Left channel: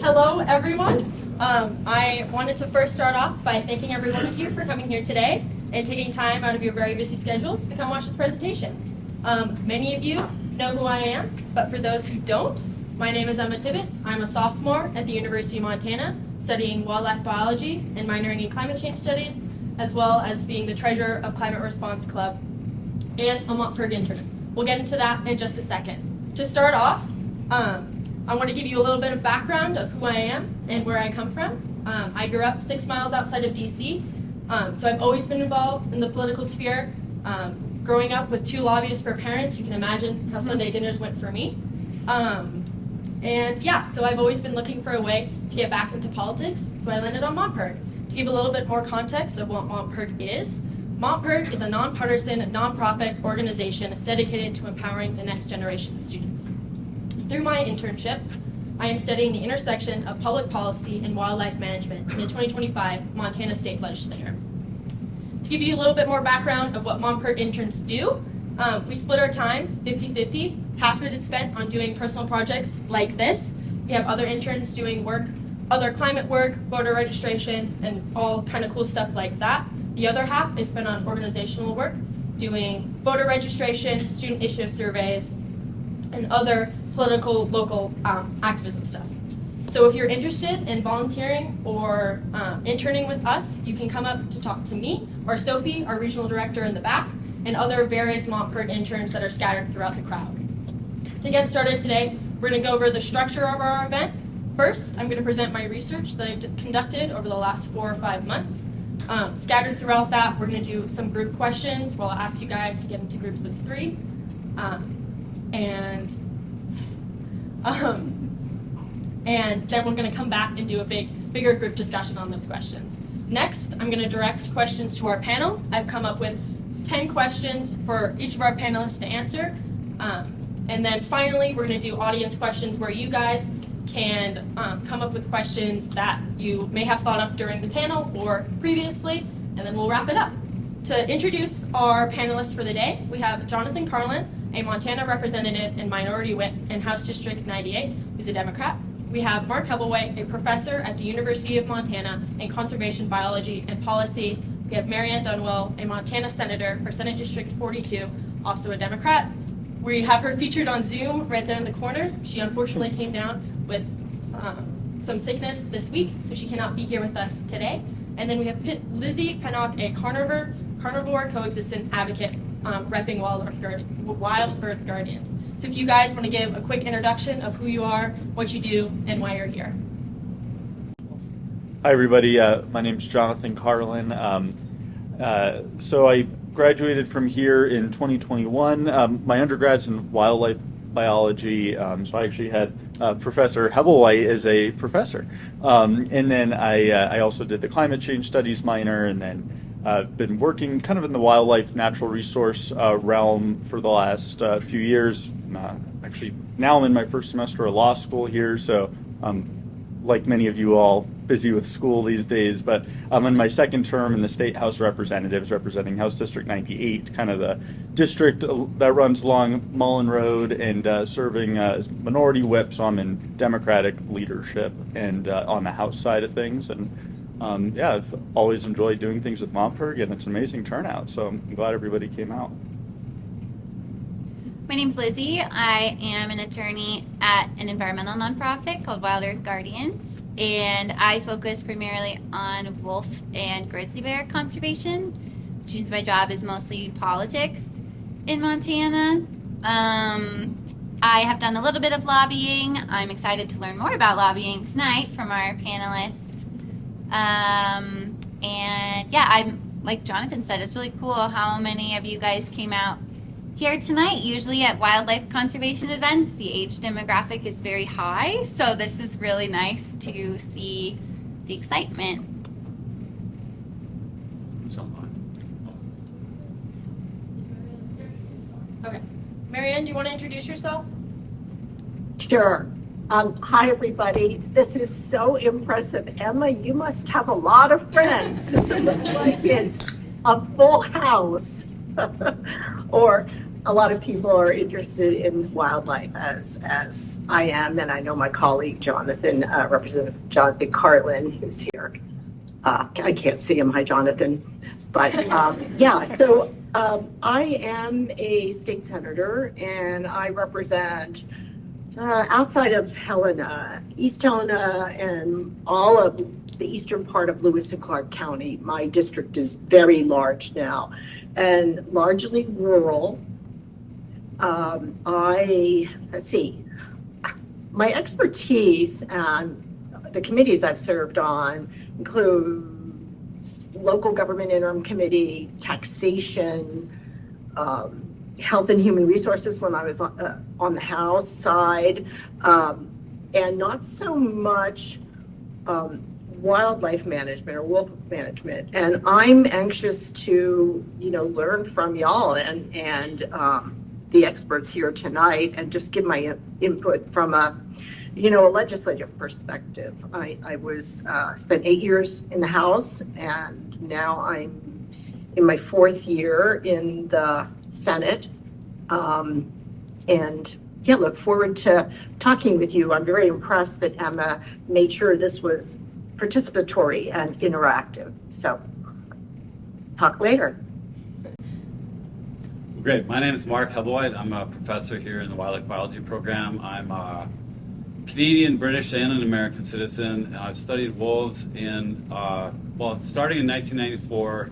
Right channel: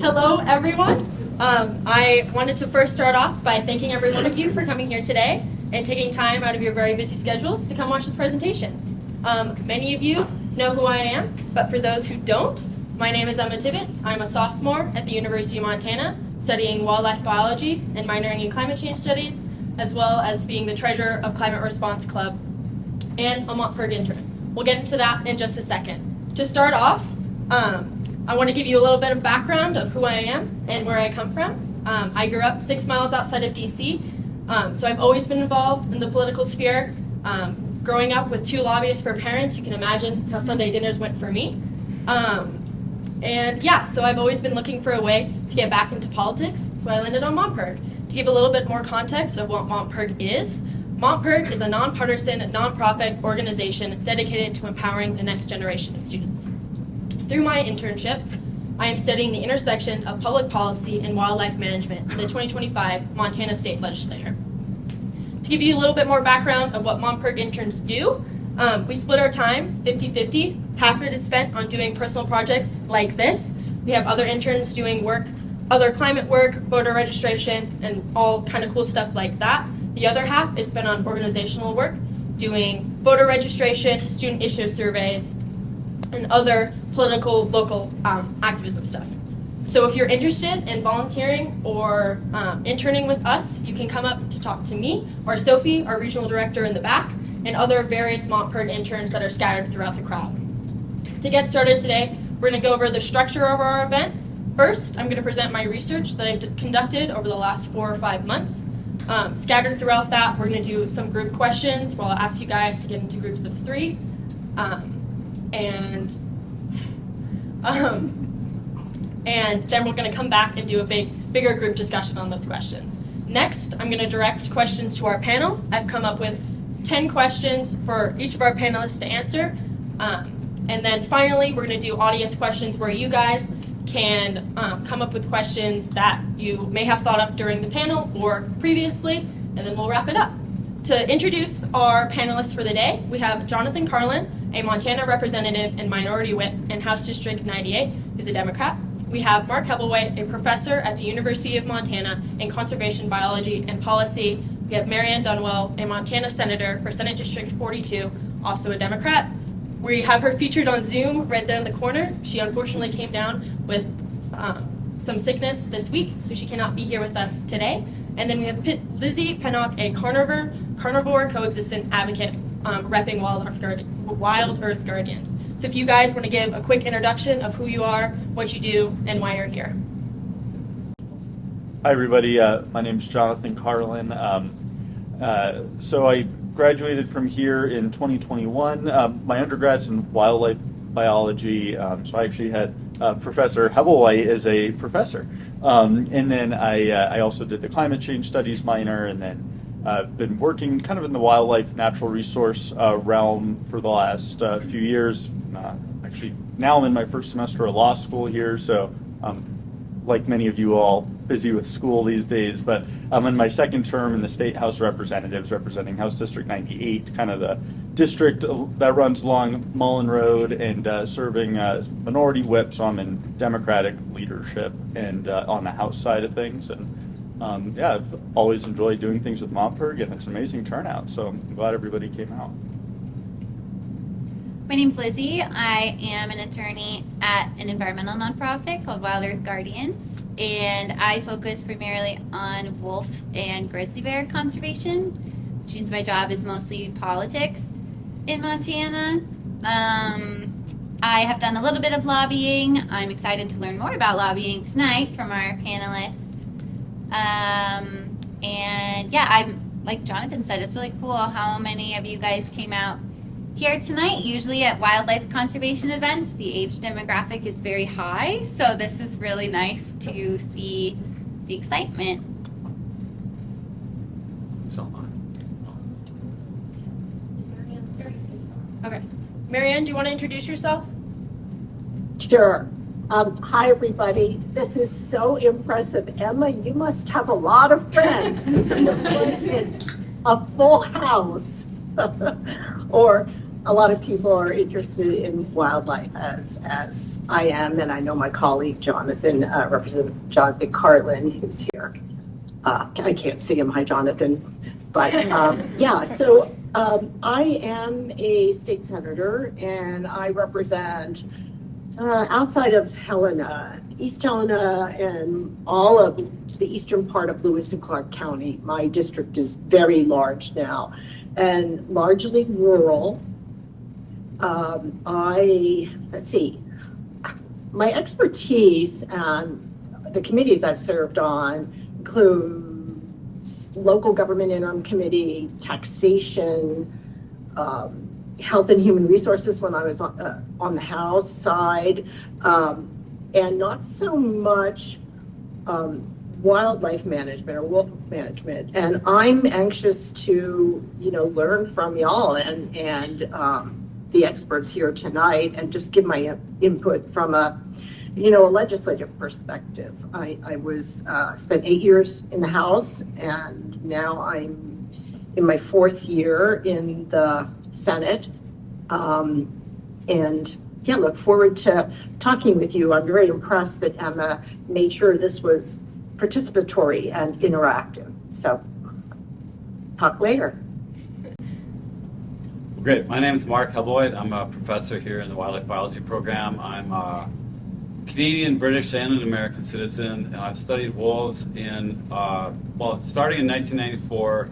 Hello, everyone. I wanted to first start off by thanking every one of you for coming here today and taking time out of your very busy schedules to come watch this presentation. Many of you know who I am, but for those who don't, my name is Emma Tibbetts. I'm a sophomore at the University of Montana, studying wildlife biology and minoring in climate change studies, as well as being the treasurer of Climate Response Club and a Montford intern. We'll get into that in just a second. To start off, I want to give you a little bit of background of who I am and where I come from. I grew up 6 miles outside of DC, so I've always been involved in the political sphere. Growing up with 2 lobbyists for parents, you can imagine how Sunday dinners went for me. So I've always been looking for a way to get back into politics, so I landed on Montpurg. To give a little bit more context of what Montpurg is a nonpartisan, nonprofit organization dedicated to empowering the next generation of students. Through my internship, I am studying the intersection of public policy and wildlife management in the 2025 Montana State Legislature. To give you a little bit more background of what Montpurg interns do, we split our time 50-50. Half of it is spent on doing personal projects like this. We have other interns doing work, other climate work, voter registration, and all kind of cool stuff like that. The other half is spent on organizational work, doing voter registration, student issue surveys, and other political, local activism stuff. So if you're interested in volunteering or interning with us, you can come up to talk to me or Sophie, our regional director in the back, and other various Montpurg interns that are scattered throughout the crowd. To get started today, we're going to go over the structure of our event. First, I'm going to present my research that I've conducted over the last 4 or 5 months. Scattered throughout that, we're going to do some group questions where I'll ask you guys to get into groups of 3. And then we're going to come back and do a bigger group discussion on those questions. Next, I'm going to direct questions to our panel. I've come up with 10 questions for each of our panelists to answer. And then finally, we're going to do audience questions where you guys can come up with questions that you may have thought of during the panel or previously, and then we'll wrap it up. To introduce our panelists for the day, we have Jonathan Carlin, a Montana representative and minority whip in House District 98, who's a Democrat. We have Mark Hebelwhite, a professor at the University of Montana in conservation biology and policy. We have Marianne Dunwell, a Montana senator for Senate District 42, also a Democrat. We have her featured on Zoom right down the corner. She unfortunately came down with some sickness this week, so she cannot be here with us today. And then we have Lizzie Pennock, a carnivore coexistent advocate repping Wild Earth Guardians. So if you guys want to give a quick introduction of who you are, what you do, and why you're here. Hi everybody, my name is Jonathan Carlin. So I graduated from here in 2021. My undergrad's in wildlife biology, so I actually had Professor Hebelwhite as a professor. And then I also did the climate change studies minor, and then been working kind of in the wildlife natural resource realm for the last few years. Actually, now I'm in my first semester of law school here, so like many of you all, busy with school these days, but I'm in my second term in the State House of Representatives, representing House District 98, kind of the district that runs along Mullen Road, and serving as minority whip, so I'm in Democratic leadership and on the House side of things. And I've always enjoyed doing things with Montpurg, and it's an amazing turnout, so I'm glad everybody came out. My name's Lizzie. I am an attorney at an environmental nonprofit called Wild Earth Guardians, and I focus primarily on wolf and grizzly bear conservation, which means my job is mostly politics in Montana. I have done a little bit of lobbying. I'm excited to learn more about lobbying tonight from our panelists. I'm like Jonathan said, it's really cool how many of you guys came out here tonight. Usually at wildlife conservation events, the age demographic is very high, so this is really nice to see the excitement. Who's online? Okay. Marianne, do you want to introduce yourself? Sure. Hi, everybody. This is so impressive. Emma, you must have a lot of friends because it looks like it's a full house. Or a lot of people are interested in wildlife as I am, and I know my colleague Jonathan, Representative Jonathan Carlin, who's here. I can't see him. Hi, Jonathan. But yeah, so I am a state senator, and I represent outside of Helena, East Helena, and all of the eastern part of Lewis and Clark County. My district is very large now and largely rural. Let's see, my expertise and the committees I've served on include local government interim committee, taxation, health and human resources when I was on the House side, and not so much wildlife management or wolf management. And I'm anxious to, learn from y'all and the experts here tonight, and just give my input from a legislative perspective. I was spent 8 years in the House, and now I'm in my 4th year in the Senate. And yeah, look forward to talking with you. I'm very impressed that Emma made sure this was participatory and interactive. So talk later. Great. My name is Mark Hebloyd. I'm a professor here in the wildlife biology program. I'm a Canadian, British, and an American citizen, and I've studied wolves starting in 1994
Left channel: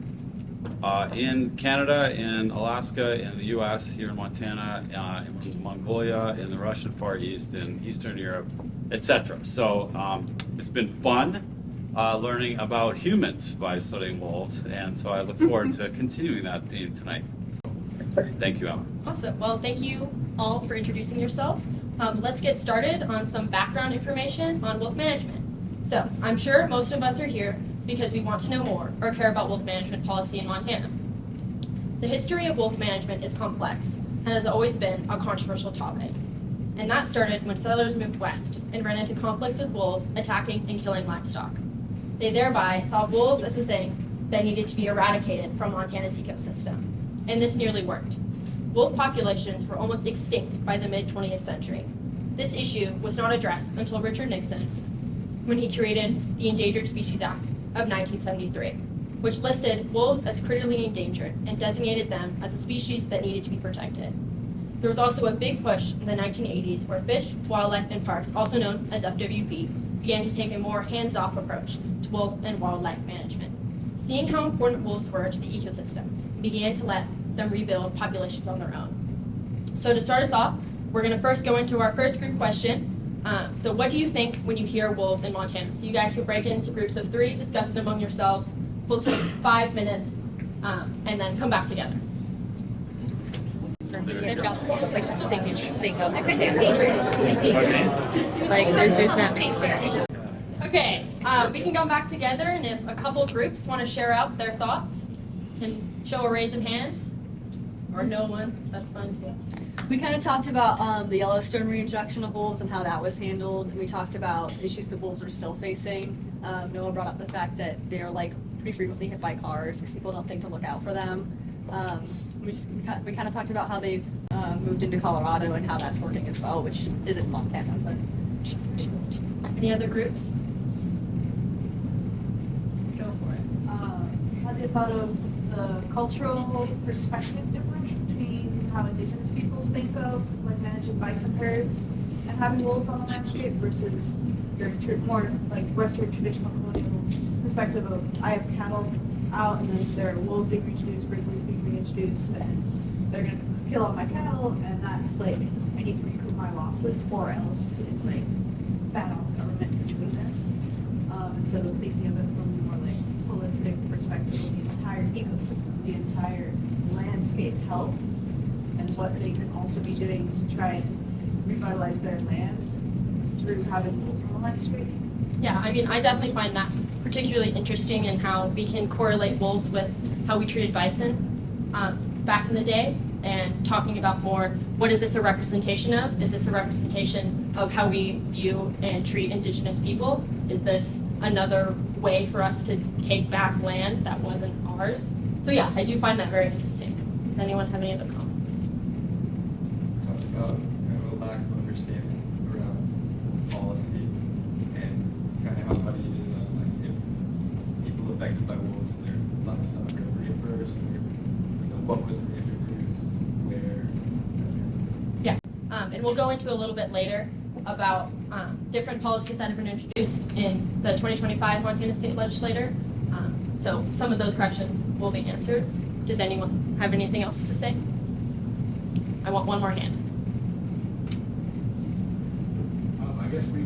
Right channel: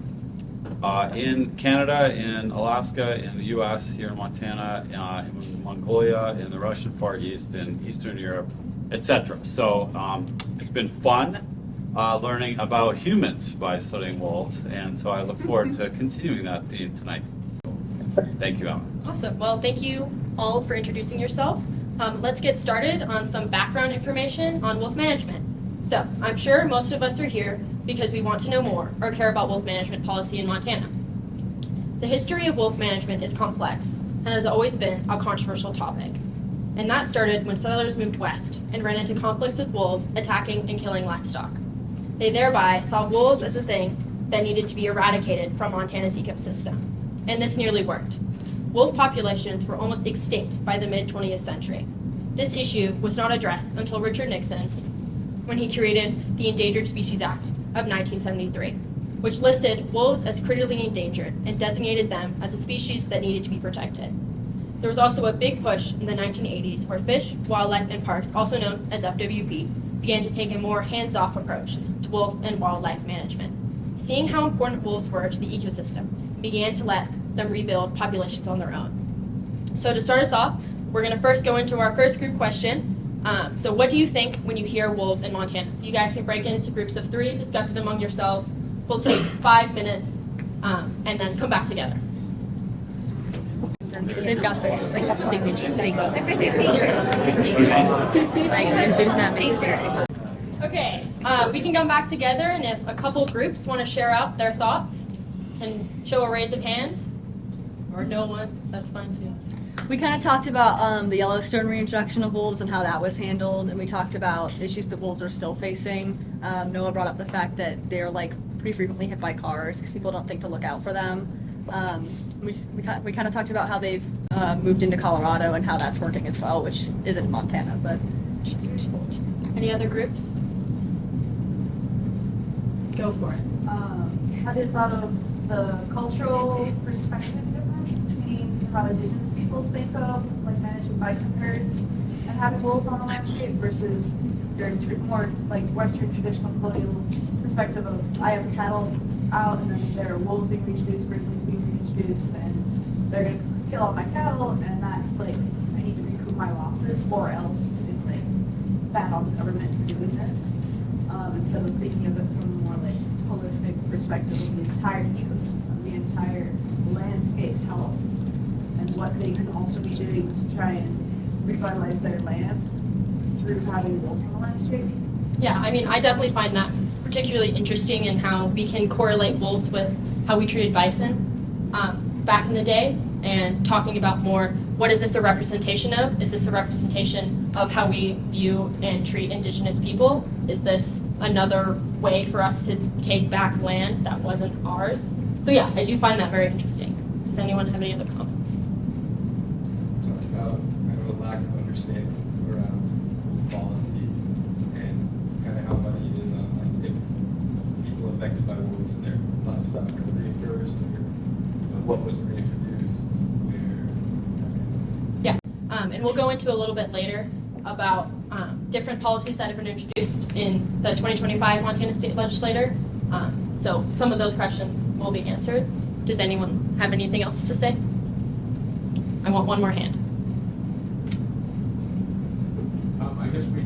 in Canada, in Alaska, in the U.S., here in Montana, in Mongolia, in the Russian Far East, in Eastern Europe, etc. So it's been fun learning about humans by studying wolves, and so I look forward to continuing that theme tonight. Thank you, Emma. Awesome. Well, thank you all for introducing yourselves. Let's get started on some background information on wolf management. So, I'm sure most of us are here because we want to know more or care about wolf management policy in Montana. The history of wolf management is complex and has always been a controversial topic. And that started when settlers moved west and ran into conflicts with wolves attacking and killing livestock. They thereby saw wolves as a thing that needed to be eradicated from Montana's ecosystem. And this nearly worked. Wolf populations were almost extinct by the mid-20th century. This issue was not addressed until Richard Nixon, when he created the Endangered Species Act of 1973, which listed wolves as critically endangered and designated them as a species that needed to be protected. There was also a big push in the 1980s where Fish, Wildlife, and Parks, also known as FWP, began to take a more hands-off approach to wolf and wildlife management. Seeing how important wolves were to the ecosystem, began to let them rebuild populations on their own. So to start us off, we're going to first go into our first group question. So what do you think when you hear wolves in Montana? So you guys can break into groups of 3, discuss it among yourselves. We'll take 5 minutes and then come back together. They've got it's like that signature thing. Like there's not many scary. Okay, we can go back together, and if a couple groups want to share out their thoughts, can show a raise of hands, or no one, that's fine too. We kind of talked about the Yellowstone reintroduction of wolves and how that was handled, and we talked about issues that wolves are still facing. Noah brought up the fact that they're pretty frequently hit by cars because people don't think to look out for them. We kind of talked about how they've moved into Colorado and how that's working as well, which isn't Montana. But any other groups? Go for it. Have you thought of the cultural perspective difference between how indigenous peoples think of managing bison herds and having wolves on a landscape versus your more Western traditional colonial perspective of I have cattle out and then there are wolves being reintroduced, grizzlies being reintroduced, and they're going to kill all my cattle, and that's I need to recoup my losses, or else it's bad on the government for doing this. Instead of thinking of it from a more holistic perspective of the entire ecosystem, the entire landscape health, and what they can also be doing to try and revitalize their land through having wolves on the landscape. Yeah, I definitely find that particularly interesting in how we can correlate wolves with how we treated bison back in the day, and talking about more, what is this a representation of? Is this a representation of how we view and treat indigenous people? Is this another way for us to take back land that wasn't ours? So yeah, I do find that very interesting. Does anyone have any other comments? kind of a lack of understanding around policy and kind of how money is like if people affected by wolves and their livestock are reimbursed, or what was reintroduced, where. Yeah, and we'll go into a little bit later about different policies that have been introduced in the 2025 Montana State Legislature. So some of those questions will be answered. Does anyone have anything else to say? I want one more hand. I guess we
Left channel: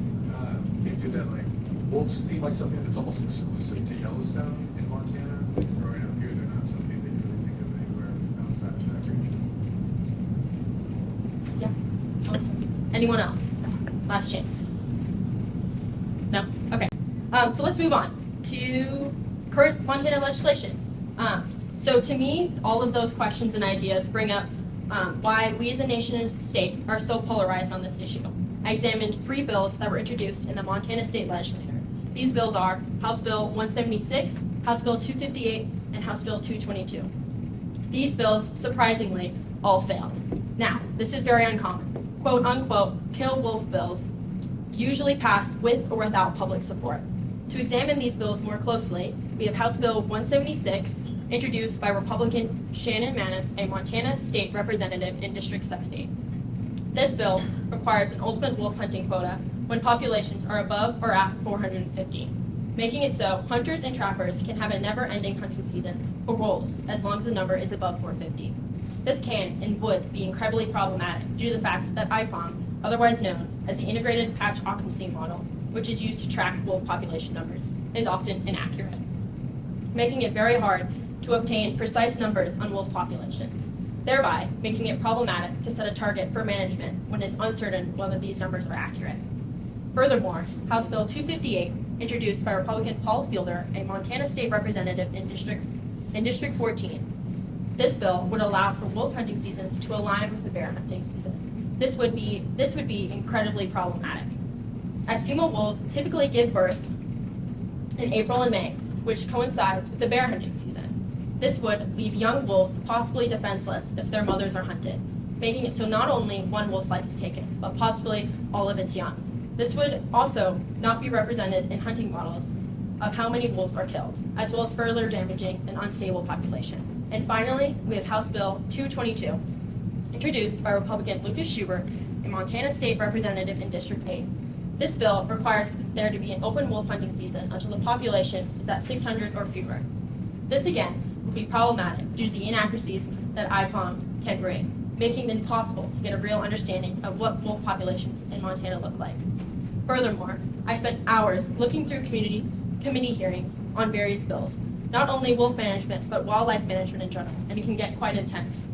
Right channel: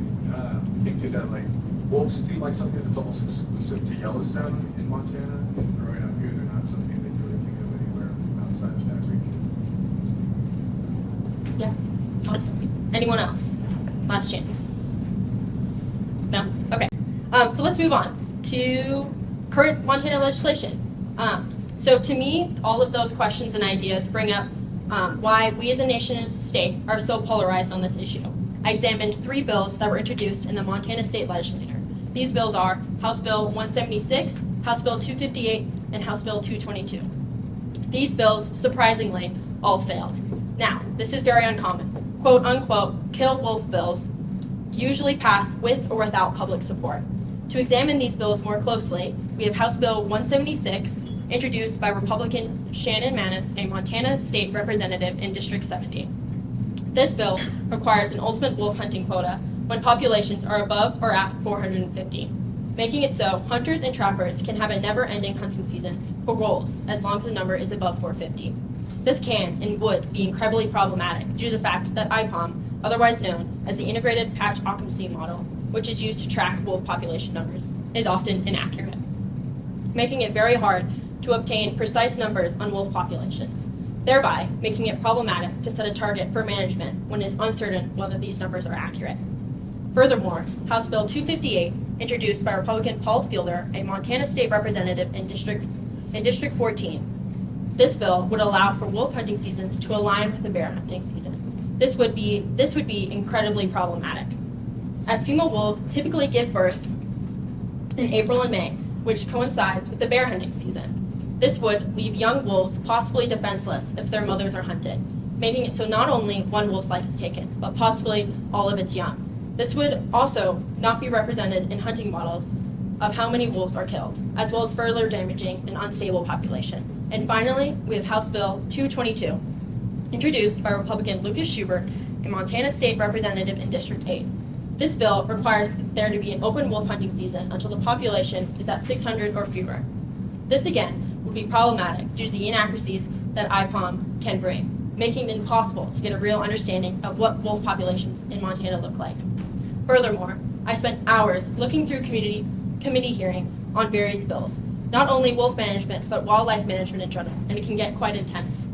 came to that, like, wolves seem like something that's almost exclusive to Yellowstone in Montana. Growing up here, they're not something that you really think of anywhere outside of that region. Yeah. Awesome. Anyone else? Last chance. No? Okay. So let's move on to current Montana legislation. So to me, all of those questions and ideas bring up why we as a nation and as a state are so polarized on this issue. I examined 3 bills that were introduced in the Montana State Legislature. These bills are House Bill 176, House Bill 258, and House Bill 222. These bills, surprisingly, all failed. Now, this is very uncommon. Quote unquote, kill wolf bills usually pass with or without public support. To examine these bills more closely, we have House Bill 176, introduced by Republican Shannon Manis, a Montana State Representative in District 70. This bill requires an ultimate wolf hunting quota when populations are above or at 450, making it so hunters and trappers can have a never-ending hunting season for wolves as long as the number is above 450. This can and would be incredibly problematic due to the fact that IPOM, otherwise known as the Integrated Patch Occupancy Model, which is used to track wolf population numbers, is often inaccurate, making it very hard to obtain precise numbers on wolf populations, thereby making it problematic to set a target for management when it is uncertain whether these numbers are accurate. Furthermore, House Bill 258, introduced by Republican Paul Fielder, a Montana State Representative in District 14. This bill would allow for wolf hunting seasons to align with the bear hunting season. This would be incredibly problematic, as female wolves typically give birth in April and May, which coincides with the bear hunting season. This would leave young wolves possibly defenseless if their mothers are hunted, making it so not only one wolf's life is taken, but possibly all of its young. This would also not be represented in hunting models of how many wolves are killed, as well as further damaging an unstable population. And finally, we have House Bill 222, introduced by Republican Lucas Schubert, a Montana State Representative in District 8. This bill requires there to be an open wolf hunting season until the population is at 600 or fewer. This again would be problematic due to the inaccuracies that IPOM can bring, making it impossible to get a real understanding of what wolf populations in Montana look like. Furthermore, I spent hours looking through committee hearings on various bills, not only wolf management, but wildlife management in general, and it can get quite intense.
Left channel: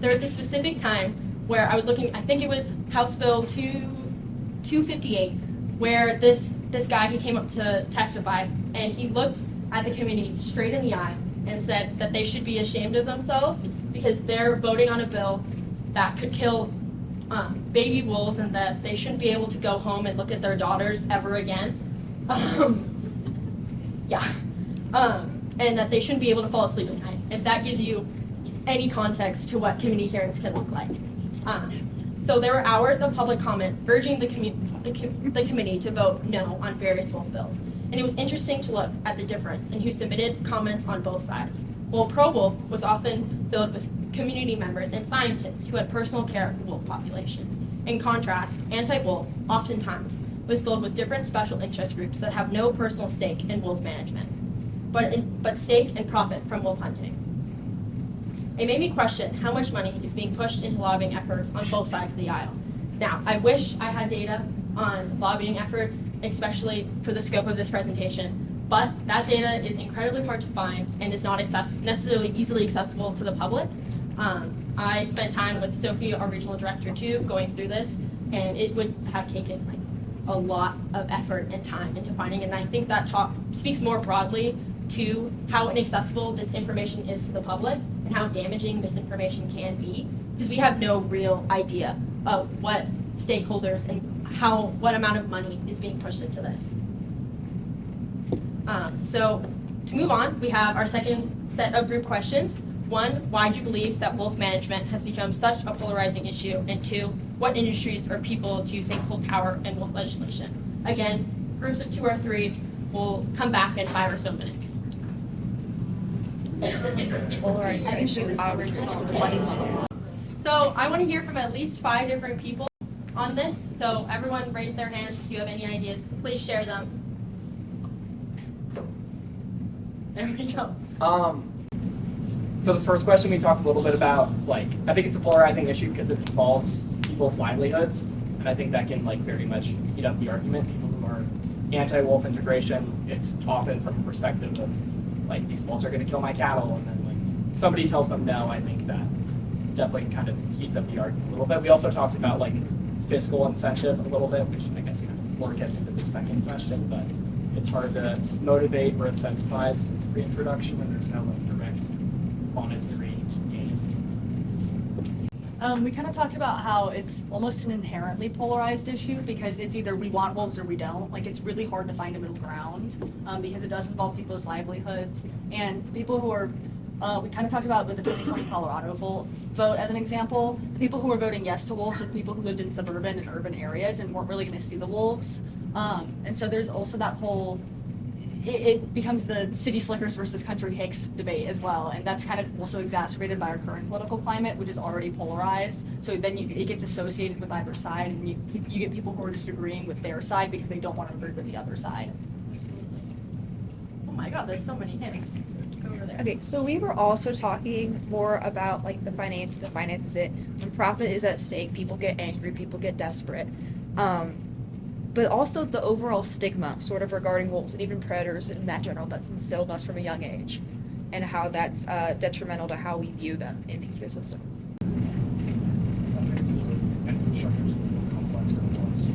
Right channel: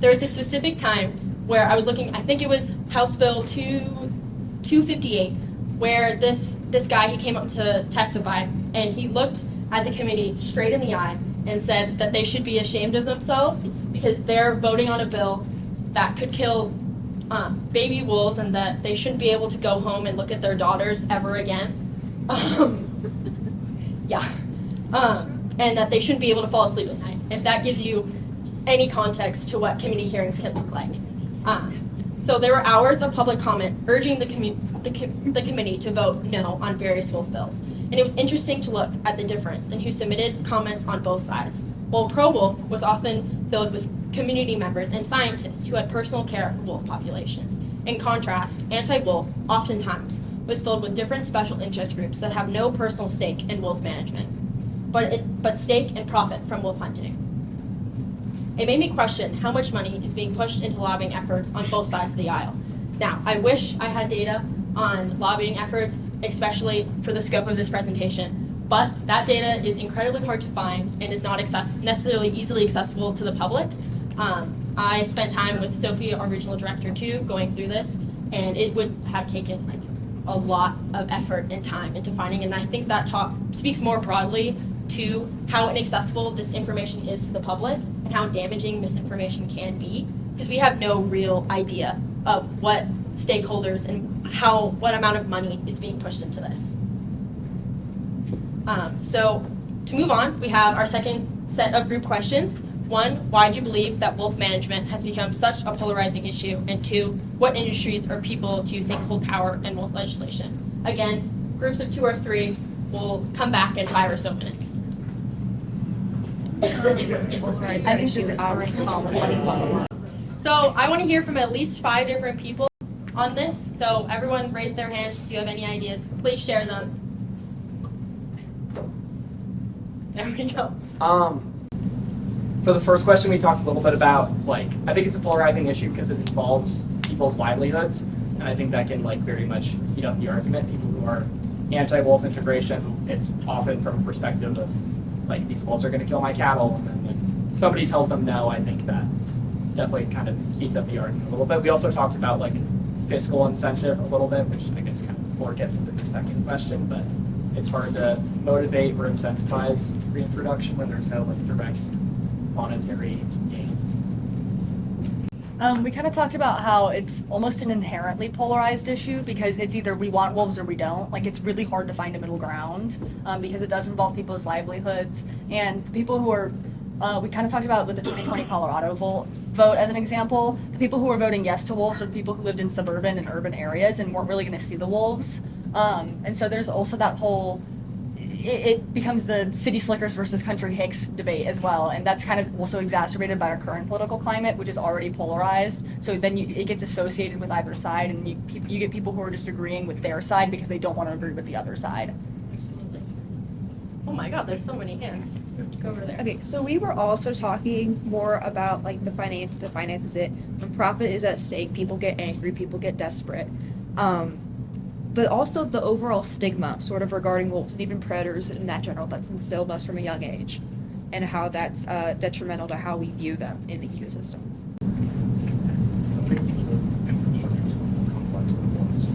There was a specific time where I was looking, I think it was House Bill 258, where this guy, he came up to testify, and he looked at the committee straight in the eye and said that they should be ashamed of themselves because they're voting on a bill that could kill baby wolves, and that they shouldn't be able to go home and look at their daughters ever again. And that they shouldn't be able to fall asleep at night, if that gives you any context to what committee hearings can look like. So there were hours of public comment urging the committee to vote no on various wolf bills. And it was interesting to look at the difference in who submitted comments on both sides. While pro-wolf was often filled with community members and scientists who had personal care for wolf populations. In contrast, anti-wolf oftentimes was filled with different special interest groups that have no personal stake in wolf management, but stake and profit from wolf hunting. It made me question how much money is being pushed into lobbying efforts on both sides of the aisle. Now, I wish I had data on lobbying efforts, especially for the scope of this presentation, but that data is incredibly hard to find and is not necessarily easily accessible to the public. I spent time with Sophie, our regional director, too, going through this, and it would have taken a lot of effort and time into finding, and I think that talk speaks more broadly to how inaccessible this information is to the public and how damaging misinformation can be, because we have no real idea of what stakeholders and what amount of money is being pushed into this. So to move on, we have our second set of group questions, 1, why do you believe that wolf management has become such a polarizing issue? And 2, what industries or people do you think hold power in wolf legislation? Again, groups of 2 or 3 will come back in 5 or so minutes. So I want to hear from at least 5 different people on this. So everyone raise their hands if you have any ideas. Please share them. There we go. For the first question, we talked a little bit about, like, I think it's a polarizing issue because it involves people's livelihoods, and I think that can, like, very much heat up the argument. People who are anti-wolf integration, it's often from a perspective of, like, these wolves are going to kill my cattle, and then when somebody tells them no, I think that definitely kind of heats up the argument a little bit. We also talked about, like, fiscal incentive a little bit, which I guess kind of more gets into the second question, but it's hard to motivate or incentivize reintroduction when there's no, like, direct monetary gain. We kind of talked about how it's almost an inherently polarized issue because it's either we want wolves or we don't. Like, it's really hard to find a middle ground because it does involve people's livelihoods. And the people who are, we kind of talked about with the 2020 Colorado vote as an example, the people who were voting yes to wolves are people who lived in suburban and urban areas and weren't really going to see the wolves. And so there's also that whole, it becomes the city slickers versus country hicks debate as well, and that's kind of also exacerbated by our current political climate, which is already polarized. So then it gets associated with either side, and you get people who are just agreeing with their side because they don't want to agree with the other side. Absolutely. Oh my God, there's so many hands. Go over there. Okay, so we were also talking more about like the finances. It when profit is at stake, people get angry, people get desperate. But also the overall stigma sort of regarding wolves and even predators in that general that's instilled in us from a young age and how that's detrimental to how we view them in the ecosystem. I think it's because our infrastructure is more complex than it was.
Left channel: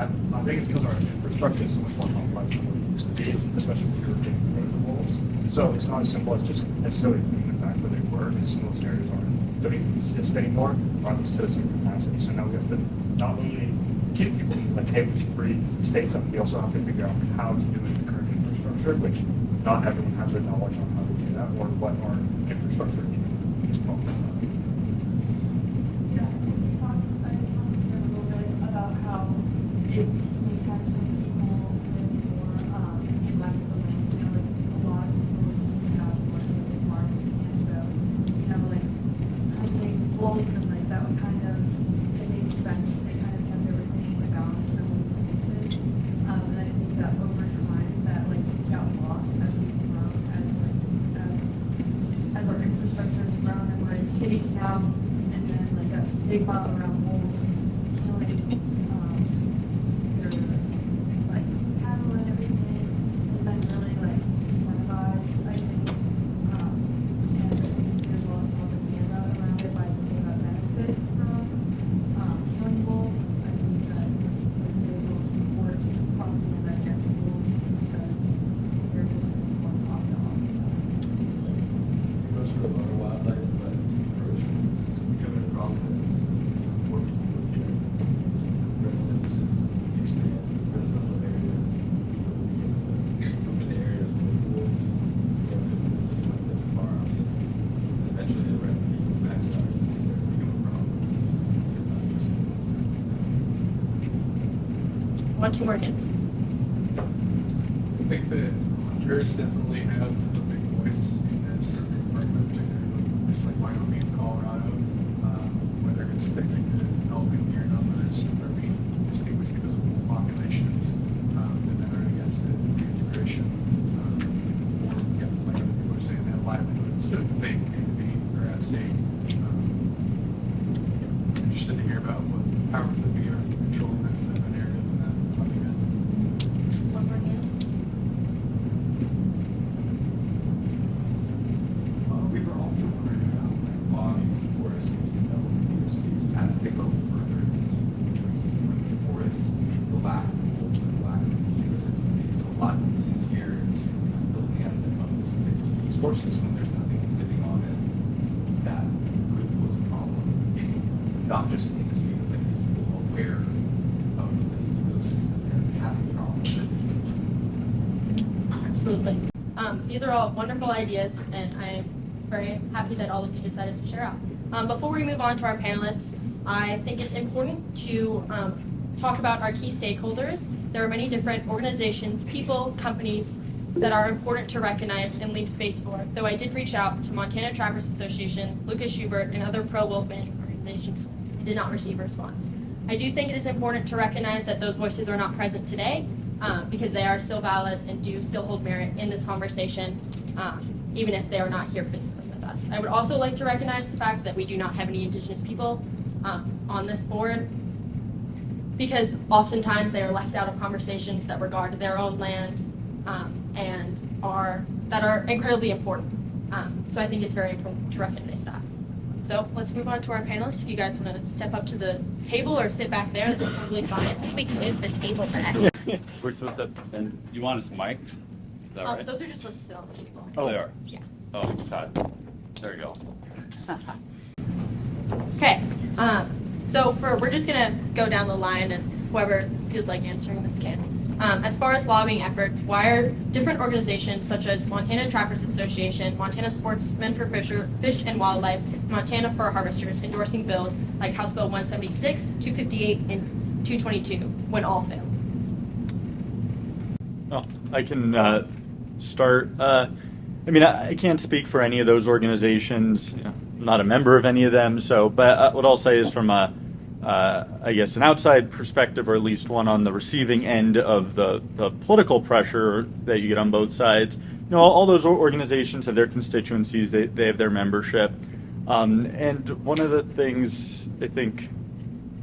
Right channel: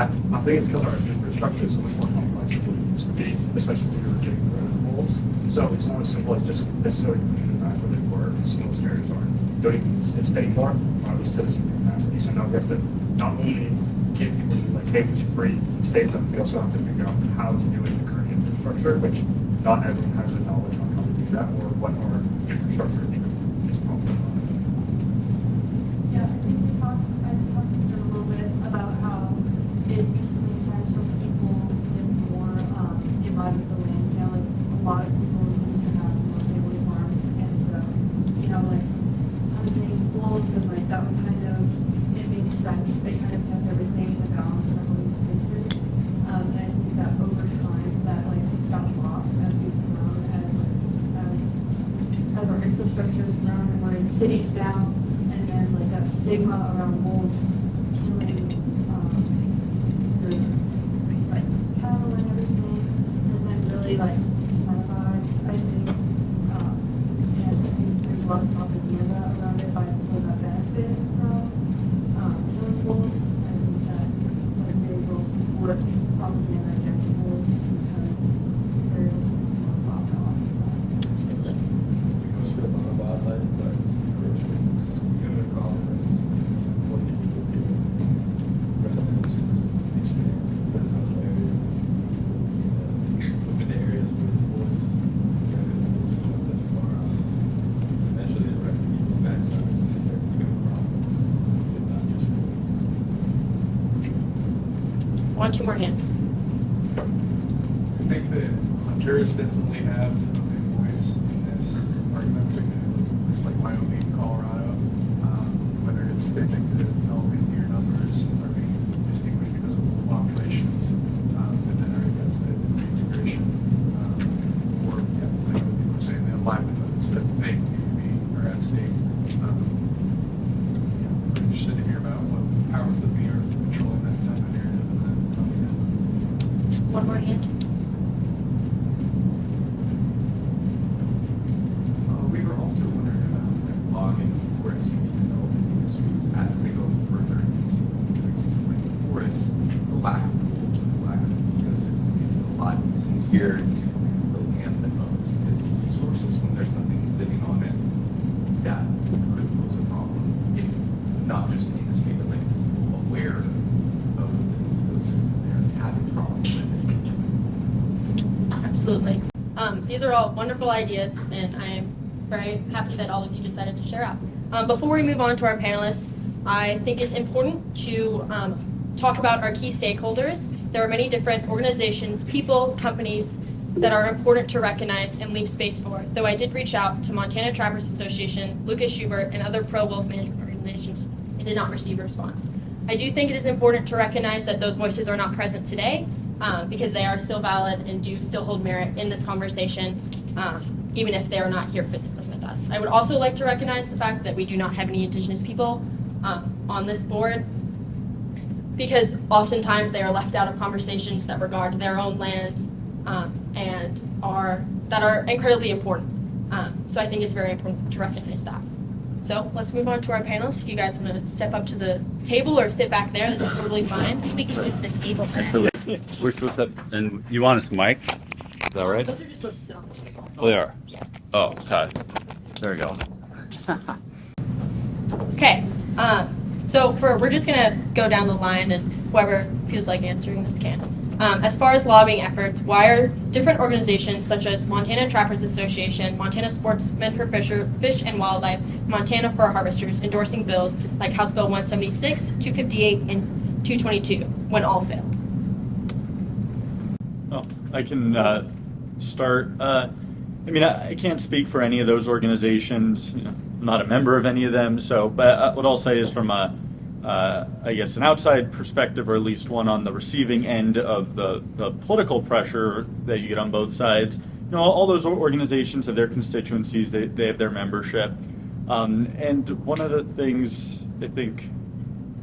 I think it's because our infrastructure is so much more complex than what it used to be, especially when you're getting rid of wolves. So it's not as simple as just necessarily putting them back where they were, because some of those areas don't even exist anymore, or at least to the same capacity. So now we have to not only get people like, hey, we should breed and state them, we also have to figure out how to do it with the current infrastructure, which not everyone has the knowledge on how to do that or what our infrastructure is probably. Yeah, I did talk to them a little bit about how it used to make sense when people lived more in line with the land. You know, like a lot of people used to have more family farms, and so like hunting wolves and like that would kind of it made sense. They kind of kept everything in balance on these spaces, and I think that over time that like got lost as we've grown as our infrastructure has grown and we're in cities now, and then like that stigma around wolves killing your like cattle and everything has been really like incentivized, I think, and I think there's a lot of propaganda around it by people that benefit from killing wolves. I think that they will support propaganda against wolves because they're able to make more profit off of that. Absolutely. It goes for a lot of wildlife, but encroachment is kind of a problem. Is more people would do residences expand residential areas, open areas with wolves. We'll see not such a far out. Eventually, the revenue goes back to ours and they start to become a problem. It's not just wolves. One, 2 more hands. I think that hunters definitely have a big voice in this argument, just like Wyoming, Colorado, whether it's they think that developing deer numbers are being distinguished because of wolf populations, but then I guess integration, or like you were saying, they have livelihoods that they maybe are at stake. We're interested to hear about what powers that be are controlling that type of narrative and that propaganda. One more hand. We were also wondering about like logging forestry development industries as they go further into existing forests. The lack of wolves, the lack of ecosystem, it's a lot easier to clean up the land that owns existing resources when there's nothing living on it. That could pose a problem if not just the industry, but like people aware of the ecosystem they're having problems with it. Absolutely. These are all wonderful ideas, and I'm very happy that all of you decided to share out. Before we move on to our panelists, I think it's important to talk about our key stakeholders. There are many different organizations, people, companies that are important to recognize and leave space for. Though I did reach out to Montana Trappers Association, Lucas Schubert, and other pro-wolf management organizations, I did not receive a response. I do think it is important to recognize that those voices are not present today because they are still valid and do still hold merit in this conversation, even if they are not here physically with us. I would also like to recognize the fact that we do not have any Indigenous people on this board, because oftentimes they are left out of conversations that regard their own land and are incredibly important. So I think it's very important to recognize that. So let's move on to our panelists. If you guys want to step up to the table or sit back there, that's totally fine. We can move the table back. We're supposed to, and you want us mic? Is that right? Those are just supposed to sit on the table. Oh, they are? Yeah. Oh, okay. There we go. Okay. So we're just gonna go down the line, and whoever feels like answering this can. As far as lobbying efforts, why are different organizations such as Montana Trappers Association, Montana Sportsmen for Fish and Wildlife, Montana Fur Harvesters endorsing bills like House Bill 176, 258, and 222 when all failed? Well, I can start. I mean, I can't speak for any of those organizations. You know, I'm not a member of any of them. So, but what I'll say is from I guess an outside perspective, or at least one on the receiving end of the political pressure that you get on both sides. You know, all those organizations have their constituencies. They have their membership. And one of the things I think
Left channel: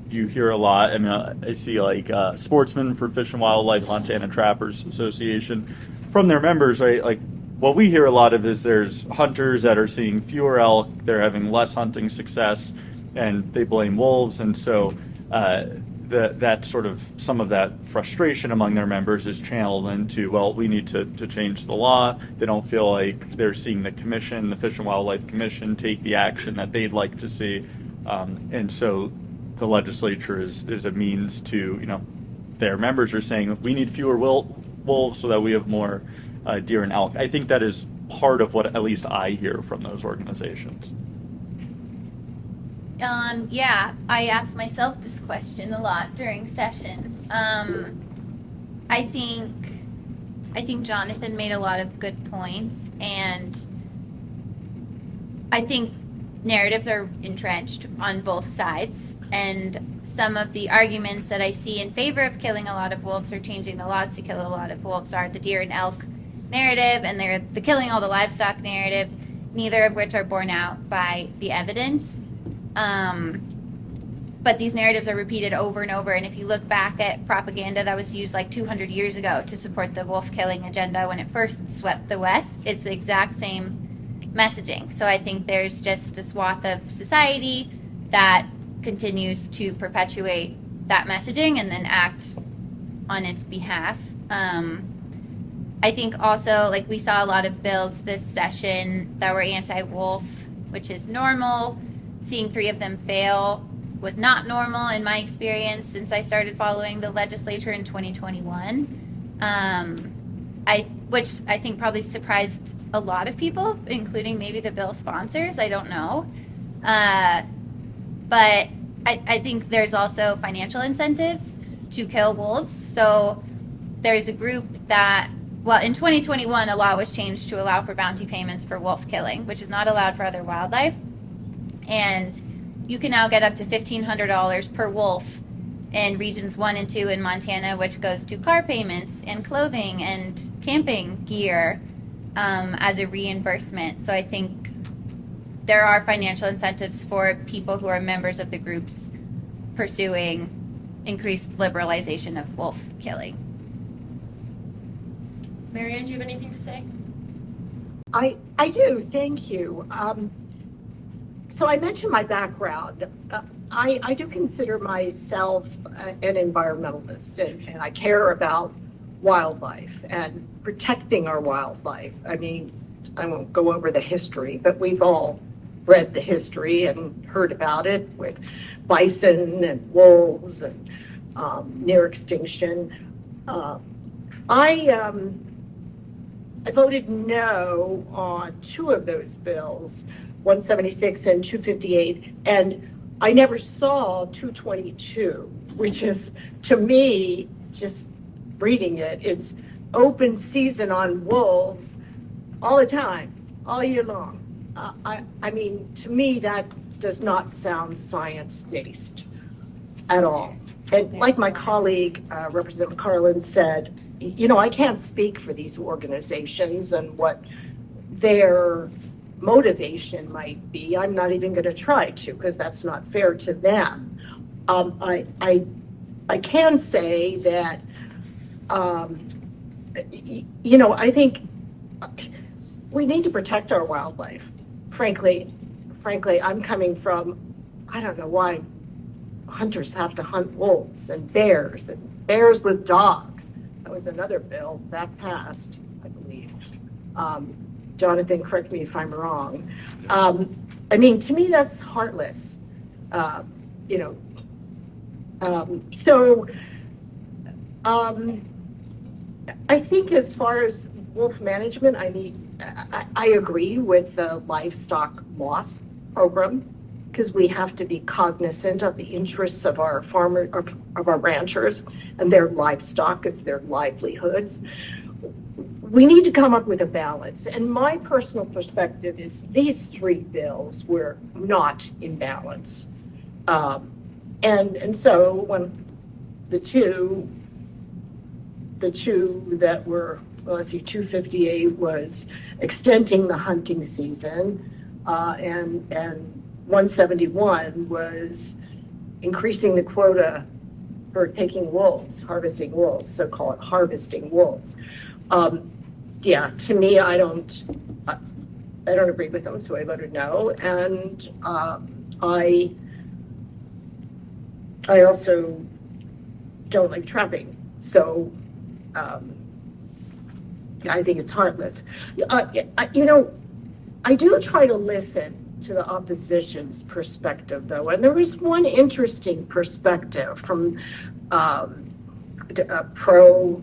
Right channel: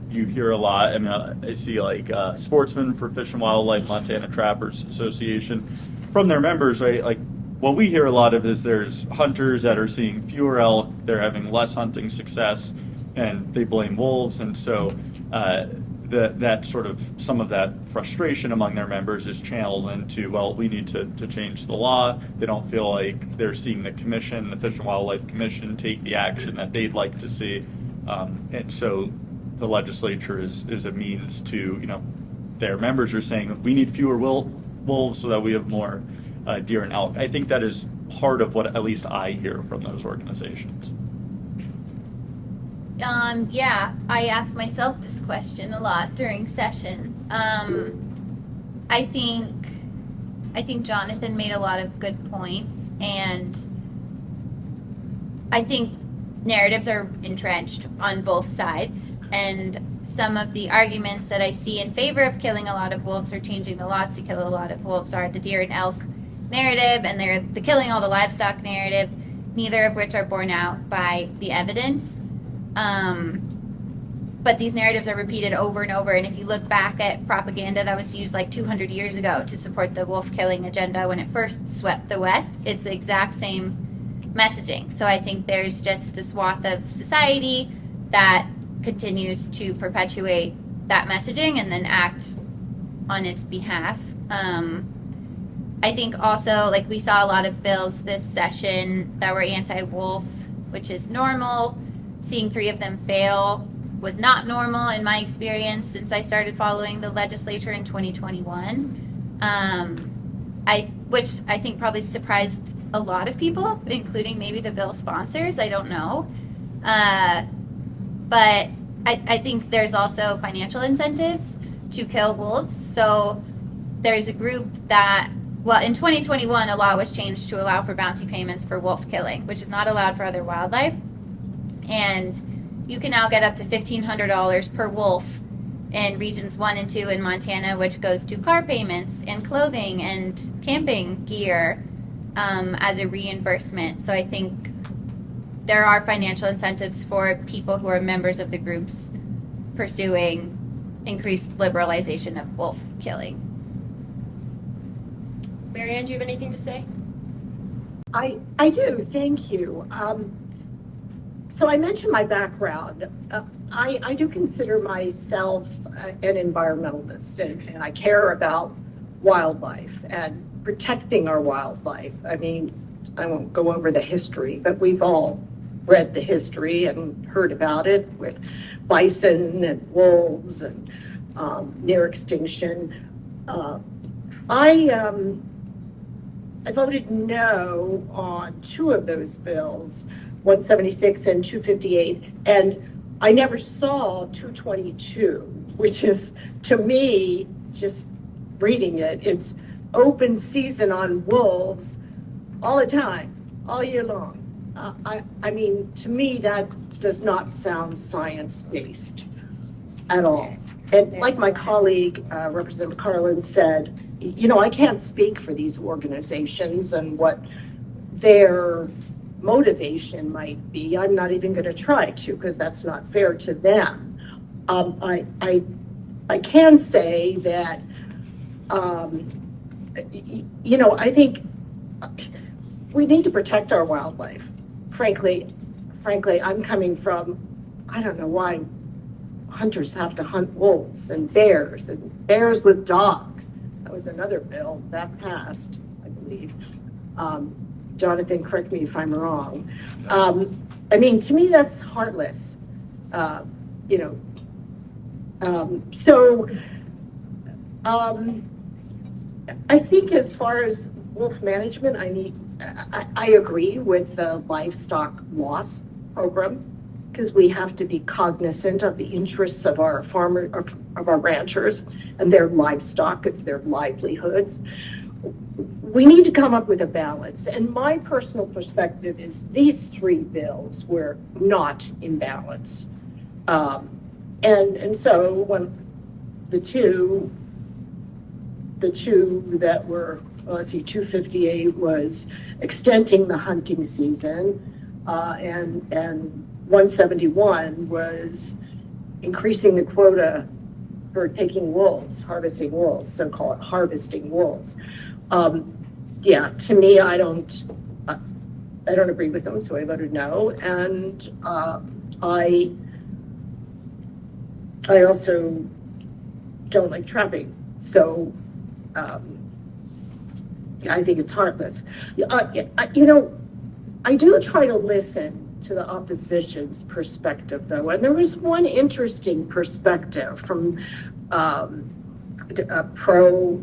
you hear a lot, I mean, I see like Sportsmen for Fish and Wildlife, Montana Trappers Association, from their members, right? Like, what we hear a lot of is there's hunters that are seeing fewer elk, they're having less hunting success, and they blame wolves. And so that sort of, some of that frustration among their members is channeled into, well, we need to change the law. They don't feel like they're seeing the commission, the Fish and Wildlife Commission, take the action that they'd like to see. And so the legislature is a means to, you know, their members are saying we need fewer wolves so that we have more deer and elk. I think that is part of what at least I hear from those organizations. Yeah, I asked myself this question a lot during session. I think Jonathan made a lot of good points, and I think narratives are entrenched on both sides, and some of the arguments that I see in favor of killing a lot of wolves or changing the laws to kill a lot of wolves are the deer and elk narrative, and they're the killing all the livestock narrative, neither of which are borne out by the evidence. But these narratives are repeated over and over, and if you look back at propaganda that was used like 200 years ago to support the wolf killing agenda when it first swept the West, it's the exact same messaging. So I think there's just a swath of society that continues to perpetuate that messaging and then act on its behalf. I think also, like, we saw a lot of bills this session that were anti-wolf, which is normal. Seeing 3 of them fail was not normal in my experience since I started following the legislature in 2021. Which I think probably surprised a lot of people, including maybe the bill sponsors. I don't know. But I think there's also financial incentives to kill wolves. So there's a group that, well, in 2021, a law was changed to allow for bounty payments for wolf killing, which is not allowed for other wildlife. And you can now get up to $1,500 per wolf in regions 1 and 2 in Montana, which goes to car payments and clothing and camping gear as a reimbursement. So I think there are financial incentives for people who are members of the groups pursuing increased liberalization of wolf killing. Marianne, do you have anything to say? I do, thank you. So I mentioned my background. I do consider myself an environmentalist, and I care about wildlife and protecting our wildlife. I mean, I won't go over the history, but we've all read the history and heard about it with bison and wolves and near extinction. I I voted no on two of those bills, 176 and 258, and I never saw 222, which is, to me, just reading it, it's open season on wolves all the time, all year long. I mean, to me, that does not sound science-based at all. And like my colleague, Representative Carlin said, you know, I can't speak for these organizations and what their motivation might be. I'm not even going to try to, because that's not fair to them. I can say that, you know, I think we need to protect our wildlife. Frankly, I'm coming from, I don't know why hunters have to hunt wolves and bears with dogs. That was another bill that passed, I believe. Jonathan, correct me if I'm wrong. I mean, to me, that's heartless. You know, I think as far as wolf management, I agree with the livestock loss program, because we have to be cognizant of the interests of our farmers, of our ranchers and their livestock. It's their livelihoods. We need to come up with a balance. And my personal perspective is these three bills were not in balance. And so when the two that were, well, let's see, 258 was extending the hunting season, and 171 was increasing the quota for taking wolves, harvesting wolves, so-called harvesting wolves. Yeah, to me, I don't agree with them, so I voted no. And I also don't like trapping, so I think it's heartless. You know, I do try to listen to the opposition's perspective, though, and there was one interesting perspective from a pro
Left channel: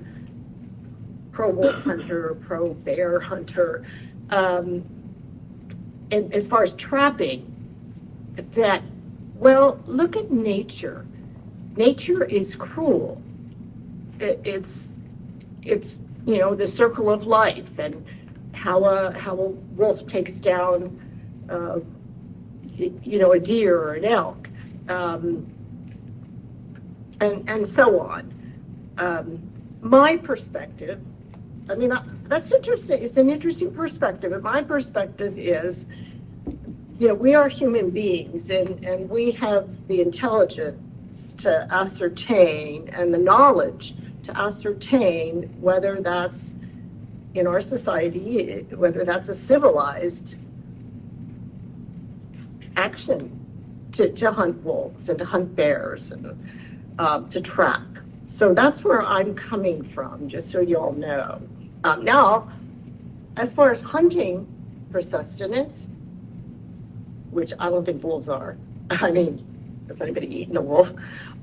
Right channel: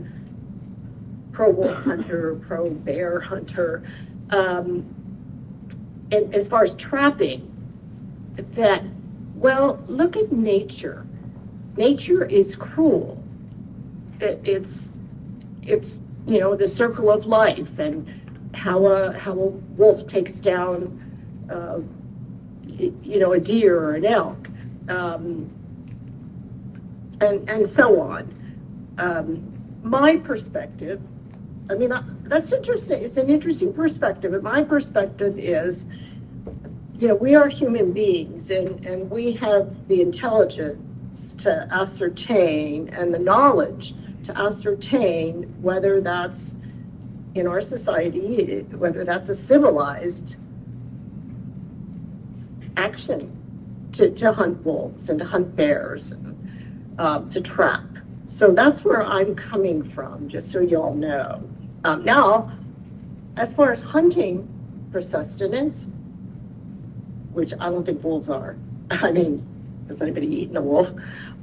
wolf hunter, pro bear hunter, and as far as trapping, that, well, look at nature. Nature is cruel. It's you know, the circle of life, and how a wolf takes down you know, a deer or an elk, and so on. My perspective, I mean, that's interesting. It's an interesting perspective, but my perspective is, you know, we are human beings, and we have the intelligence to ascertain and the knowledge to ascertain whether that's in our society, whether that's a civilized action to hunt wolves and to hunt bears and to trap. So that's where I'm coming from, just so you all know. Now, as far as hunting for sustenance, which I don't think wolves are, I mean, has anybody eaten a wolf?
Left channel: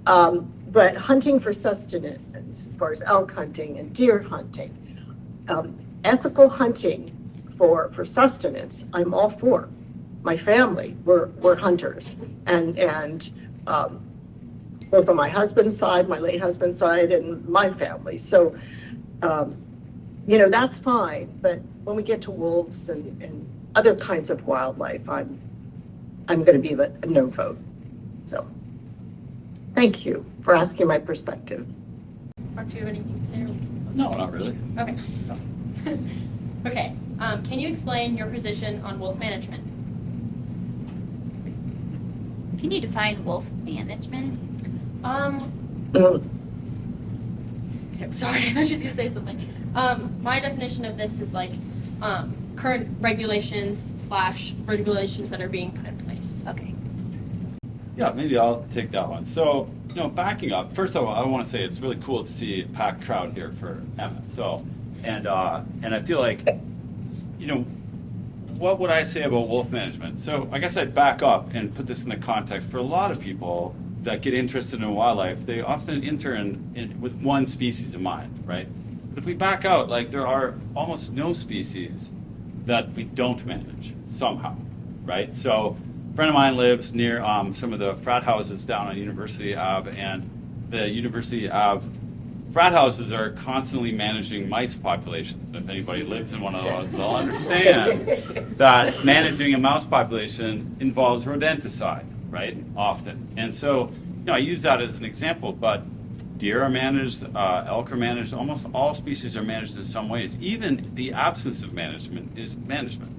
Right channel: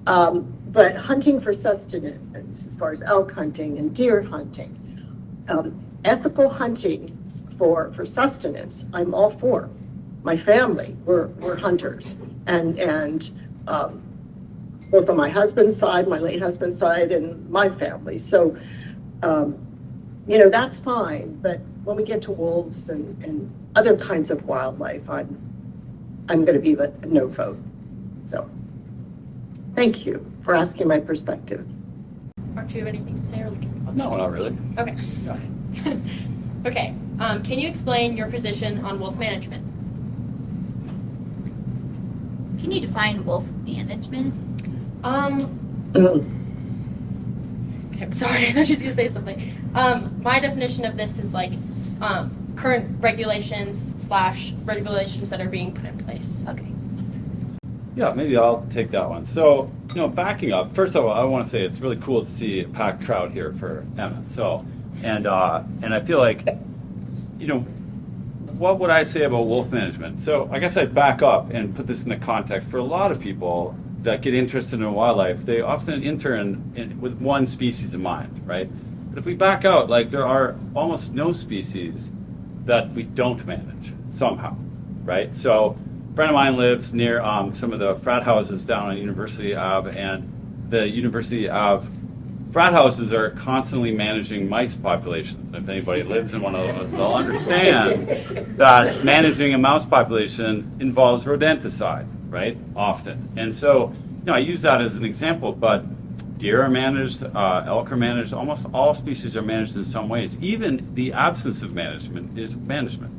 But hunting for sustenance, as far as elk hunting and deer hunting, ethical hunting for sustenance, I'm all for. My family, we're hunters, and both on my husband's side, my late husband's side, and my family. So, you know, that's fine. But when we get to wolves and other kinds of wildlife, I'm going to be a no vote. So, thank you for asking my perspective. Mark, do you have anything to say? Or No, not really. Okay. Okay. Can you explain your position on wolf management? Can you define wolf management? Okay, I'm sorry. I thought she was going to say something. My definition of this is like current regulations / regulations that are being put in place. Okay. Yeah, maybe I'll take that one. So, you know, backing up, first of all, I want to say it's really cool to see a packed crowd here for Emma. So, and I feel like, you know, what would I say about wolf management? So I guess I'd back up and put this in the context. For a lot of people that get interested in wildlife, they often enter with one species in mind, right? if we back out, like there are almost no species that we don't manage somehow, right? So a friend of mine lives near some of the frat houses down on University Ave, and the University Ave frat houses are constantly managing mice populations. If anybody lives in one of those, they'll understand that managing a mouse population involves rodenticide, right? Often. And so, I use that as an example, but deer are managed, elk are managed, almost all species are managed in some ways. Even the absence of management is management,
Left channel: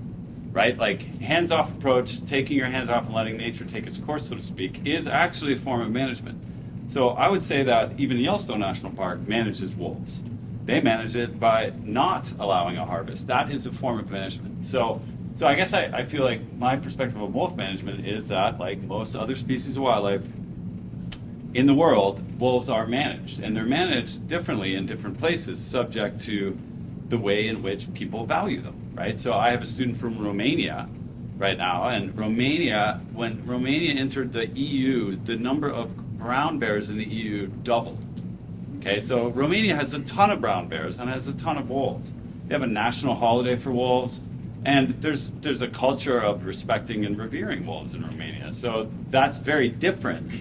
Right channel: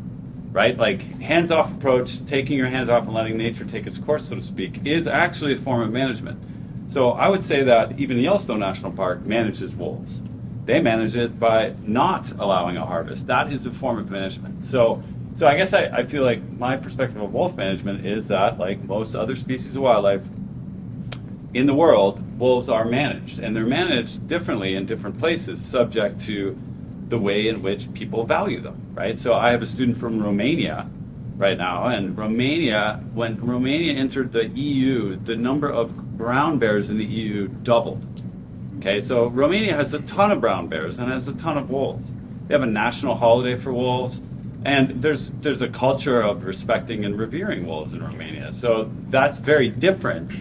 right? Like hands-off approach, taking your hands off and letting nature take its course, so to speak, is actually a form of management. So I would say that even Yellowstone National Park manages wolves. They manage it by not allowing a harvest. That is a form of management. So I guess I feel like my perspective of wolf management is that, like most other species of wildlife in the world, wolves are managed. And they're managed differently in different places, subject to the way in which people value them, right? So I have a student from Romania right now, and when Romania entered the EU, the number of brown bears in the EU doubled. Okay, so Romania has a ton of brown bears and has a ton of wolves. They have a national holiday for wolves, and there's a culture of respecting and revering wolves in Romania. So that's very different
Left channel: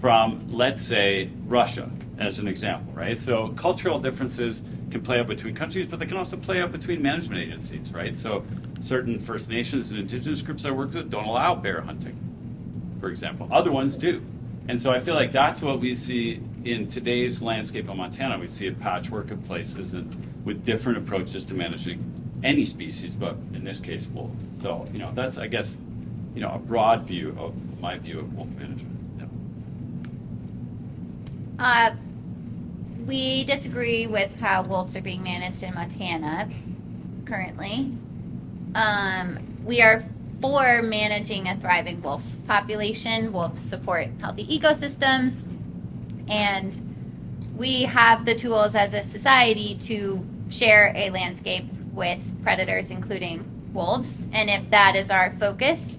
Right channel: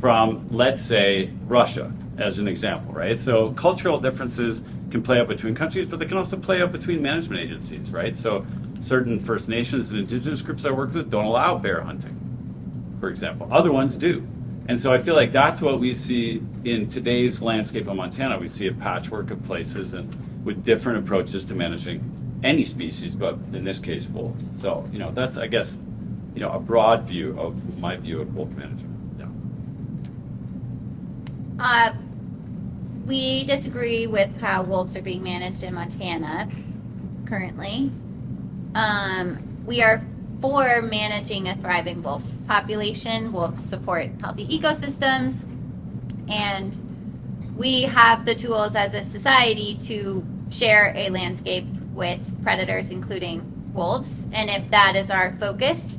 from, let's say, Russia, as an example, right? So cultural differences can play out between countries, but they can also play out between management agencies, right? So certain First Nations and indigenous groups I work with don't allow bear hunting, for example. Other ones do. And so I feel like that's what we see in today's landscape of Montana. We see a patchwork of places and with different approaches to managing any species, but in this case, wolves. So, that's, I guess, a broad view of my view of wolf management. Yeah. We disagree with how wolves are being managed in Montana currently. We are for managing a thriving wolf population. Wolves support healthy ecosystems, and we have the tools as a society to share a landscape with predators, including wolves. And if that is our focus,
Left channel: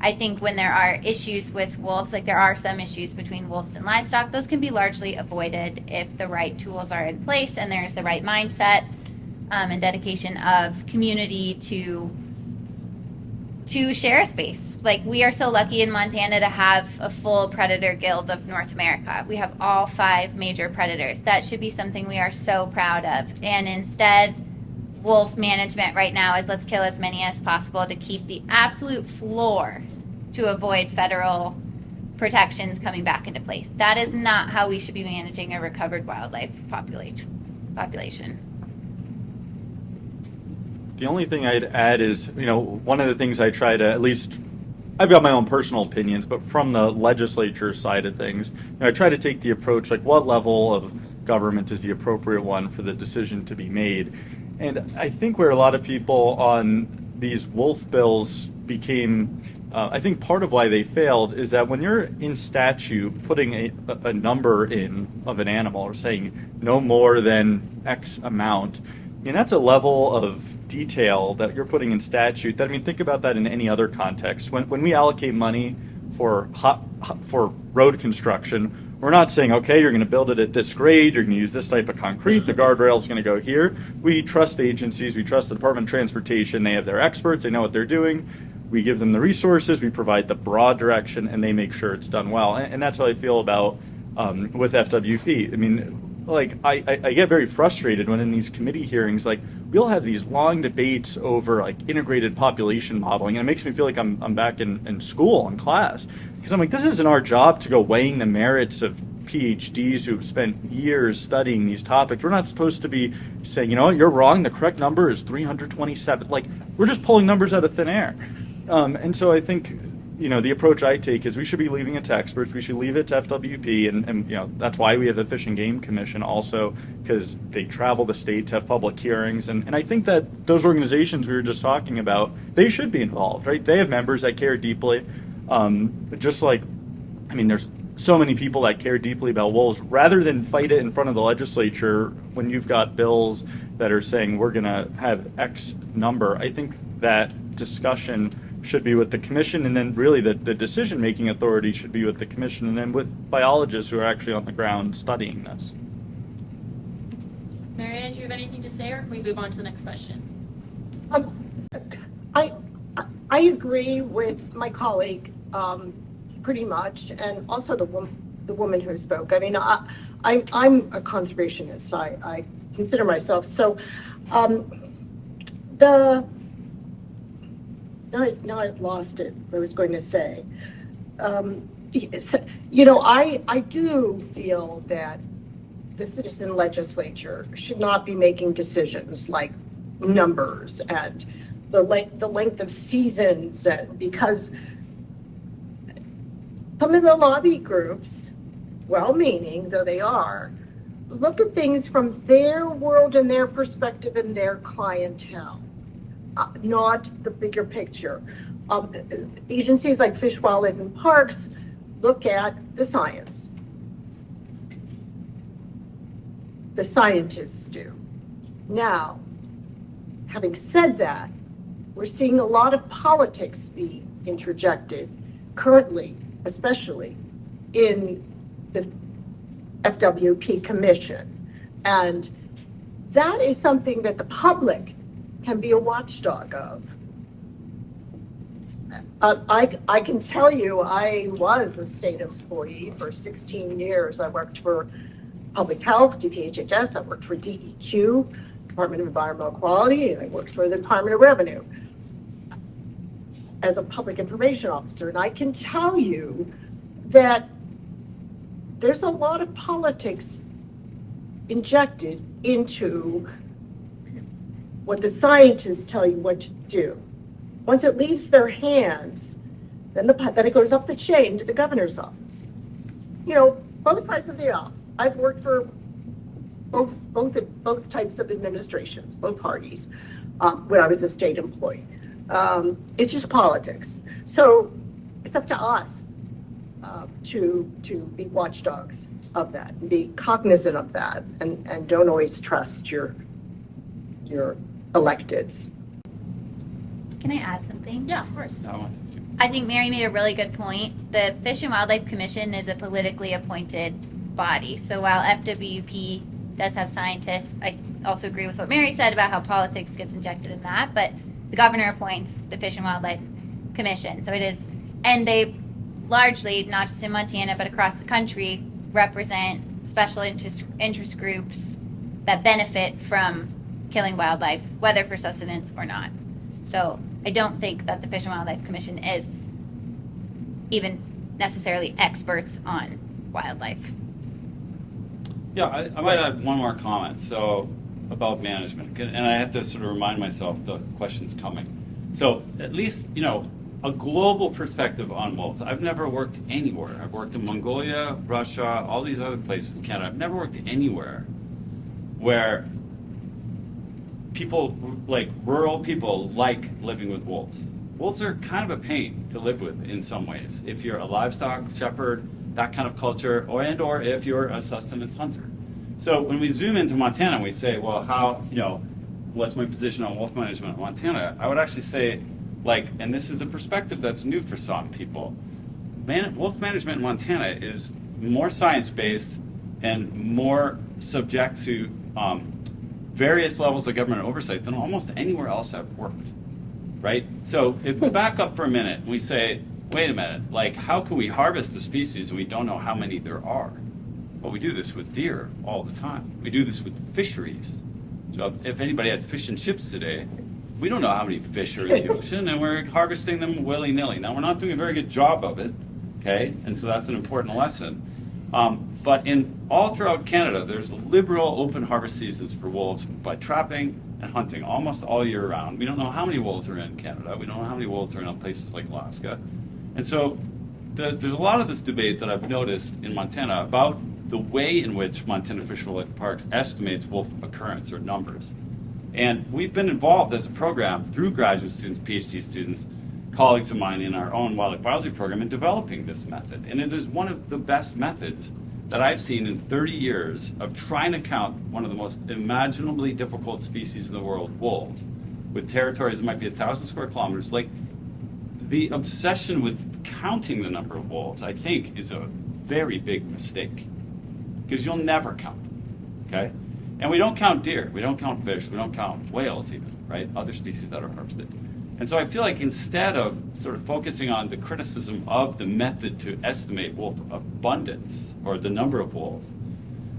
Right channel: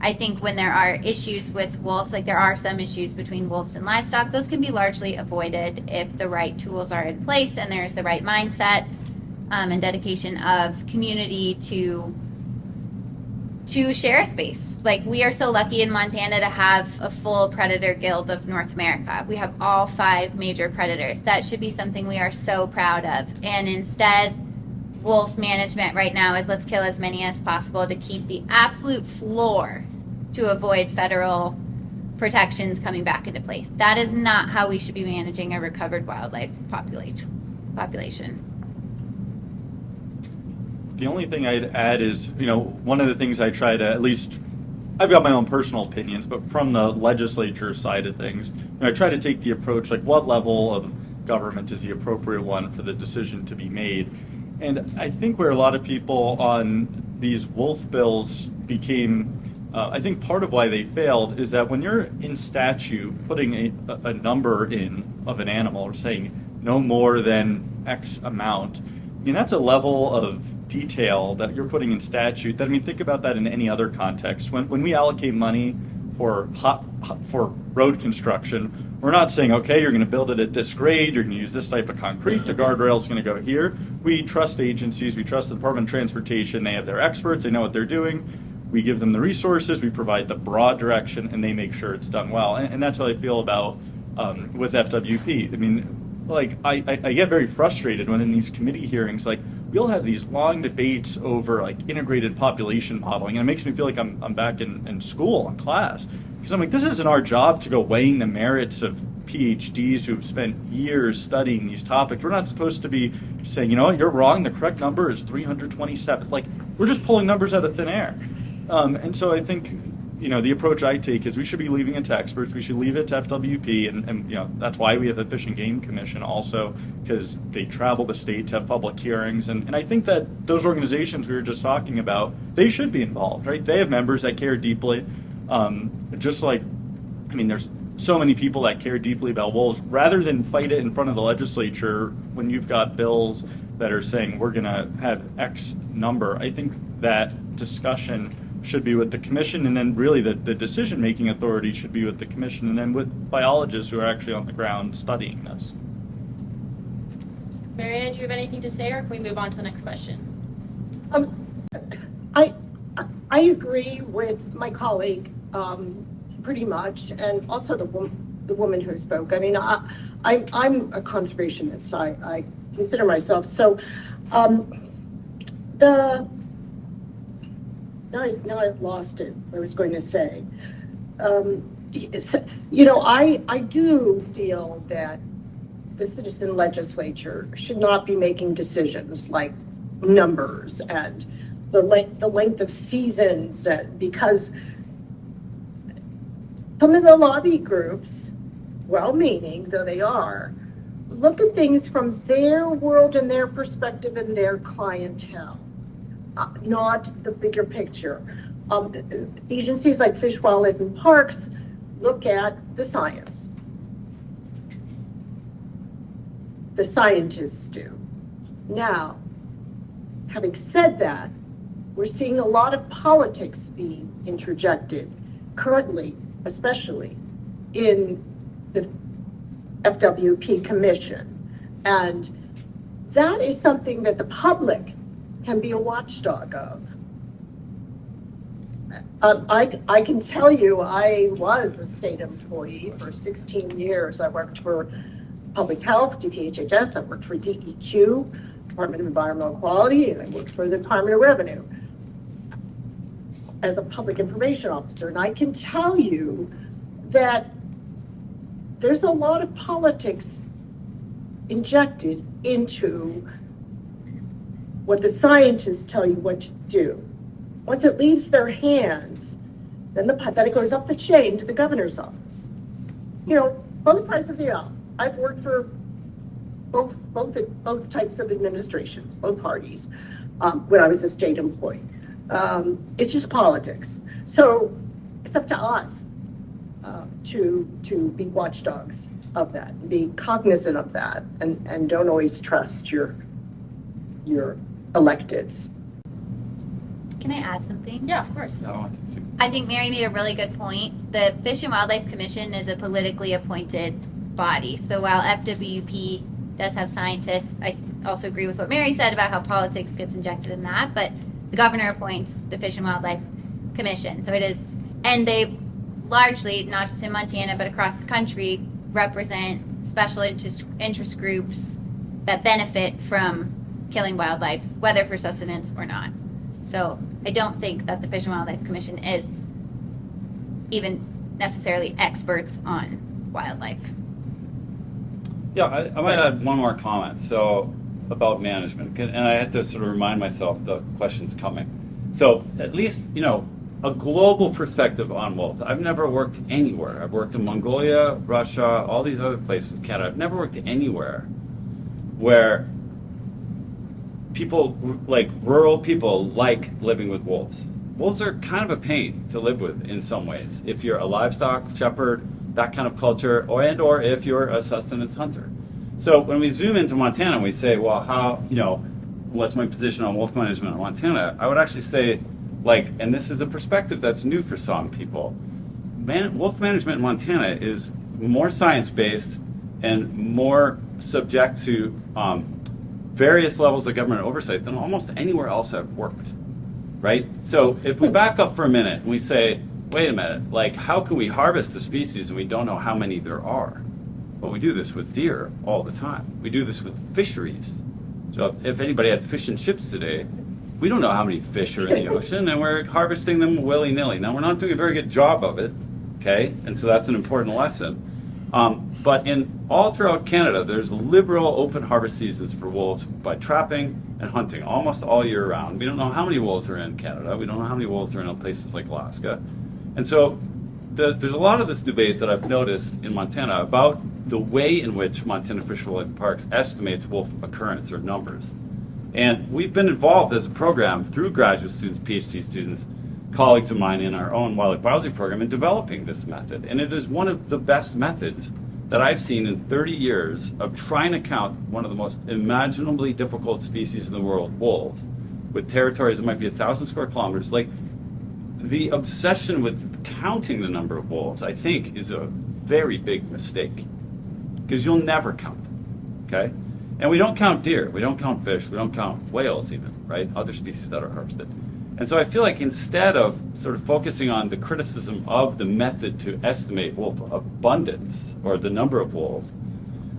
I think when there are issues with wolves, like there are some issues between wolves and livestock, those can be largely avoided if the right tools are in place and there's the right mindset and dedication of community to share space. Like, we are so lucky in Montana to have a full predator guild of North America. We have all 5 major predators. That should be something we are so proud of. And instead, wolf management right now is let's kill as many as possible to keep the absolute floor to avoid federal protections coming back into place. That is not how we should be managing a recovered wildlife population. The only thing I'd add is, one of the things I try to, at least, I've got my own personal opinions, but from the legislature side of things, I try to take the approach, like, what level of government is the appropriate one for the decision to be made? And I think where a lot of people on these wolf bills became, I think part of why they failed is that when you're in statute putting a number in of an animal or saying no more than X amount, that's a level of detail that you're putting in statute. Think about that in any other context. When we allocate money for road construction, we're not saying, okay, you're going to build it at this grade, you're going to use this type of concrete, the guardrail's going to go here. We trust agencies, we trust the Department of Transportation, they have their experts, they know what they're doing. We give them the resources, we provide the broad direction, and they make sure it's done well. And that's how I feel about with FWP. I get very frustrated when in these committee hearings, we'll have these long debates over integrated population modeling, and it makes me feel like I'm back in school, in class. Because I'm like, this isn't our job to go weighing the merits of PhDs who've spent years studying these topics. We're not supposed to be saying, you're wrong, the correct number is 327. We're just pulling numbers out of thin air. And so I think, the approach I take is we should be leaving it to experts. We should leave it to FWP, and that's why we have the Fish and Game Commission also, because they travel the state to have public hearings. And I think that those organizations we were just talking about, they should be involved, right? They have members that care deeply. There's so many people that care deeply about wolves. Rather than fight it in front of the legislature when you've got bills that are saying we're going to have X number, I think that discussion should be with the commission, and then really the decision-making authority should be with the commission, and then with biologists who are actually on the ground studying this. Marianne, do you have anything to say, or can we move on to the next question? I agree with my colleague pretty much, and also the woman who spoke. I mean, I'm a conservationist. I consider myself so. Now I've lost it. What I was going to say. You know, I do feel that the citizen legislature should not be making decisions like numbers and the length of seasons, because some of the lobby groups, well-meaning though they are, look at things from their world and their perspective and their clientele, not the bigger picture. Agencies like Fish, Wildlife, and Parks look at the science. The scientists do. Now, having said that, we're seeing a lot of politics be interjected currently, especially in the FWP Commission. And that is something that the public can be a watchdog of. I can tell you, I was a state employee for 16 years. I worked for Public Health, DPHHS, I worked for DEQ, Department of Environmental Quality, and I worked for the Department of Revenue as a public information officer. And I can tell you that there's a lot of politics injected into what the scientists tell you what to do. Once it leaves their hands, then it goes up the chain to the governor's office. You know, both sides of the aisle. I've worked for both types of administrations, both parties, when I was a state employee. It's just politics. So it's up to us to be watchdogs of that, and be cognizant of that, and don't always trust your electeds. Can I add something? Yeah, of course. I think Mary made a really good point. The Fish and Wildlife Commission is a politically appointed body. So while FWP does have scientists, I also agree with what Mary said about how politics gets injected in that, but the governor appoints the Fish and Wildlife Commission. So it is, and they largely, not just in Montana, but across the country, represent special interest groups that benefit from killing wildlife, whether for sustenance or not. So I don't think that the Fish and Wildlife Commission is even necessarily experts on wildlife. Yeah, I might add one more comment. So about management, and I have to sort of remind myself the question's coming. So at least, you know, a global perspective on wolves. I've never worked anywhere. I've worked in Mongolia, Russia, all these other places, Canada. I've never worked anywhere where people, like rural people, like living with wolves. Wolves are kind of a pain to live with in some ways. If you're a livestock shepherd, that kind of culture, or if you're a sustenance hunter. So when we zoom into Montana and we say, well, how, you know, what's my position on wolf management in Montana? I would actually say, like, and this is a perspective that's new for some people, wolf management in Montana is more science-based and more subject to various levels of government oversight than almost anywhere else I've worked, right? So if we back up for a minute and we say, wait a minute, like, how can we harvest the species and we don't know how many there are? Well, we do this with deer all the time. We do this with fisheries. So if anybody had fish and chips today, we don't know how many fish are in the ocean, and we're harvesting them willy-nilly. Now, we're not doing a very good job of it, okay? And so that's an important lesson. But in all throughout Canada, there's liberal open harvest seasons for wolves by trapping and hunting almost all year round. We don't know how many wolves are in Canada. We don't know how many wolves are in places like Alaska. And so there's a lot of this debate that I've noticed in Montana about the way in which Montana Fish, Wildlife, and Parks estimates wolf occurrence or numbers. And we've been involved as a program through graduate students, PhD students, colleagues of mine in our own wildlife biology program in developing this method. And it is one of the best methods that I've seen in 30 years of trying to count one of the most imaginably difficult species in the world, wolves, with territories that might be 1,000 square kilometers. Like, the obsession with counting the number of wolves, I think, is a very big mistake, because you'll never count them, okay? And we don't count deer, we don't count fish, we don't count whales even, right? Other species that are harvested. And so I feel like instead of sort of focusing on the criticism of the method to estimate wolf abundance or the number of wolves,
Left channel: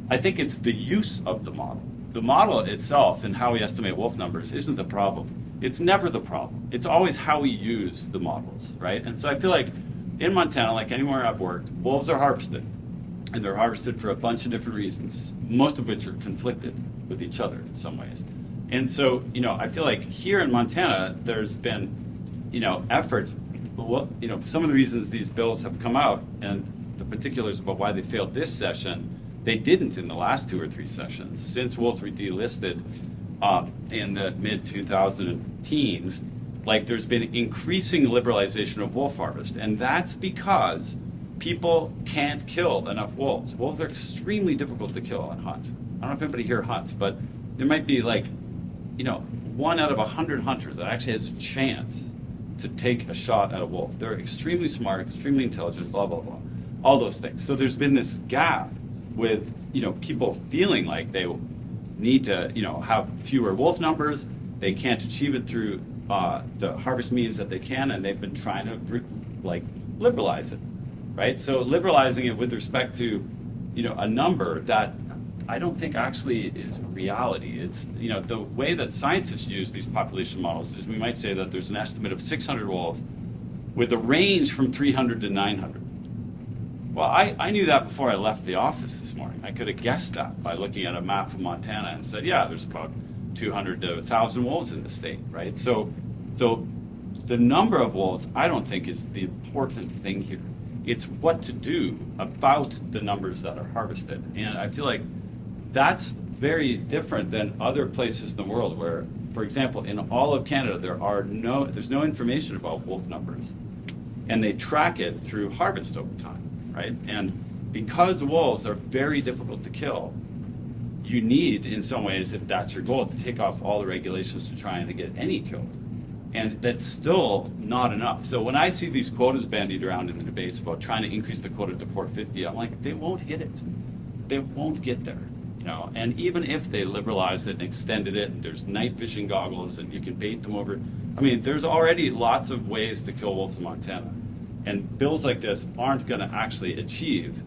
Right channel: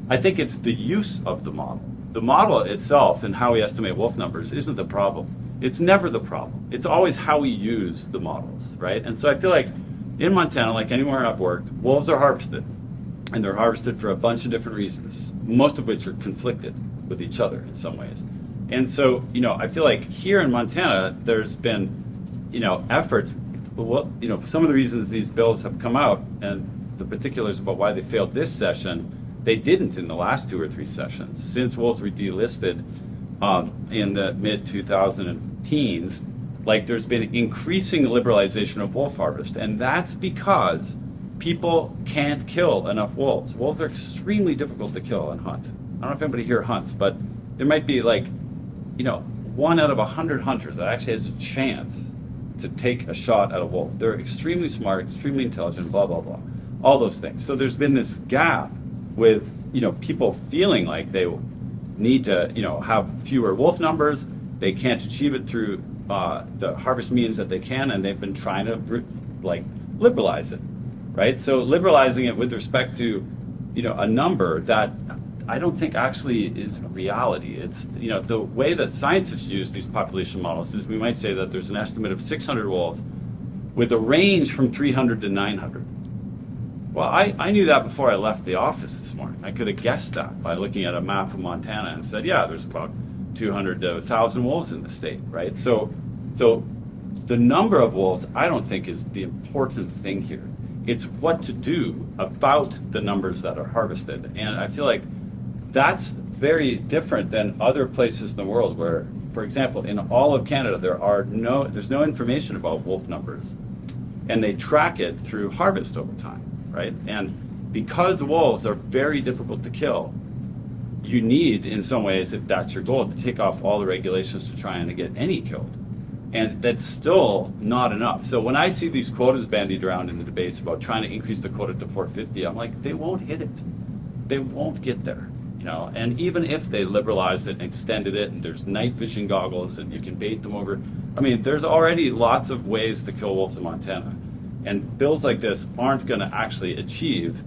I think it's the use of the model. The model itself and how we estimate wolf numbers isn't the problem. It's never the problem. It's always how we use the models, right? And so I feel like in Montana, like anywhere I've worked, wolves are harvested. And they're harvested for a bunch of different reasons, most of which are conflicted with each other in some ways. And so, I feel like here in Montana, there's been, efforts. Well, some of the reasons these bills have come out and the particulars about why they failed this session, they didn't in the last 2 or 3 sessions. Since wolves were delisted in the mid-2010s, like there's been increasing liberalization of wolf harvest. And that's because people can't kill enough wolves. Wolves are extremely difficult to kill and hunt. I don't know if anybody here hunts, but there might be 1 out of 100 hunters that actually has a chance to take a shot at a wolf. They're extremely smart, extremely intelligent, blah, blah, blah. All those things. So there's been this gap with, people feeling like they need to, have fewer wolf numbers. They can't achieve it through the harvest means that they can, and they've been trying to, liberalize it. Right? So liberalizing it with respect to, a number that I don't think actually is reality. It's, the way that scientists use these population models is we might say that there's an estimate of 600 wolves with a range from 300 to 900. Well, I knew that before I left the office this morning. I could have guessed that by looking at a map of Montana and said, yeah, there's about 200 to 1,000 wolves in the state, right? So the number of wolves I don't think is the important thing here. It's what to do about the numbers that are harvested. And I feel like that's very different than other places in the world where, for example, in all of Canada, there's no information about wolf numbers. And they track it through harvest over time, right? And because wolves are very difficult to kill, you need, in some ways, if that's your goal, to take off all the regulations to try and to get any killed. And that's still not enough. So when I see these quotas bandied around in the debates about trying to increase the quota to 450, I'm like, they won't hit it. They won't get there. And even if they liberalized it and extended it, and there's night vision goggles and you can bait them over, there's already lots of ways to kill wolves in Montana. And bills like this aren't going to actually achieve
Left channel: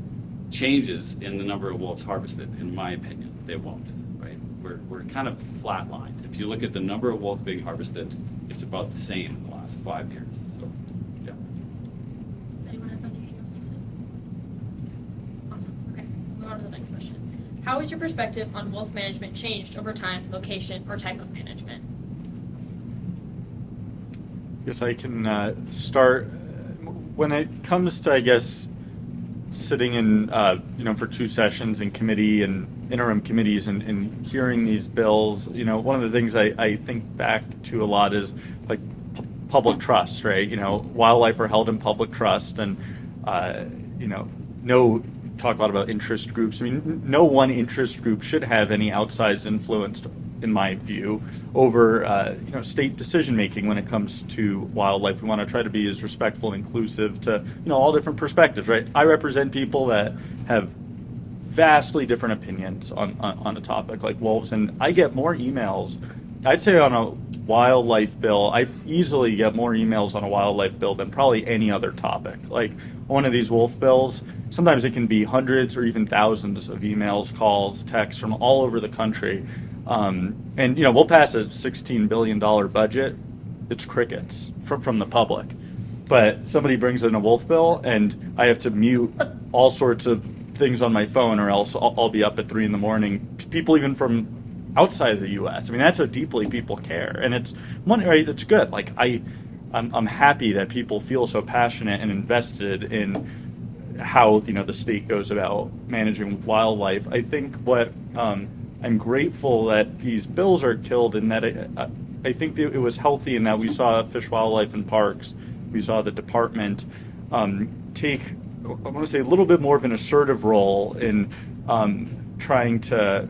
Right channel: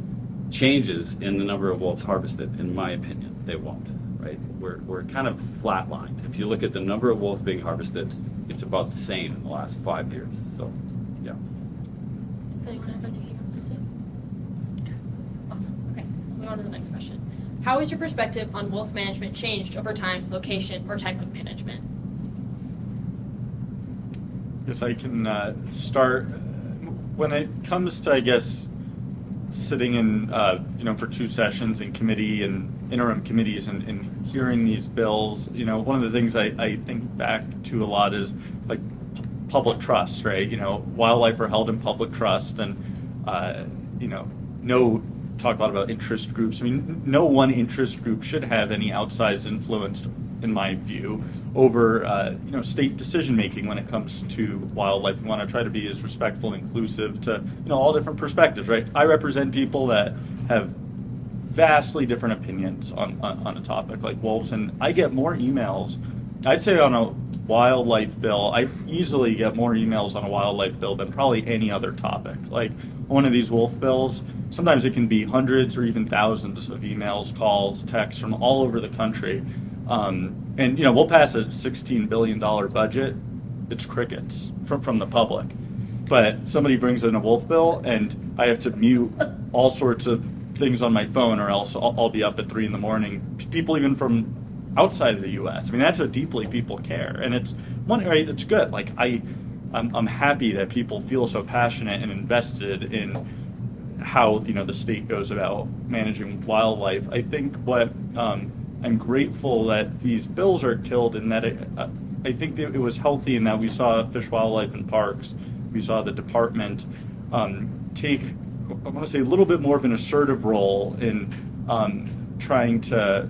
changes in the number of wolves harvested, in my opinion. They won't, right? We're kind of flatlined. If you look at the number of wolves being harvested, it's about the same in the last 5 years. So, yeah. Does anyone have anything else to say? Awesome. Okay, moving on to the next question. How has your perspective on wolf management changed over time, location, or type of management? Yes, I can start. When it comes to, I guess, sitting in, for 2 sessions in committee and interim committees and hearing these bills, one of the things I think back to a lot is like public trust, right? Wildlife are held in public trust, and talk a lot about interest groups. No one interest group should have any outsized influence, in my view, over state decision making when it comes to wildlife. We want to try to be as respectful and inclusive to all different perspectives, right? I represent people that have vastly different opinions on a topic like wolves, and I get more emails. I'd say on a wildlife bill, I easily get more emails on a wildlife bill than probably any other topic. Like one of these wolf bills, sometimes it can be hundreds or even thousands of emails, calls, texts from all over the country. And we'll pass a $16 billion budget. It's crickets from the public. But somebody brings in a wolf bill, and I have to mute all sorts of things on my phone, or else I'll be up at 3 a.m. People even from outside of the U.S. That's how deeply people care, and it's money, right? It's good. Like I'm happy that people feel so passionate and invested in how the state goes about managing wildlife. I think what I'm grateful that these bills are killed, and that I think that it was healthy in that we saw Fish, Wildlife, and Parks. We saw the department take, I want to say, a little bit more of an assertive role in trying to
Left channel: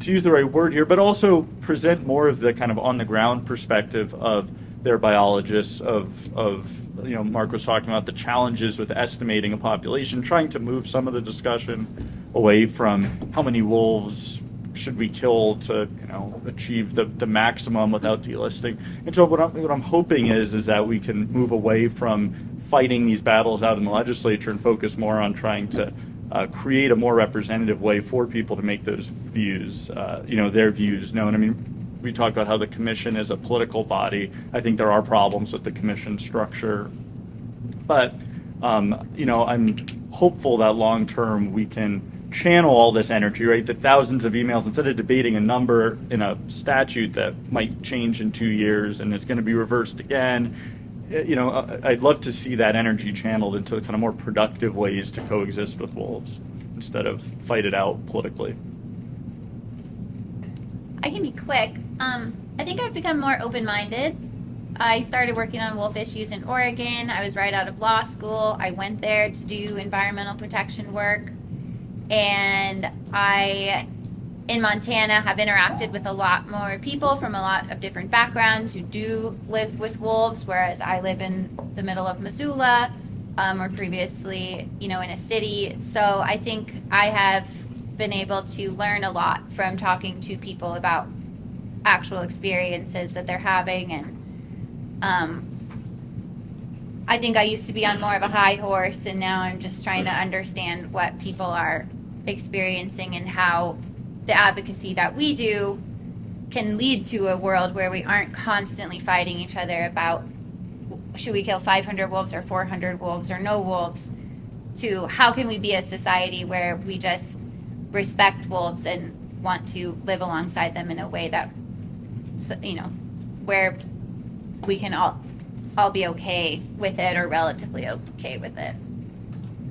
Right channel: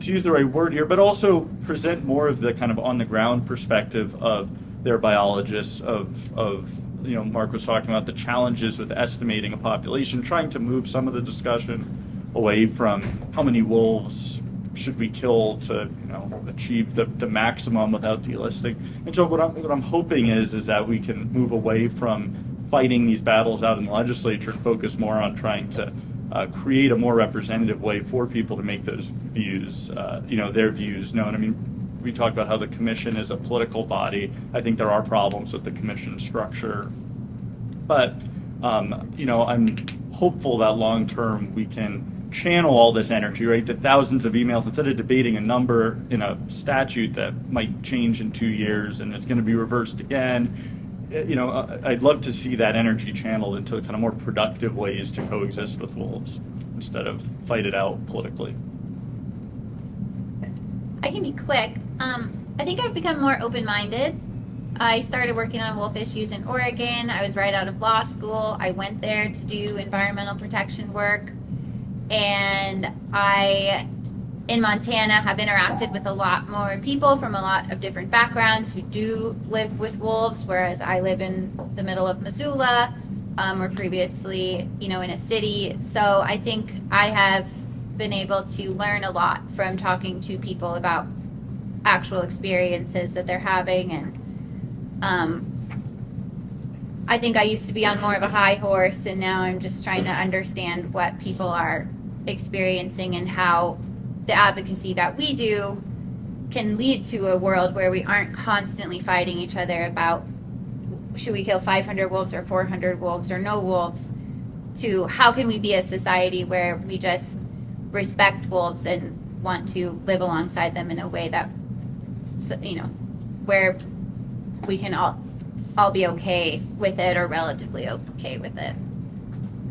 use the right word here, but also present more of the kind of on the ground perspective of their biologists, of Mark was talking about the challenges with estimating a population, trying to move some of the discussion away from how many wolves should we kill to achieve the maximum without delisting. And so what I'm hoping is that we can move away from fighting these battles out in the legislature and focus more on trying to create a more representative way for people to make those views, their views known. I mean, we talked about how the commission is a political body. I think there are problems with the commission structure, but I'm hopeful that long term we can channel all this energy, right? The thousands of emails, instead of debating a number in a statute that might change in 2 years and it's going to be reversed again. I'd love to see that energy channeled into kind of more productive ways to coexist with wolves instead of fight it out politically. I can be quick. I think I've become more open-minded. I started working on wolf issues in Oregon. I was right out of law school. I went there to do environmental protection work. And I, in Montana, have interacted with a lot more people from a lot of different backgrounds who do live with wolves, whereas I live in the middle of Missoula, or previously, in a city. So I think I have been able to learn a lot from talking to people about actual experiences that they're having. And I think I used to be on more of a high horse, and now I'm just trying to understand what people are experiencing and how the advocacy that we do can lead to a world where we aren't constantly fighting each other about should we kill 500 wolves or 400 wolves or no wolves, to how can we be a society where we just respect wolves and want to live alongside them in a way that, where we can all be okay with it or relatively okay with it.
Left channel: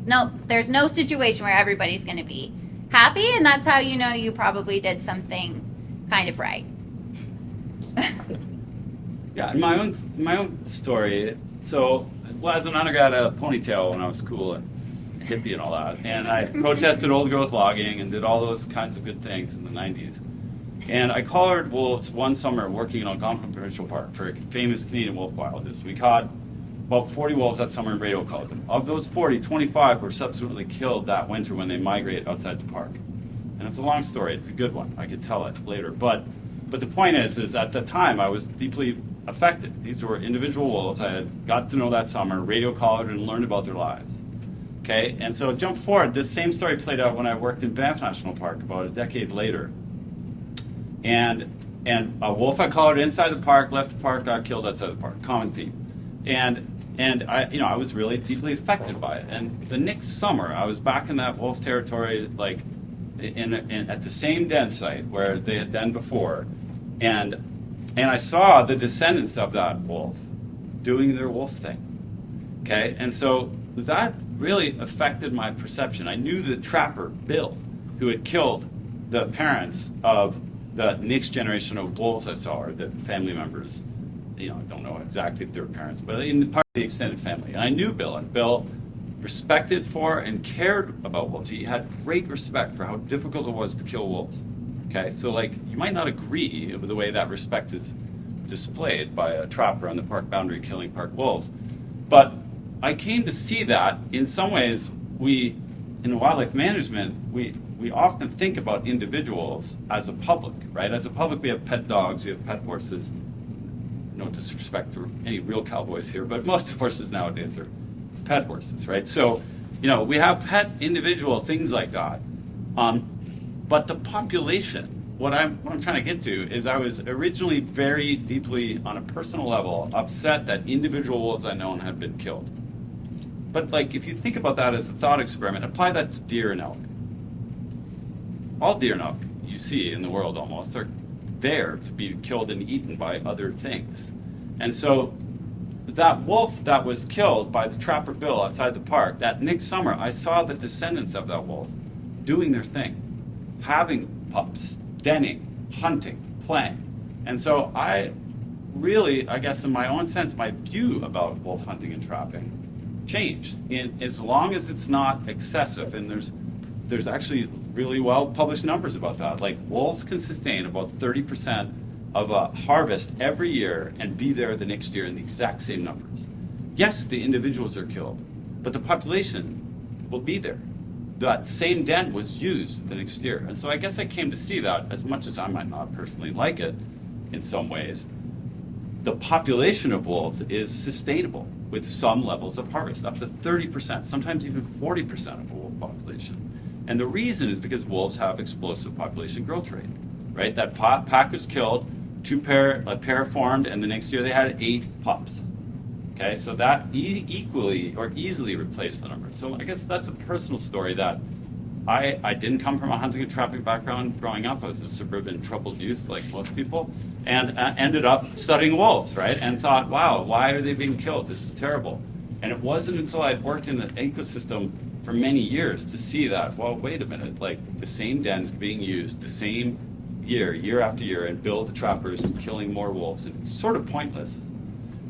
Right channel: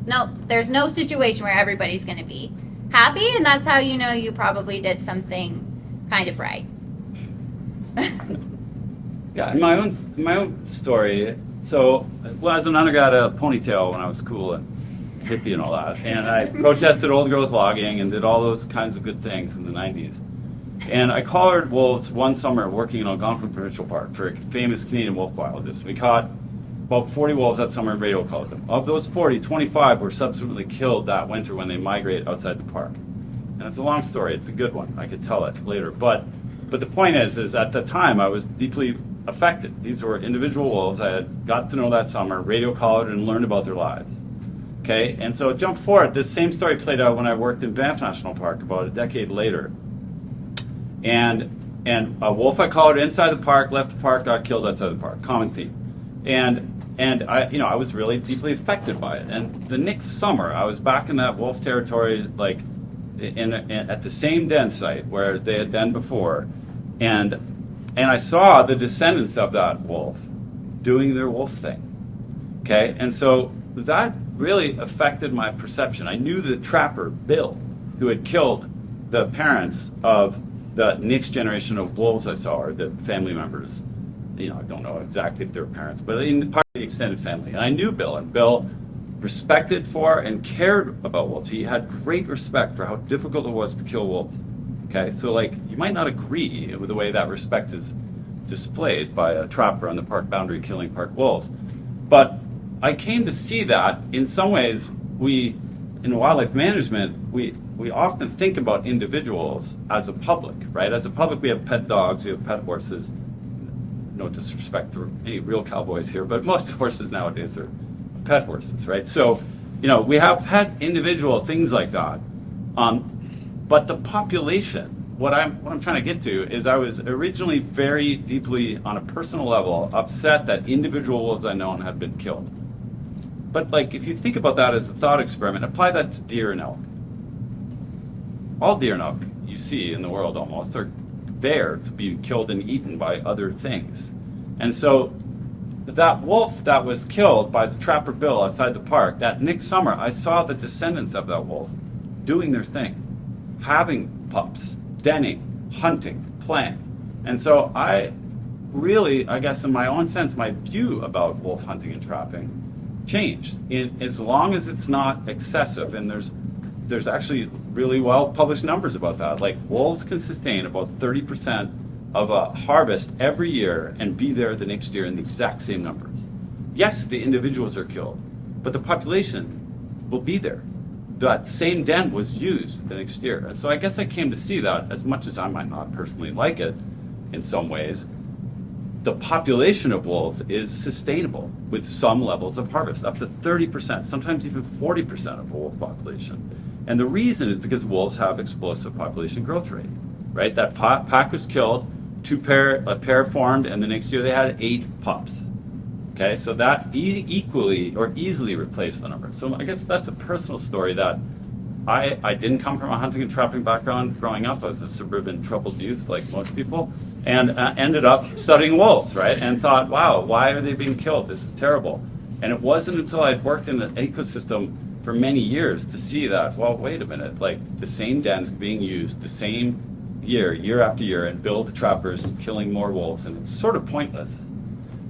No, there's no situation where everybody's going to be happy, and that's how you probably did something kind of right. Yeah, in my own story. So, as an undergrad, I had a ponytail when I was cool and hippie and all that, and I protested old growth logging and did all those kinds of good things in the 90s. And I collared wolves one summer working in Algonquin Provincial Park for a famous Canadian wolf biologist. We caught about 40 wolves that summer and radio called them. Of those 40, 25 were subsequently killed that winter when they migrate outside the park. And it's a long story. It's a good one. I could tell it later. But the point is at the time I was deeply affected. These were individual wolves I had got to know that summer, radio collared, and learned about their lives. Okay, and so jump forward. This same story played out when I worked in Banff National Park about a decade later. And a wolf I collared inside the park, left the park, got killed outside the park. Common theme. And I was really deeply affected by it. And the next summer, I was back in that wolf territory, like at the same den site where they had been before, and I saw the descendants of that wolf doing their wolf thing. Okay, and so that really affected my perception. I knew the trapper Bill, who had killed the parents of the next generation of wolves I saw, or the family members. I don't know exactly if they were parents, but in part of the extended family. And I knew Bill, and Bill respected for and cared about wolves. He had great respect for how difficult it was to kill wolves. Okay, so you might not agree with the way that respect is displayed by a trapper on the park boundary killing park wolves, but I came to see that in some ways in wildlife management, we often think about individuals as a public, right? As a public, we have pet dogs, we have pet horses. No disrespect to any real cowboys here, but most horses nowadays are pet horses, right? So, we have pet individual things like that. But the population, what I'm trying to get to is I was originally very deeply, on a personal level, upset that individual wolves I known had been killed. But if you think about that as a thought experiment, apply that to deer and elk. All deer and elk you see in the world almost are there to be killed and eaten by other things. And so that wolf that was killed by the trapper Bill outside the park, that next summer I saw the descendants of that wolf doing their thing, having pups, denning, hunting, playing. And so I really, I guess in my own sense, my view about wolf hunting and trapping changed. As long as it's not excessive, and there's actually really well published numbers about that. Wolves can sustain about 30% of a harvest every year and be there the next year in the exact same numbers. Yes, the individuals are killed, but the population will be there. that same den was used the next year. And so I guess I came to see that, as much as I might not personally like it in some ways, the population of wolves is sustainable with some levels of harvest, up to 30%, sometimes even 40% of wolf population. And the reason is because wolves have explosive population growth rate, right? That pack was killed, a pair formed, and the next year they had 8 pups. Okay, so that equally or easily replaced the number. So I guess that's a personal story that I didn't come from a hunting and trapping background growing up. I was a suburban troubled youth like most people, and ended up studying wolves, right? And thought, wow, why are they being killed? This is terrible. And it wasn't until I'd worked in the ecosystem for many years to see that, well, wait a minute, like the same dens being used the same year after year, and Bill the Trapper is killing more wolves, and it's sort of pointless.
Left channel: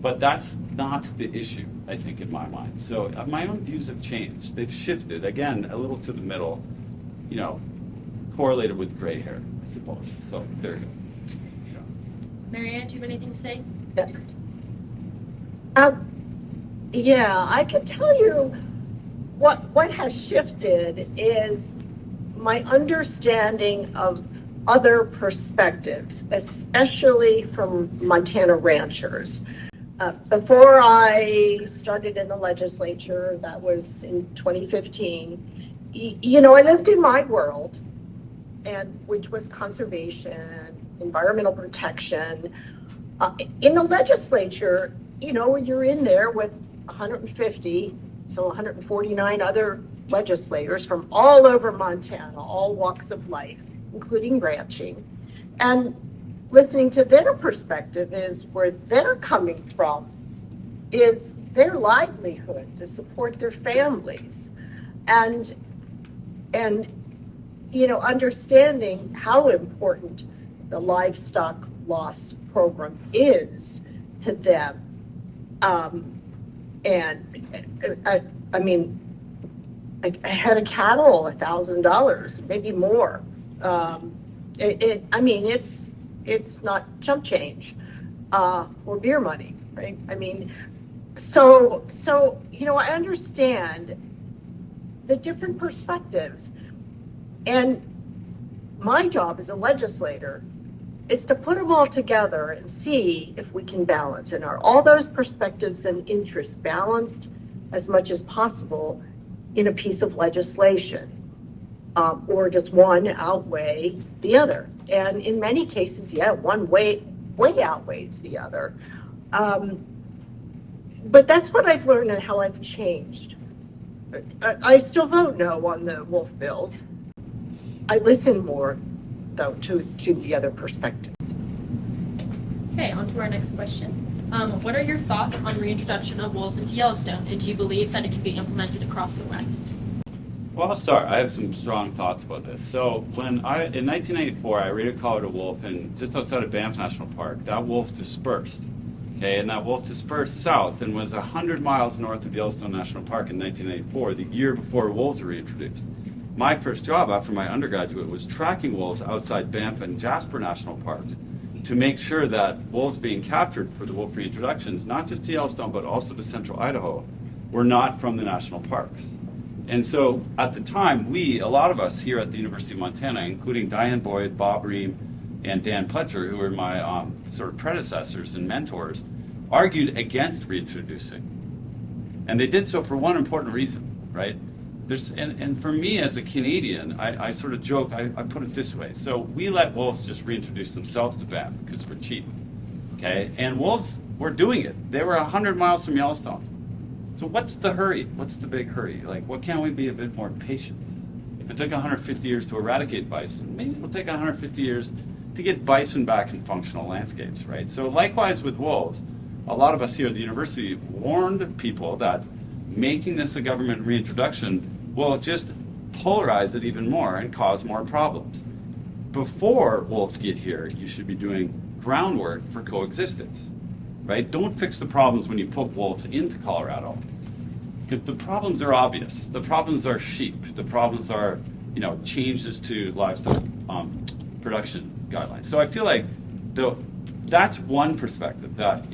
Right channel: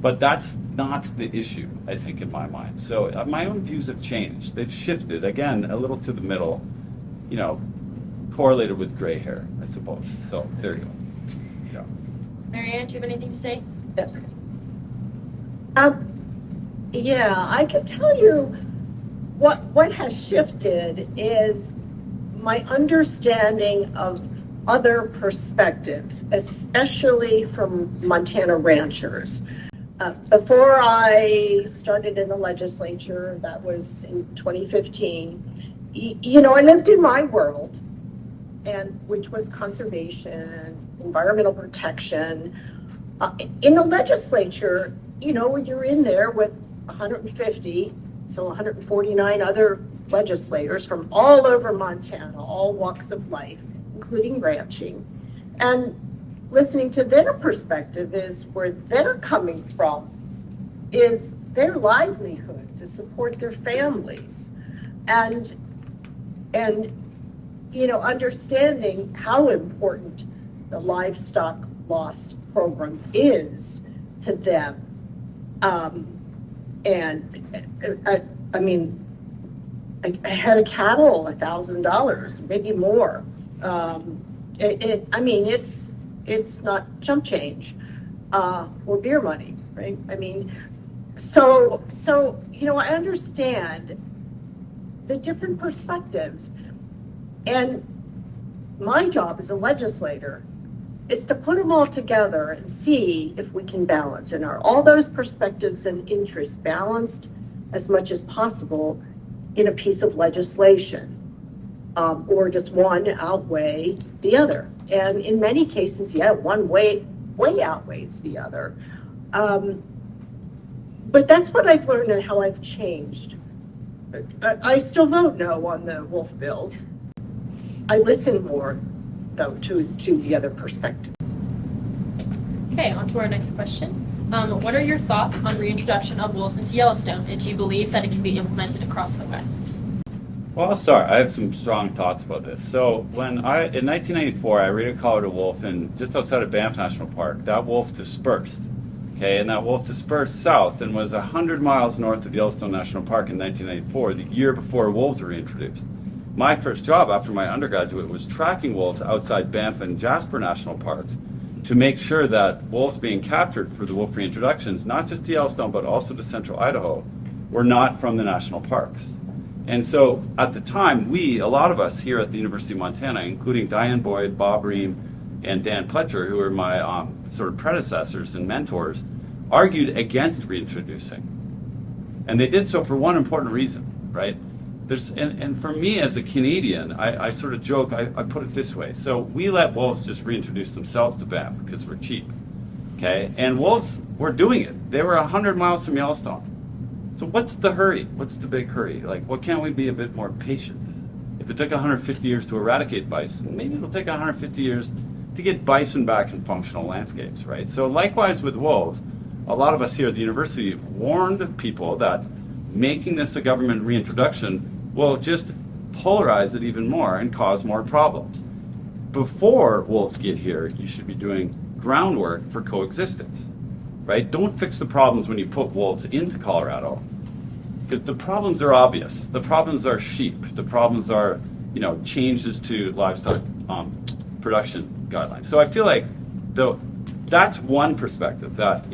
But that's not the issue, I think, in my mind. So my own views have changed. They've shifted, again, a little to the middle, correlated with gray hair, I suppose. So there you go. Yeah. Marianne, do you have anything to say? Yeah, I can tell you what has shifted is my understanding of other perspectives, especially from Montana ranchers. Before I started in the legislature, that was in 2015, I lived in my world, and which was conservation, environmental protection. In the legislature, you're in there with 150, so 149 other legislators from all over Montana, all walks of life, including ranching. And listening to their perspective is where they're coming from, is their livelihood to support their families. And understanding how important the livestock loss program is to them. I had a cattle, $1,000, maybe more. It's not chump change or beer money, right? So I understand the different perspectives, and my job as a legislator is to put them all together and see if we can balance, and are all those perspectives and interests balanced as much as possible in a piece of legislation, or just one outweigh the other. And in many cases, one way outweighs the other. But that's what I've learned and how I've changed. I still vote no on the wolf bills. I listen more, though, to the other perspectives. Okay, on to our next question. What are your thoughts on reintroduction of wolves into Yellowstone? And do you believe that it can be implemented across the West? Well, I'll start. I have some strong thoughts about this. So in 1994, I re-collared a wolf just outside of Banff National Park. That wolf dispersed. Okay, and that wolf dispersed south and was 100 miles north of Yellowstone National Park in 1994, the year before wolves were reintroduced. My first job after my undergraduate was tracking wolves outside Banff and Jasper National Parks to make sure that wolves being captured for the wolf reintroductions, not just to Yellowstone, but also to central Idaho, were not from the national parks. And so at the time, a lot of us here at the University of Montana, including Diane Boyd, Bob Ream, and Dan Pletcher, who were my sort of predecessors and mentors, argued against reintroducing. And they did so for one important reason, right? And for me as a Canadian, I sort of joke, I put it this way. So we let wolves just reintroduce themselves to Banff because we're cheap, okay? And wolves were doing it. They were 100 miles from Yellowstone. So what's the hurry? What's the big hurry? Like, what can't we be a bit more patient? If it took 150 years to eradicate bison, maybe it'll take 150 years to get bison back in functional landscapes, right? So likewise with wolves, a lot of us here at the university warned people that making this a government reintroduction will just polarize it even more and cause more problems. Before wolves get here, you should be doing groundwork for coexistence, right? Don't fix the problems when you put wolves into Colorado, because the problems are obvious. The problems are sheep. The problems are, changes to livestock production guidelines. So I feel like that's one perspective that,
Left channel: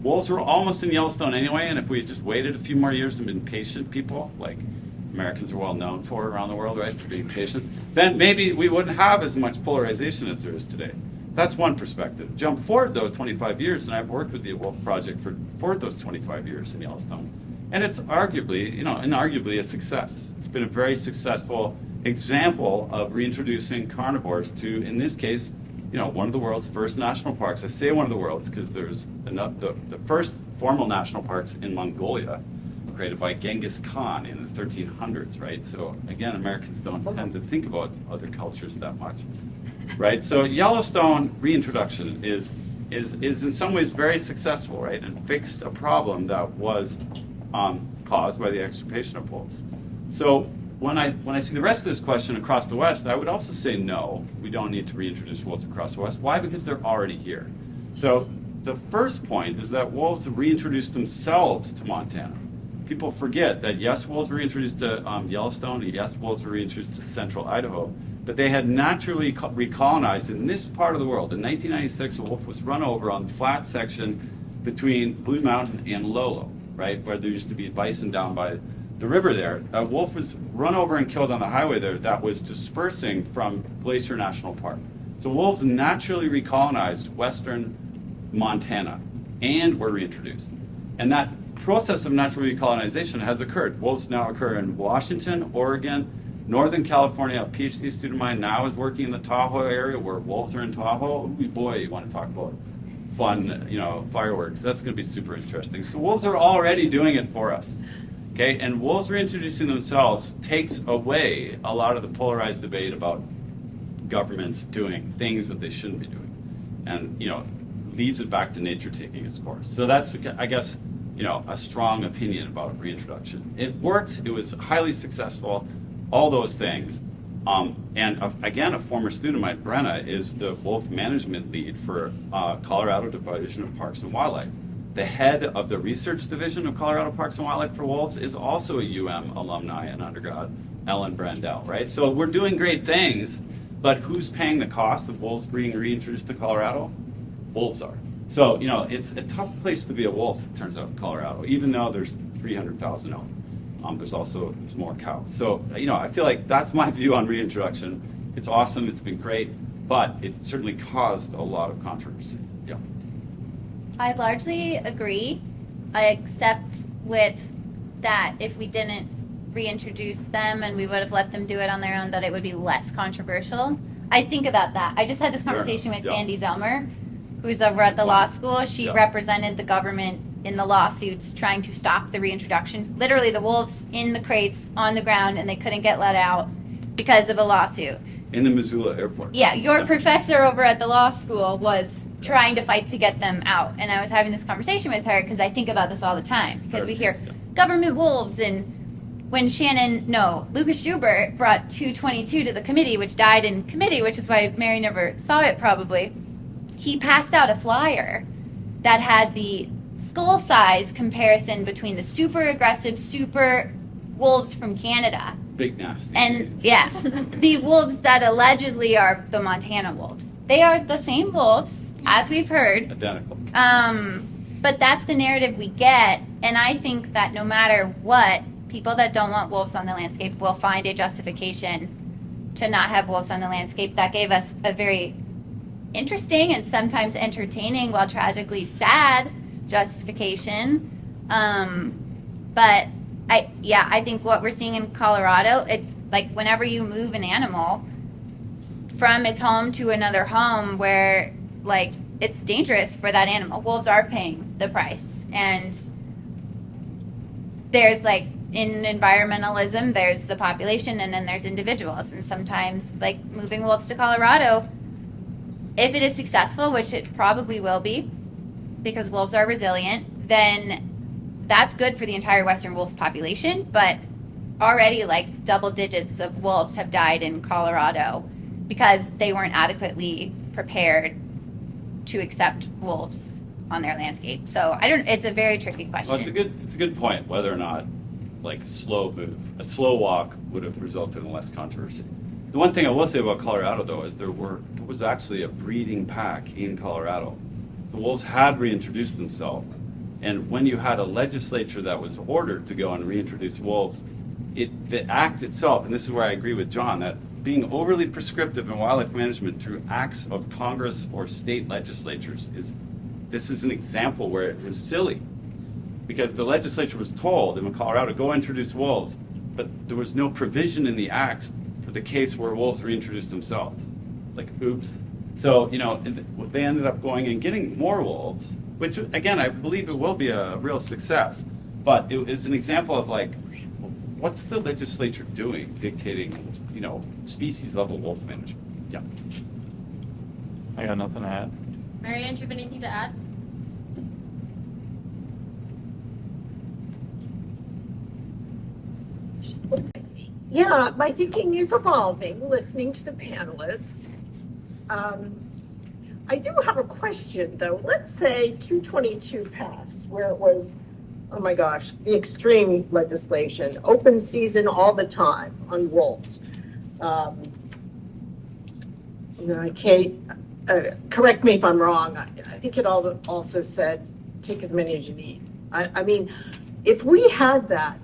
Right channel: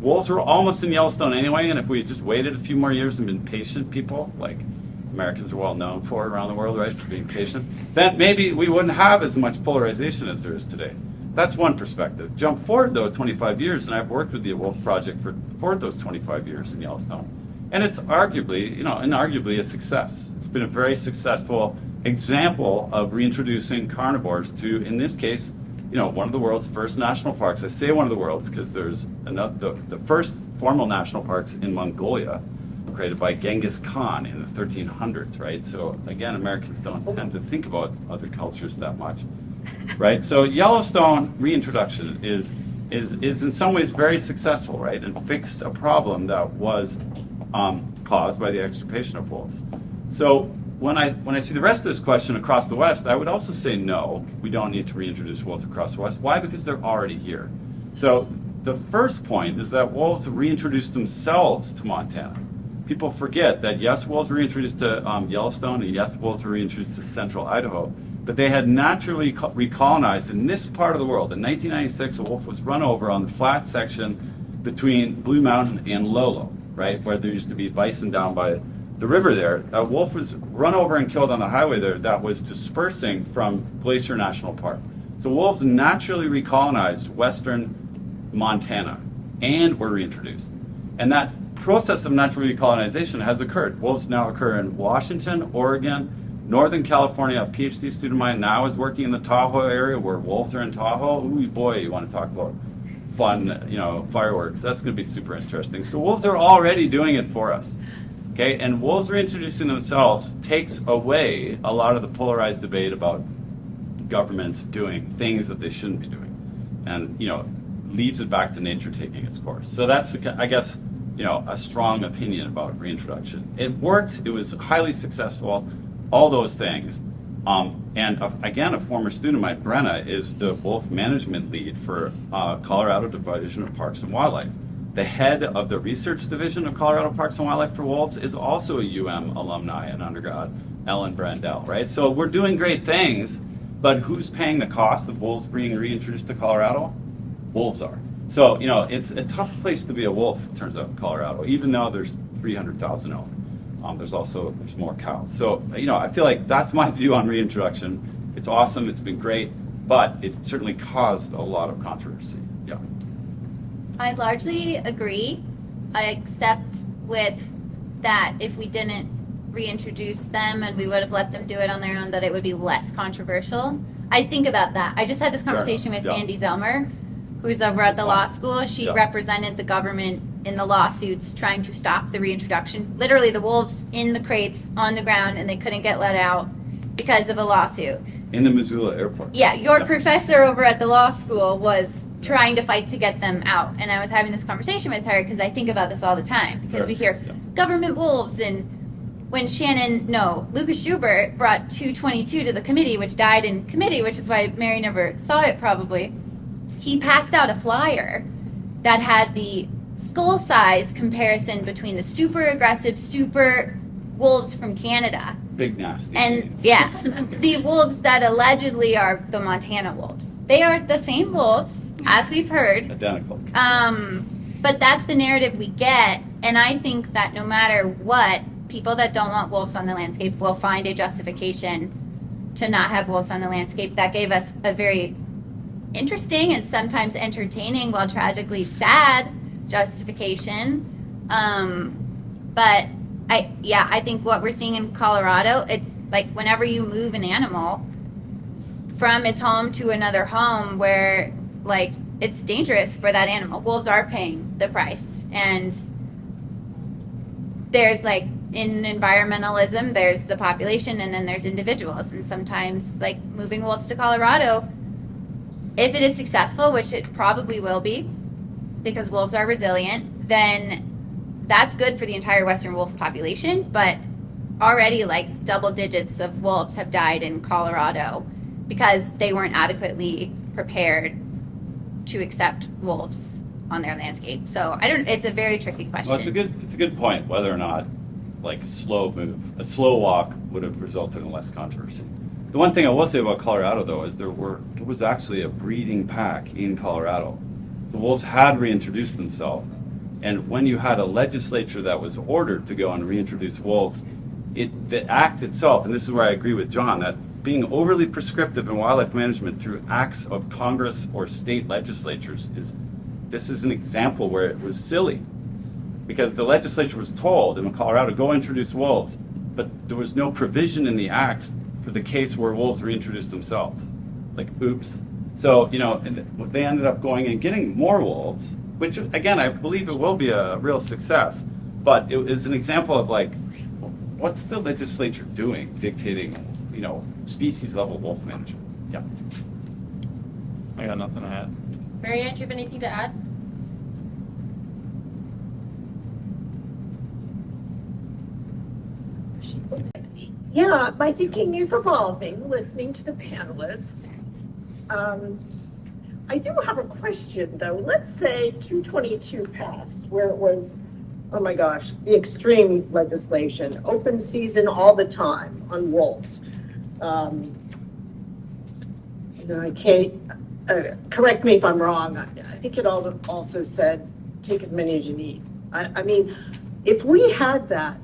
wolves were almost in Yellowstone anyway, and if we had just waited a few more years and been patient people, Americans are well known for around the world, right, for being patient, then maybe we wouldn't have as much polarization as there is today. That's one perspective. Jump forward, though, 25 years, and I've worked with the Wolf Project for those 25 years in Yellowstone. And it's inarguably a success. It's been a very successful example of reintroducing carnivores to, in this case, one of the world's first national parks. I say one of the world's because there's the first formal national parks in Mongolia were created by Genghis Khan in the 1300s, right? So again, Americans don't tend to think about other cultures that much, right? So Yellowstone reintroduction is in some ways very successful, right? And fixed a problem that was caused by the extirpation of wolves. So when I see the rest of this question across the West, I would also say no, we don't need to reintroduce wolves across the West. Why? Because they're already here. So the first point is that wolves reintroduced themselves to Montana. People forget that yes, wolves were reintroduced to Yellowstone, and yes, wolves were reintroduced to central Idaho, but they had naturally recolonized in this part of the world. In 1996, a wolf was run over on the flat section between Blue Mountain and Lolo, right, where there used to be bison down by the river there. A wolf was run over and killed on the highway there that was dispersing from Glacier National Park. So wolves naturally recolonized western Montana and were reintroduced. And that process of natural recolonization has occurred. Wolves now occur in Washington, Oregon, Northern California. A PhD student of mine now is working in the Tahoe area where wolves are in Tahoe. Ooh, boy, you want to talk about fun, fireworks. That's going to be super interesting. So wolves are already doing it for us. Okay, and wolves reintroducing themselves takes away a lot of the polarized debate about governments doing things that they shouldn't be doing, and leads it back to nature taking its course. So that's, I guess, a strong opinion about reintroduction. It worked. It was highly successful. All those things. Again, a former student of mine, Brenna, is the wolf management lead for Colorado Division of Parks and Wildlife. The head of the research division of Colorado Parks and Wildlife for Wolves is also a alumni and undergrad, Ellen Brandel, right? So we're doing great things, but who's paying the cost of wolves being reintroduced to Colorado? Wolves are. So, it's a tough place to be a wolf, it turns out, in Colorado, even though there's 300,000 elk. There's more cows. So, I feel like that's my view on reintroduction. It's awesome, it's been great, but it certainly caused a lot of controversy. Yeah. I largely agree, except with that if we didn't reintroduce them and we would have let them do it on their own, that it would be less controversial. I think about that. I just had this conversation with Sandy Zelmer, who's over at the law school. She represented the government in the lawsuits trying to stop the reintroduction. Literally the wolves in the crates on the ground, and they couldn't get let out because of a lawsuit. In the Missoula airport. Yeah, your professor over at the law school was trying to fight to get them out. And I was having this conversation with her because I think about this all the time. Because we hear government wolves, and when Lucas Schubert brought 222 to the committee, which died in committee, which is why Mary never saw it probably, he passed out a flyer that had the skull size comparison between the super aggressive super wolves from Canada. Big nasty. And the wolves that allegedly are the Montana wolves. They are the same wolves, as we've heard. Identical. But that's the narrative we get, and I think that no matter what, people that don't want wolves on the landscape will find a justification to not have wolves on the landscape. That gave us a very interesting and sometimes entertaining, while tragically sad, justification. But I think what we're seeing in Colorado, it's like whenever you move an animal from its home to another home where it's dangerous for that animal, wolves are paying the price. And there's in environmentalism, there's the population and then there's individuals. And sometimes moving wolves to Colorado, if it is successful, which it probably will be because wolves are resilient, then that's good for the entire western wolf population. But already double digits of wolves have died in Colorado because they weren't adequately prepared to accept wolves on their landscape. So it's a very tricky question. Well, it's a good point whether or not a slow walk would have resulted in less controversy. The one thing I will say about Colorado, though, is there was actually a breeding pack in Colorado. The wolves had reintroduced themselves, and when you had a legislature that was ordered to go and reintroduce wolves, the act itself, and this is where I agree with John, that being overly prescriptive in wildlife management through acts of Congress or state legislatures this is an example where it was silly. Because the legislature was told in Colorado, go introduce wolves, but there was no provision in the act for the case where wolves reintroduced themselves. Like, oops. So, they ended up going and getting more wolves, which, again, I believe it will be a real success. But it is an example of, like, what's the legislature doing, dictating, species-level wolf management? Yeah. I got nothing to add. Marianne, do you have anything to add? Yeah, my thinking is evolving, listening to the panelists. I do have a question, though. Let's say 222 passed, where it was, oh my gosh, the extreme legislation, open season all the time on wolves. Kate, correct me if I'm wrong. I think it also said, take as many as you need. I mean, if we had that,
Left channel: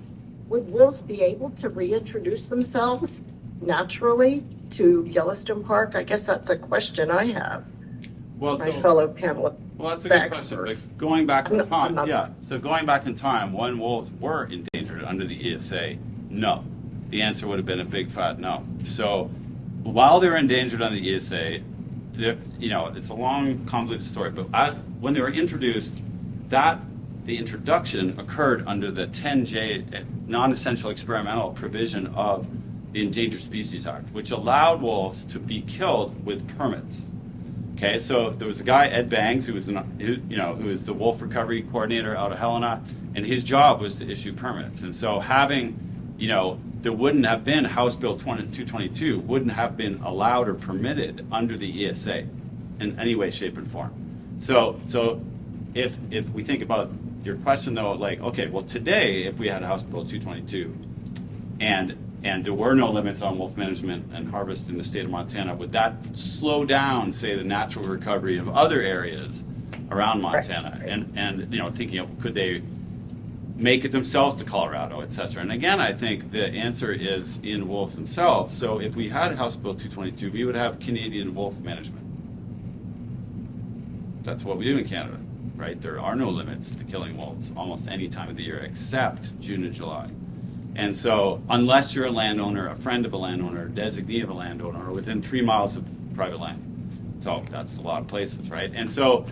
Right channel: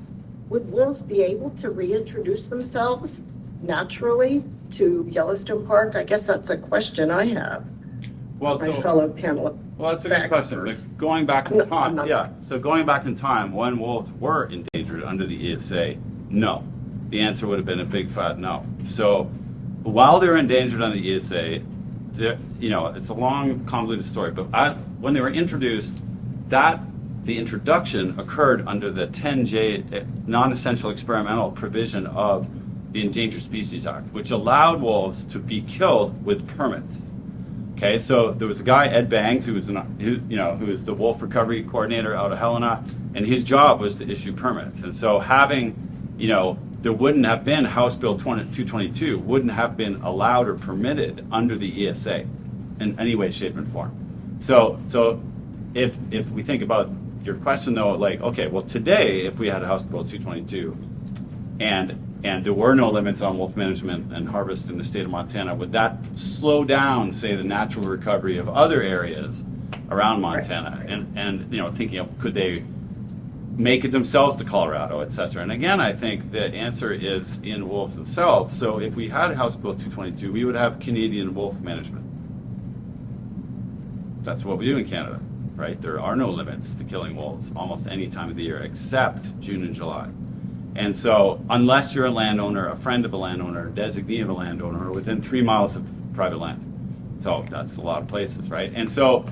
would wolves be able to reintroduce themselves naturally to Yellowstone Park? I guess that's a question I have. Well, My fellow panelists. Well, that's a good question. But going back in time, So going back in time, when wolves were endangered under the ESA, no. The answer would have been a big fat no. So while they were endangered under the ESA, it's a long, convoluted story. But when they were introduced, the introduction occurred under the 10J non-essential experimental provision of the Endangered Species Act, which allowed wolves to be killed with permits. Okay, so there was a guy, Ed Bangs, who was the wolf recovery coordinator out of Helena, and his job was to issue permits. And so there wouldn't have been House Bill 222 wouldn't have been allowed or permitted under the ESA in any way, shape, and form. So if we think about your question though, like, okay, well today, if we had House Bill 222 and there were no limits on wolf management and harvest in the state of Montana, would that slow down, say, the natural recovery of other areas around Montana? And thinking of, could they make it themselves to Colorado, et cetera? And again, I think the answer is in wolves themselves. So if we had House Bill 222, we would have Canadian wolf management. That's what we do in Canada, right? There are no limits to killing wolves almost any time of the year except June and July. And so unless you're a landowner, a friend of a landowner, a designee of a landowner, or within 3 miles of private land. So that's a lot of places, right? And so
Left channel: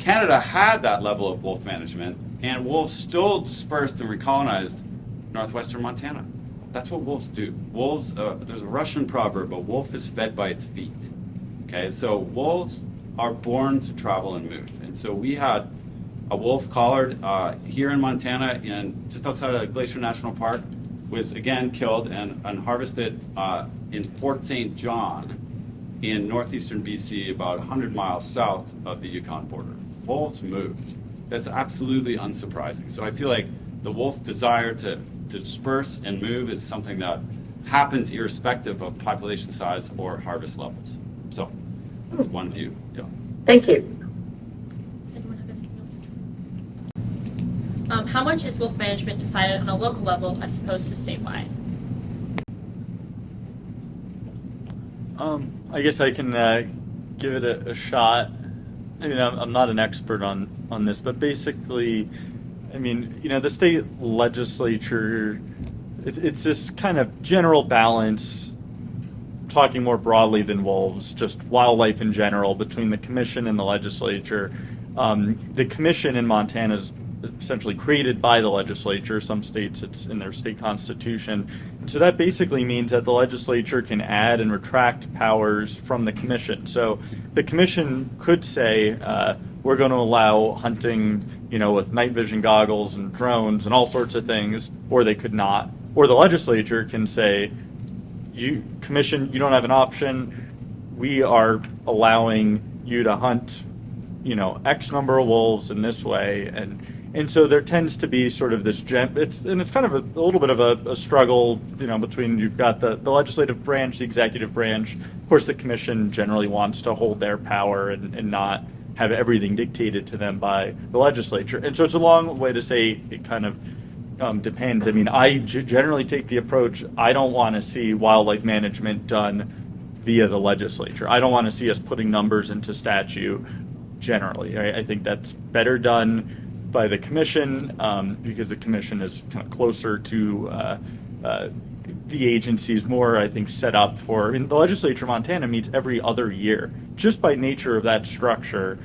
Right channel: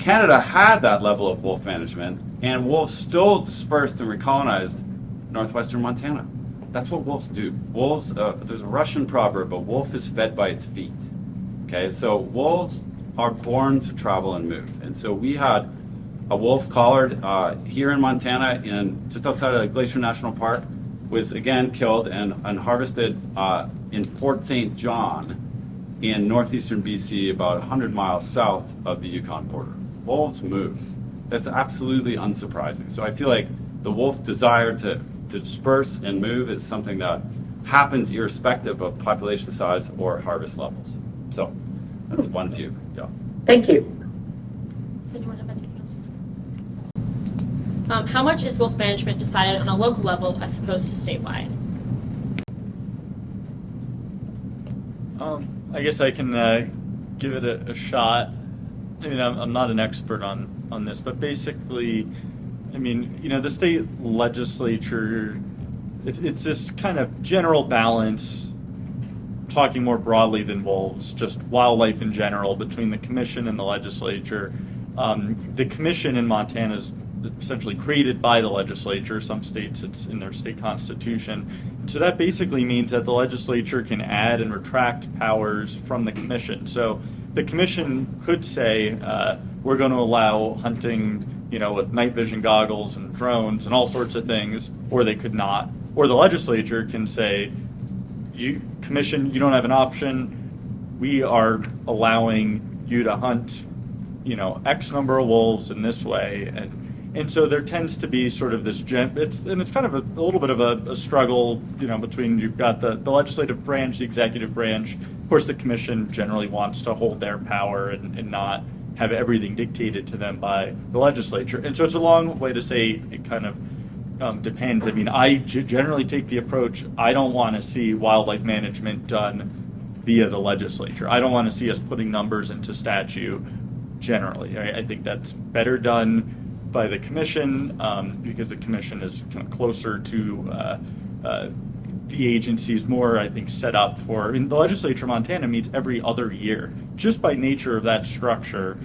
Canada had that level of wolf management, and wolves still dispersed and recolonized northwestern Montana. That's what wolves do. Wolves, there's a Russian proverb, a wolf is fed by its feet. Okay, so wolves are born to travel and move. And so we had a wolf collared here in Montana, just outside of Glacier National Park, was again killed and harvested in Fort St. John in northeastern BC, about 100 miles south of the Yukon border. Wolves move. That's absolutely unsurprising. So I feel like the wolf desire to disperse and move is something that happens irrespective of population size or harvest levels. So that's one view. Yeah. Thank you. Does anyone have anything else to say? How much is wolf management decided on a local level as opposed to statewide? I guess I can give it a shot. I mean, I'm not an expert on this, but basically, I mean, the state legislature, it's this kind of general balance, talking more broadly than wolves, just wildlife in general, between the commission and the legislature. The commission in Montana is essentially created by the legislature. Some states it's in their state constitution. And so that basically means that the legislature can add and retract powers from the commission. So the commission could say, we're going to allow hunting, with night vision goggles and drones and all sorts of things, or they could not. Or the legislature can say, commission, you don't have an option. We are allowing you to hunt, X number of wolves in this way. And so there tends to be sort of this it's kind of a little bit of a struggle, between you've got the legislative branch, the executive branch. Of course, the commission generally wants to hold their power and not have everything dictated to them by the legislature. And so it's a long way to say it kind of depends. I mean, I generally take the approach, I don't want to see wildlife management done via the legislature. I don't want to see us putting numbers into statute generally. I think that's better done by the commission because the commission is kind of closer to the agency's more, I think, set up for, and the legislature of Montana meets every other year. Just by nature of that structure,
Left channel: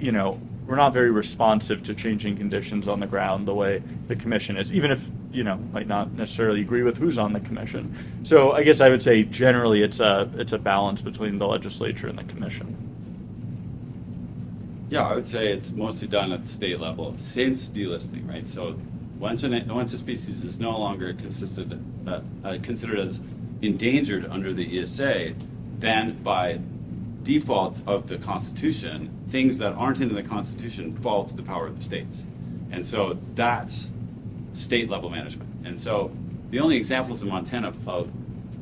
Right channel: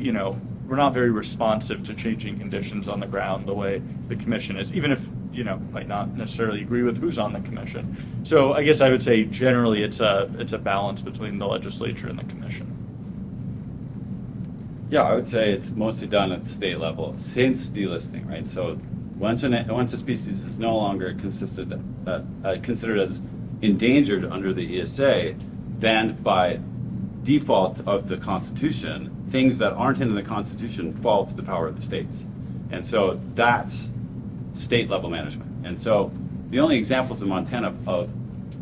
you know, we're not very responsive to changing conditions on the ground the way the commission is, even if, you know, might not necessarily agree with who's on the commission. So I guess I would say generally it's a balance between the legislature and the commission. Yeah, I would say it's mostly done at the state level since delisting, right? So once a species is no longer considered as endangered under the ESA, then by default of the Constitution, things that aren't in the Constitution fall to the power of the states. And so that's state level management. And so the only examples in Montana of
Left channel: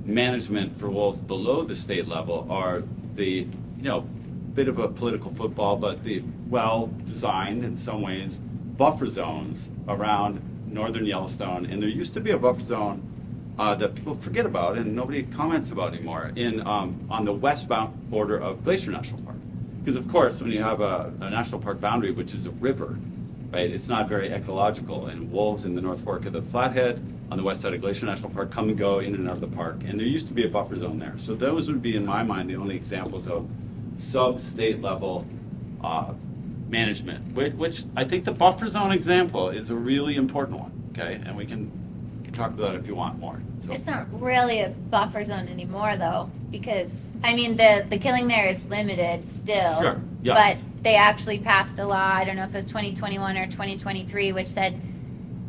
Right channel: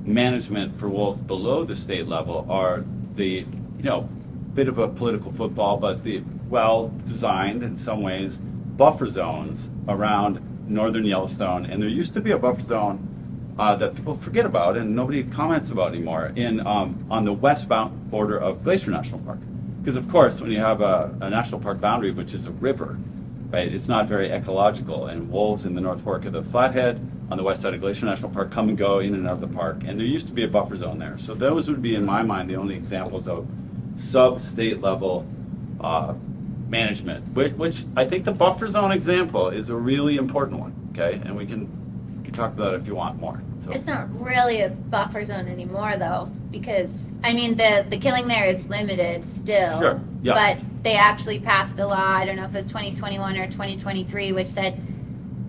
management for wolves below the state level are the, you know, bit of a political football, but the well-designed, in some ways, buffer zones around northern Yellowstone. And there used to be a buffer zone that people forget about and nobody comments about anymore on the westbound border of Glacier National Park. Because of course, when you have a national park boundary, which is a river, right, it's not very ecological, and wolves in the North Fork of the Flathead on the west side of Glacier National Park come and go in and out of the park. And there used to be a buffer zone there. So those would be, in my mind, the only examples of sub-state level management, which I think the buffer zone example is a really important one, okay? And we can talk about it if you want more. So. It's not really a buffer zone anymore, though, because, I mean, the killing there is limited still. Sure, yeah. But they actually passed a law, I don't know if it was 2021 or 2023, which said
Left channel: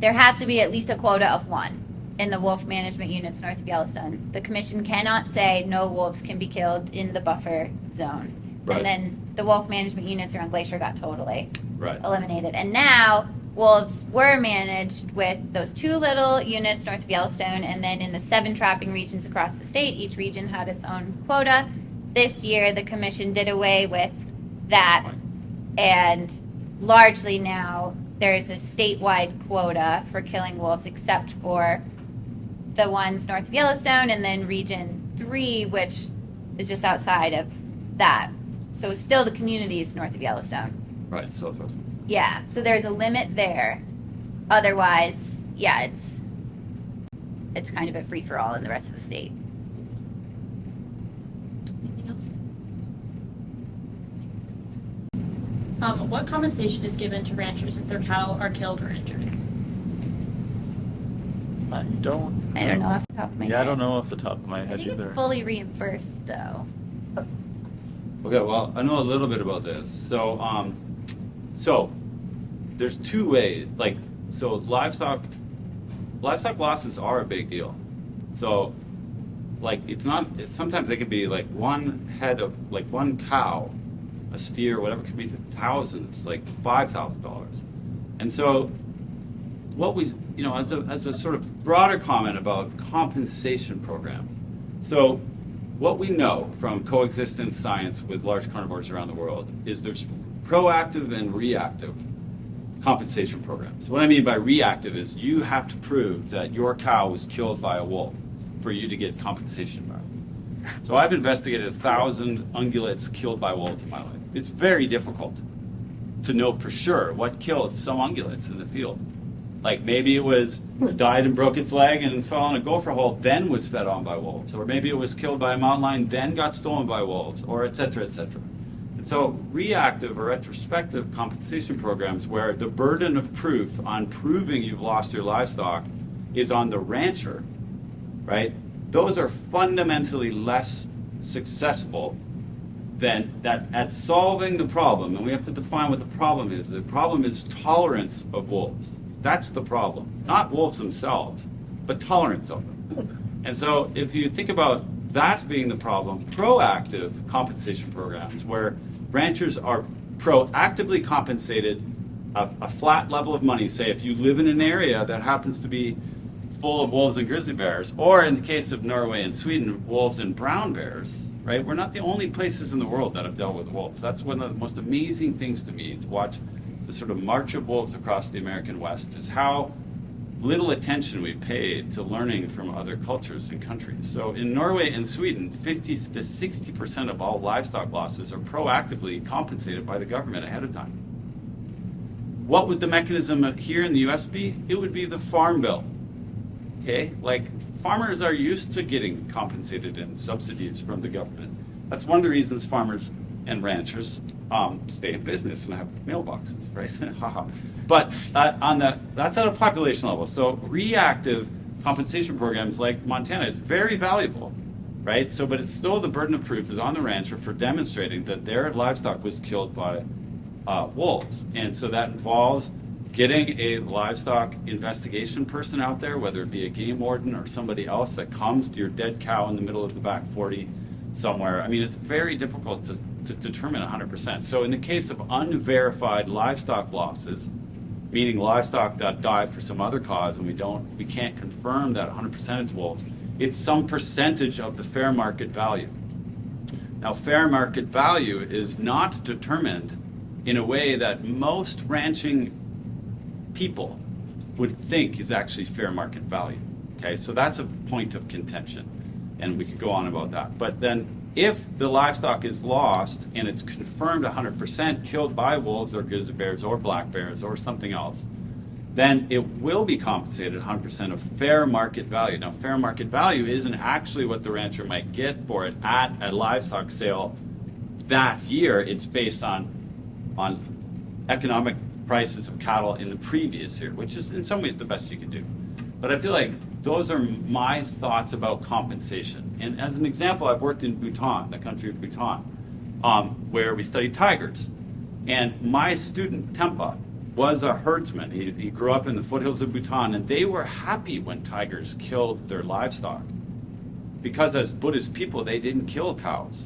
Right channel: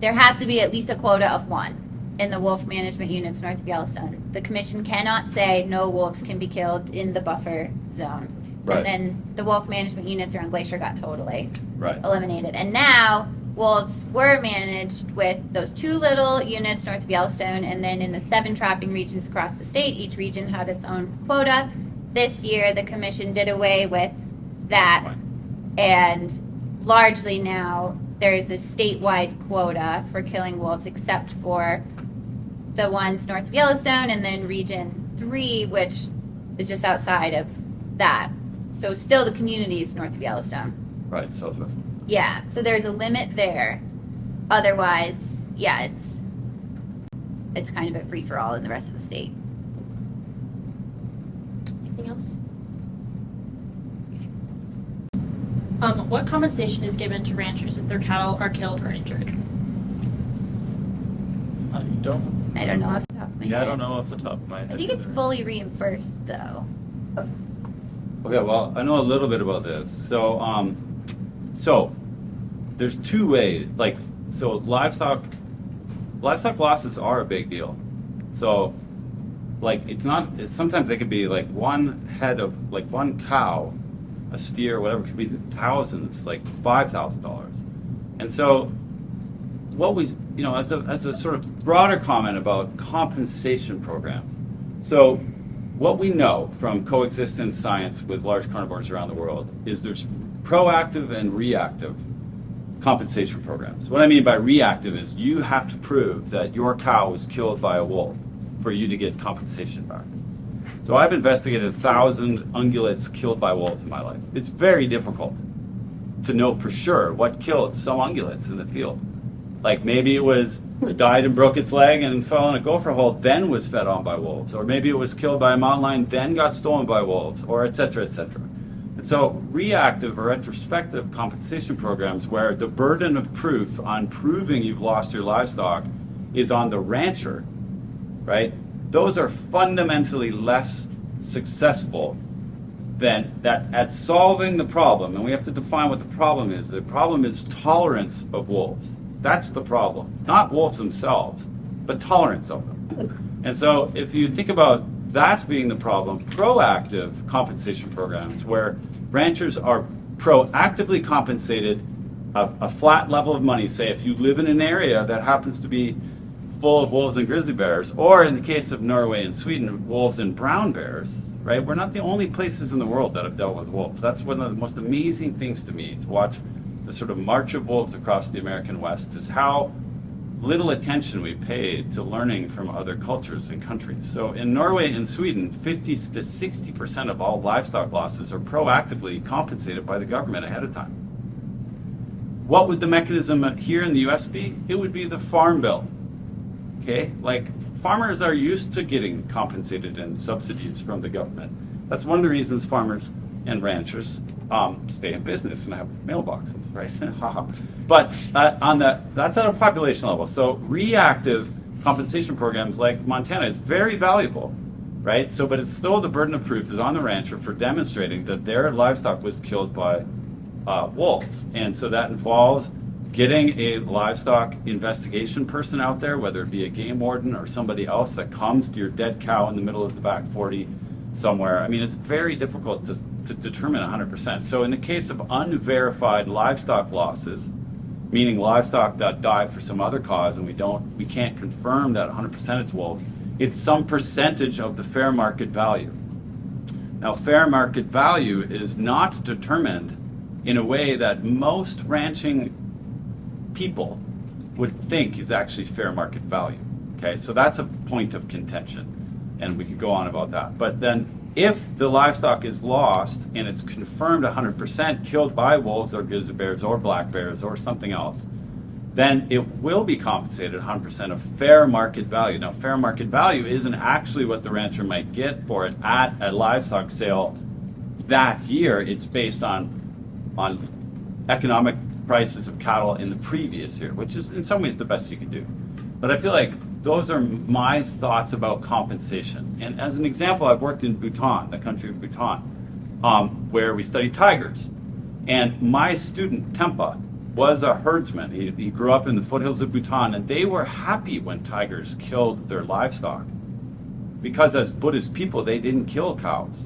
there has to be at least a quota of 1 in the wolf management units north of Yellowstone. The commission cannot say no wolves can be killed in the buffer zone. Right. And then the wolf management units around Glacier got totally Right. eliminated. And now wolves were managed with those 2 little units north of Yellowstone, and then in the 7 trapping regions across the state, each region had its own quota. This year, the commission did away with that, and largely now there's a statewide quota for killing wolves, except for the ones north of Yellowstone, and then Region 3, which is just outside of that. So still the communities north of Yellowstone. Right, southwest. Yeah, so there's a limit there. Otherwise, yeah, it's kind of a free-for-all in the rest of the state. Anything else? What compensation is given to ranchers if their cattle are killed or injured? I don't know off the top of my head. Yeah, I don't know off the top of my head I think it's either. fully reimbursed, though. Okay, well, I know a little bit about this. So there's 2 ways. Like, so livestock losses are a big deal. So, like, sometimes they can be like one head of, like, one cow, a steer, whatever, could be thousands, like $5,000. And so, what we, you know, as a sort of broader comment about compensation programs. So, what we know from coexistence science with large carnivores around the world is there's proactive and reactive compensation programs. What I mean by reactive is you have to prove that your cow was killed by a wolf for you to get compensation back. So I've investigated 1,000 ungulates killed by wolves in my life. It's very difficult to know for sure what killed some ungulates in the field. Like maybe it died and broke its leg and fell in a gopher hole, then was fed on by wolves. Or maybe it was killed by a mountain lion, then got stolen by wolves, or et cetera, et cetera. And so reactive or retrospective compensation programs where the burden of proof on proving you've lost your livestock is on the rancher, right? Those are fundamentally less successful than that at solving the problem. And we have to define what the problem is. The problem is tolerance of wolves. That's the problem. Not wolves themselves, but tolerance of them. And so if you think about that being the problem, proactive compensation programs where ranchers are proactively compensated a flat level of money, say if you live in an area that happens to be full of wolves and grizzly bears, or in the case of Norway and Sweden, wolves and brown bears, right? We're not the only places in the world that have dealt with wolves. That's one of the most amazing things to me, to watch the sort of march of wolves across the American West, is how little attention we pay to learning from other cultures and countries. So in Norway and Sweden, 50 to 60% of all livestock losses are proactively compensated by the government ahead of time. What would the mechanism here in the US be? It would be the Farm Bill. Okay, like farmers are used to getting compensated in subsidies from the government. That's one of the reasons farmers and ranchers stay in business and have mailboxes, right? But that's at a population level. So reactive compensation programs like Montana is very valuable, right? So, but it's still the burden of proof is on the rancher for demonstrating that their livestock was killed by wolves, and so that involves getting a livestock investigation person out there, whether it be a game warden or somebody else that comes to your dead cow in the middle of the back 40 somewhere. I mean, it's very difficult to determine 100%. So in the case of unverified livestock losses, meaning livestock that die for some other cause and we can't confirm that 100% it's wolves, it's some percentage of the fair market value. Now, fair market value is not determined in a way that most ranching people would think is actually fair market value. Okay, so that's a point of contention, and we could go on about that. But then if the livestock is lost and it's confirmed 100% killed by wolves or grizzly bears or black bears or something else, then it will be compensated 100% of fair market value. Now, fair market value isn't actually what the rancher might get for it at a livestock sale that year. It's based on economic prices of cattle in the previous year, which is in some ways the best you can do. But I feel like those are my thoughts about compensation. And as an example, I've worked in Bhutan, the country of Bhutan, where we studied tigers. And my student, Tempa, was a herdsman. He grew up in the foothills of Bhutan, and they were happy when tigers killed their livestock. Because as Buddhist people, they didn't kill cows.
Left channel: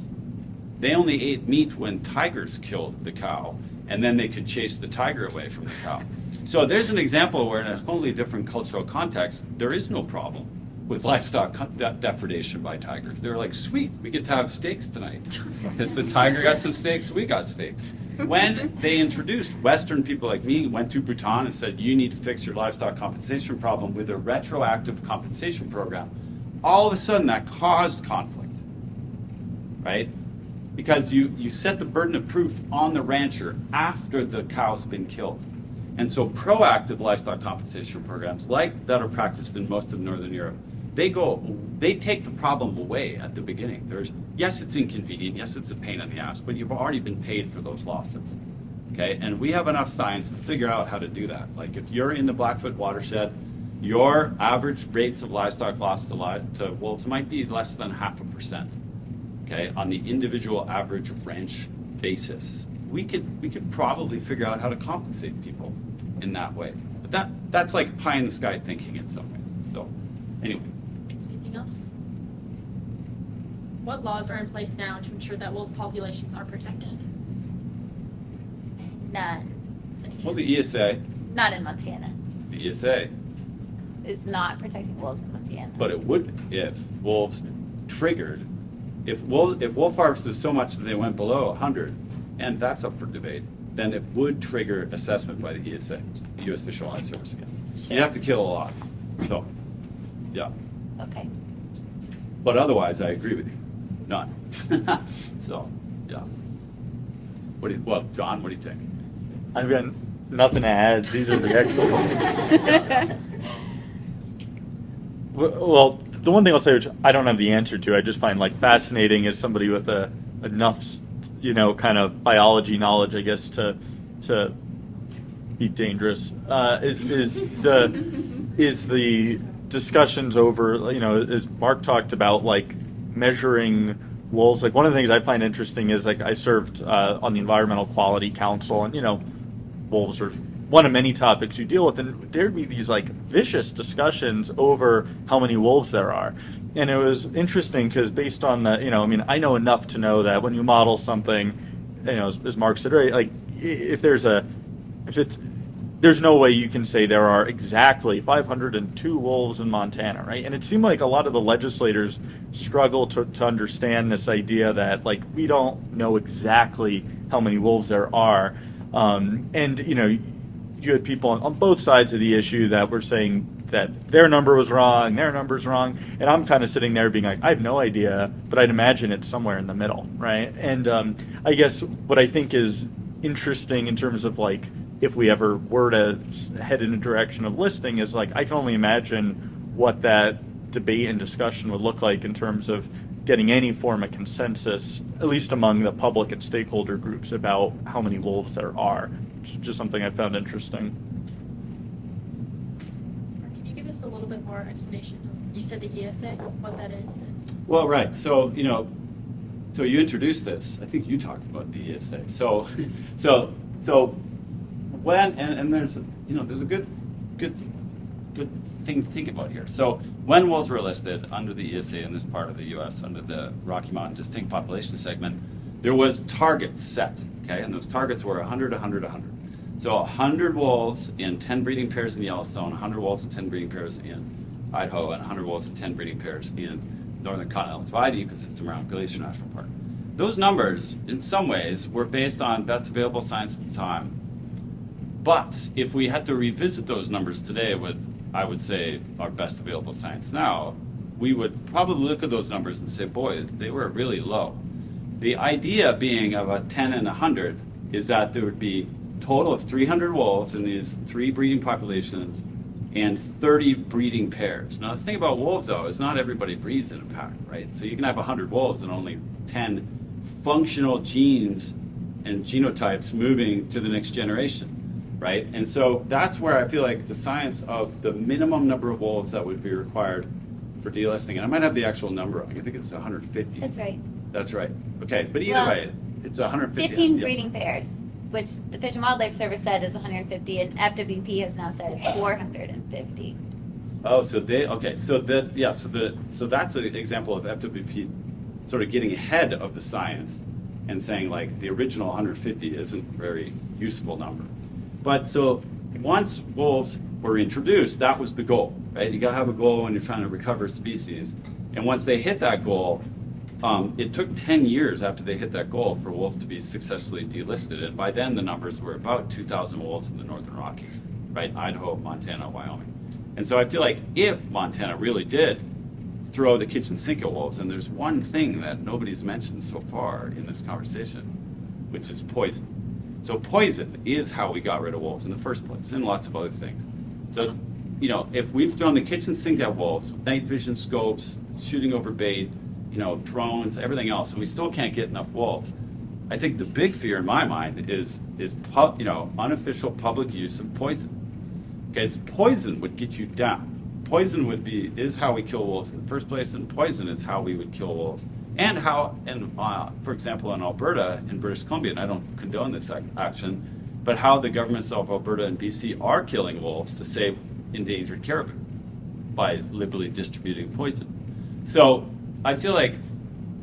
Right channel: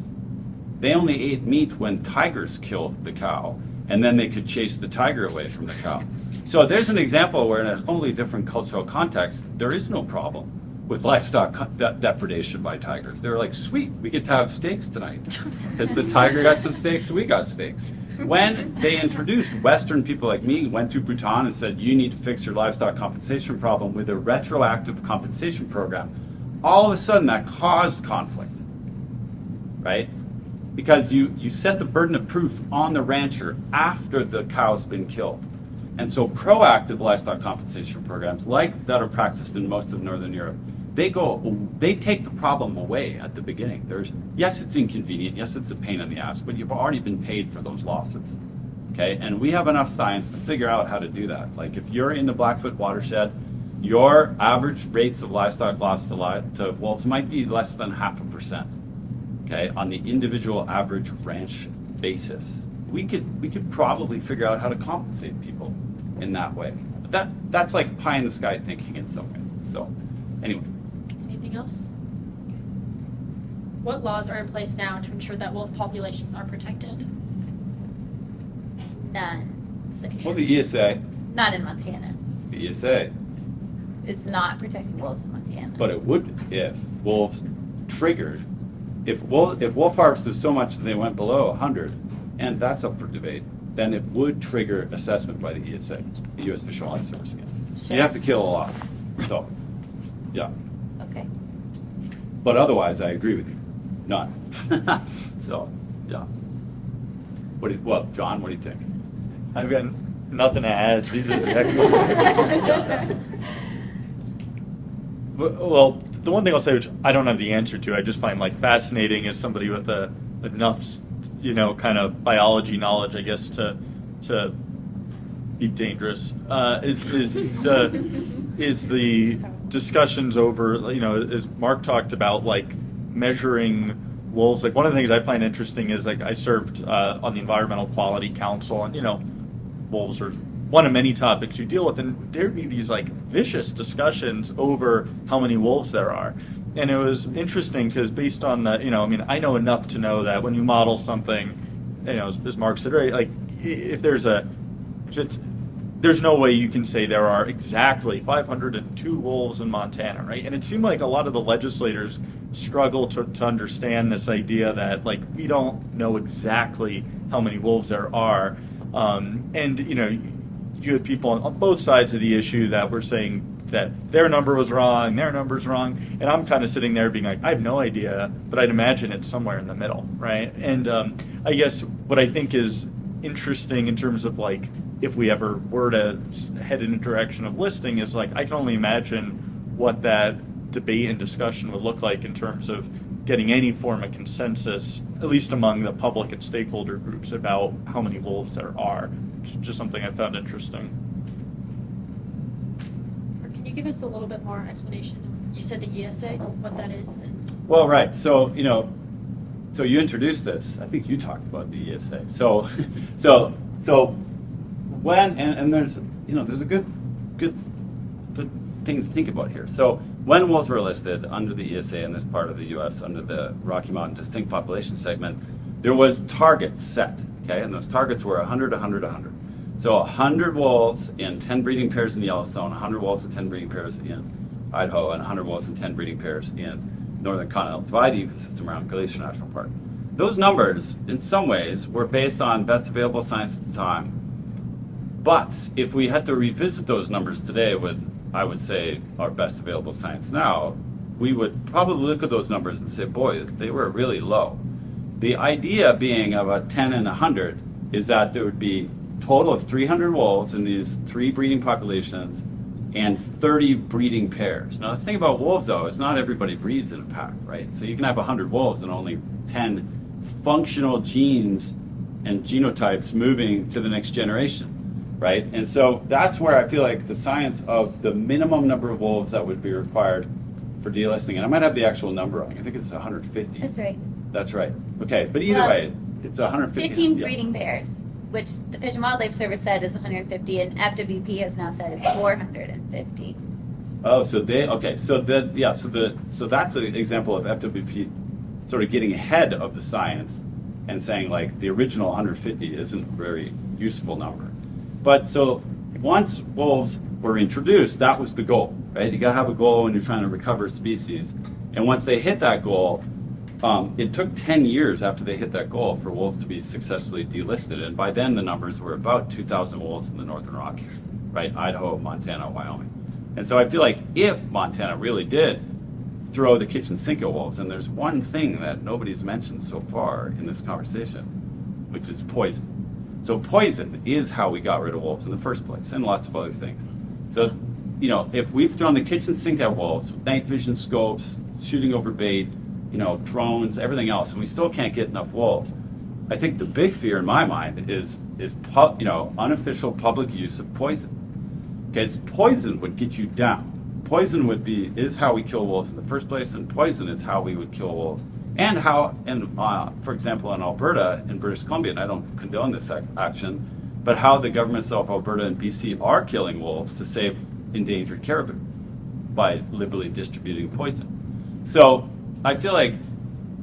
They only ate meat when tigers killed the cow, and then they could chase the tiger away from the cow. So there's an example where in a totally different cultural context, there is no problem with livestock depredation by tigers. They're like, sweet, we get to have steaks tonight. Because the tiger got some steaks, we got steaks. When they introduced, Western people like me went to Bhutan and said, you need to fix your livestock compensation problem with a retroactive compensation program. All of a sudden that caused conflict, right? Because you set the burden of proof on the rancher after the cow's been killed. And so proactive livestock compensation programs like that are practiced in most of Northern Europe, they take the problem away at the beginning. Yes, it's inconvenient, yes, it's a pain in the ass, but you've already been paid for those losses. Okay, and we have enough science to figure out how to do that. Like if you're in the Blackfoot watershed, your average rates of livestock loss to wolves might be less than 0.5%. Okay, on the individual average ranch basis. We could probably figure out how to compensate people in that way. But that's like pie in the sky thinking in some ways. So anyway. Anything else? What laws are in place now to ensure that wolf populations are protected? None. Well, the ESA. Not in Montana. The ESA. It's not protecting wolves in Montana. But it would if wolves triggered. If wolf harvest was so much that they went below 100, and that's up for debate, then it would trigger assessment by the ESA, the U.S. Fish and Wildlife Service again. Sure. You'd have to kill a lot. So, yeah. Okay. But otherwise, I agree with you. None. So, yeah. John, what do you think? I've got nothing to add. These are excellent. Well, the one thing I'll say, which I don't have the answer to, I just find like fascinating as somebody with enough, kind of biology knowledge, I guess, to be dangerous, is the discussions over, as Mark talked about, like measuring wolves. Like one of the things I find interesting is like I served on the Environmental Quality Council, and wolves are one of many topics you deal with, and there'd be these like vicious discussions over how many wolves there are. And it was interesting because based on the, I know enough to know that when you model something, as Mark said, right, like there's no way you can say there are exactly 502 wolves in Montana, right? And it seemed like a lot of the legislators struggle to understand this idea that like we don't know exactly how many wolves there are. And you had people on both sides of the issue that were saying that their number was wrong, their number's wrong, and I'm kind of sitting there being like, I have no idea, but I'd imagine it's somewhere in the middle, right? And I guess what I think is interesting in terms of like, if we ever were to head in a direction of listing, is like, I can only imagine what that debate and discussion would look like in terms of getting any form of consensus, at least among the public and stakeholder groups, about how many wolves there are. It's just something I found interesting. Or can you give us a little bit more explanation? You said the ESA, what that is. And Well, right. So, so you introduced this. I think you talked about the ESA. So when, and there's, there's a good thing to think about here. So when wolves were listed under the ESA in this part of the U.S., under the Rocky Mountain Distinct Population Segment, there was targets set, okay? And those targets were 100, 100, 100. So 100 wolves in 10 breeding pairs in Yellowstone, 100 wolves in 10 breeding pairs in Idaho, and 100 wolves in 10 breeding pairs in Northern Continental Divide ecosystem around Glacier National Park. Those numbers, in some ways, were based on best available science at the time. But if we had to revisit those numbers today with, I would say, our best available science now, we would probably look at those numbers and say, boy, they were really low. The idea being of a 10 and 100 is that there would be a total of 300 wolves in these 3 breeding populations and 30 breeding pairs. Now, the thing about wolves, though, is not everybody breeds in a pack, right? So you can have 100 wolves and only 10 functional genes and genotypes moving to the next generation, right? And so that's where I feel like the science of the minimum number of wolves that would be required for delisting, and I might have the actual number wrong. I think it's 150. That's right. That's right. Okay, but either Well, way, it's 150. 15 yeah. breeding pairs, which the Fish and Wildlife Service said is 150, and FWP has now said is 450. Oh, so so that's an example of FWP sort of getting ahead of the science and saying like the original 150 isn't a very useful number. But so once wolves were introduced, that was the goal, right? You gotta have a goal when you're trying to recover species. And once they hit that goal, it took 10 years after they hit that goal for wolves to be successfully delisted. And by then the numbers were about 2,000 wolves in the Northern Rockies, right? Idaho, Montana, Wyoming. And so I feel like if Montana really did throw the kitchen sink at wolves, and there's one thing that nobody's mentioned so far in this conversation, which is poison. So poison is how we got rid of wolves in the first place, and lots of other things. So, if we've thrown the kitchen sink at wolves, night vision scopes, shooting over bait, drones, everything else, and we still can't get enough wolves, I think the big fear in my mind is unofficial public use of poison. Because poison would get you down. Poison is how we kill wolves in the first place, and poison is how we would kill wolves. And for example, in Alberta, in British Columbia, and I don't condone this action, but how the governments of Alberta and BC are killing wolves to save endangered caribou by liberally distributing poison. So I feel like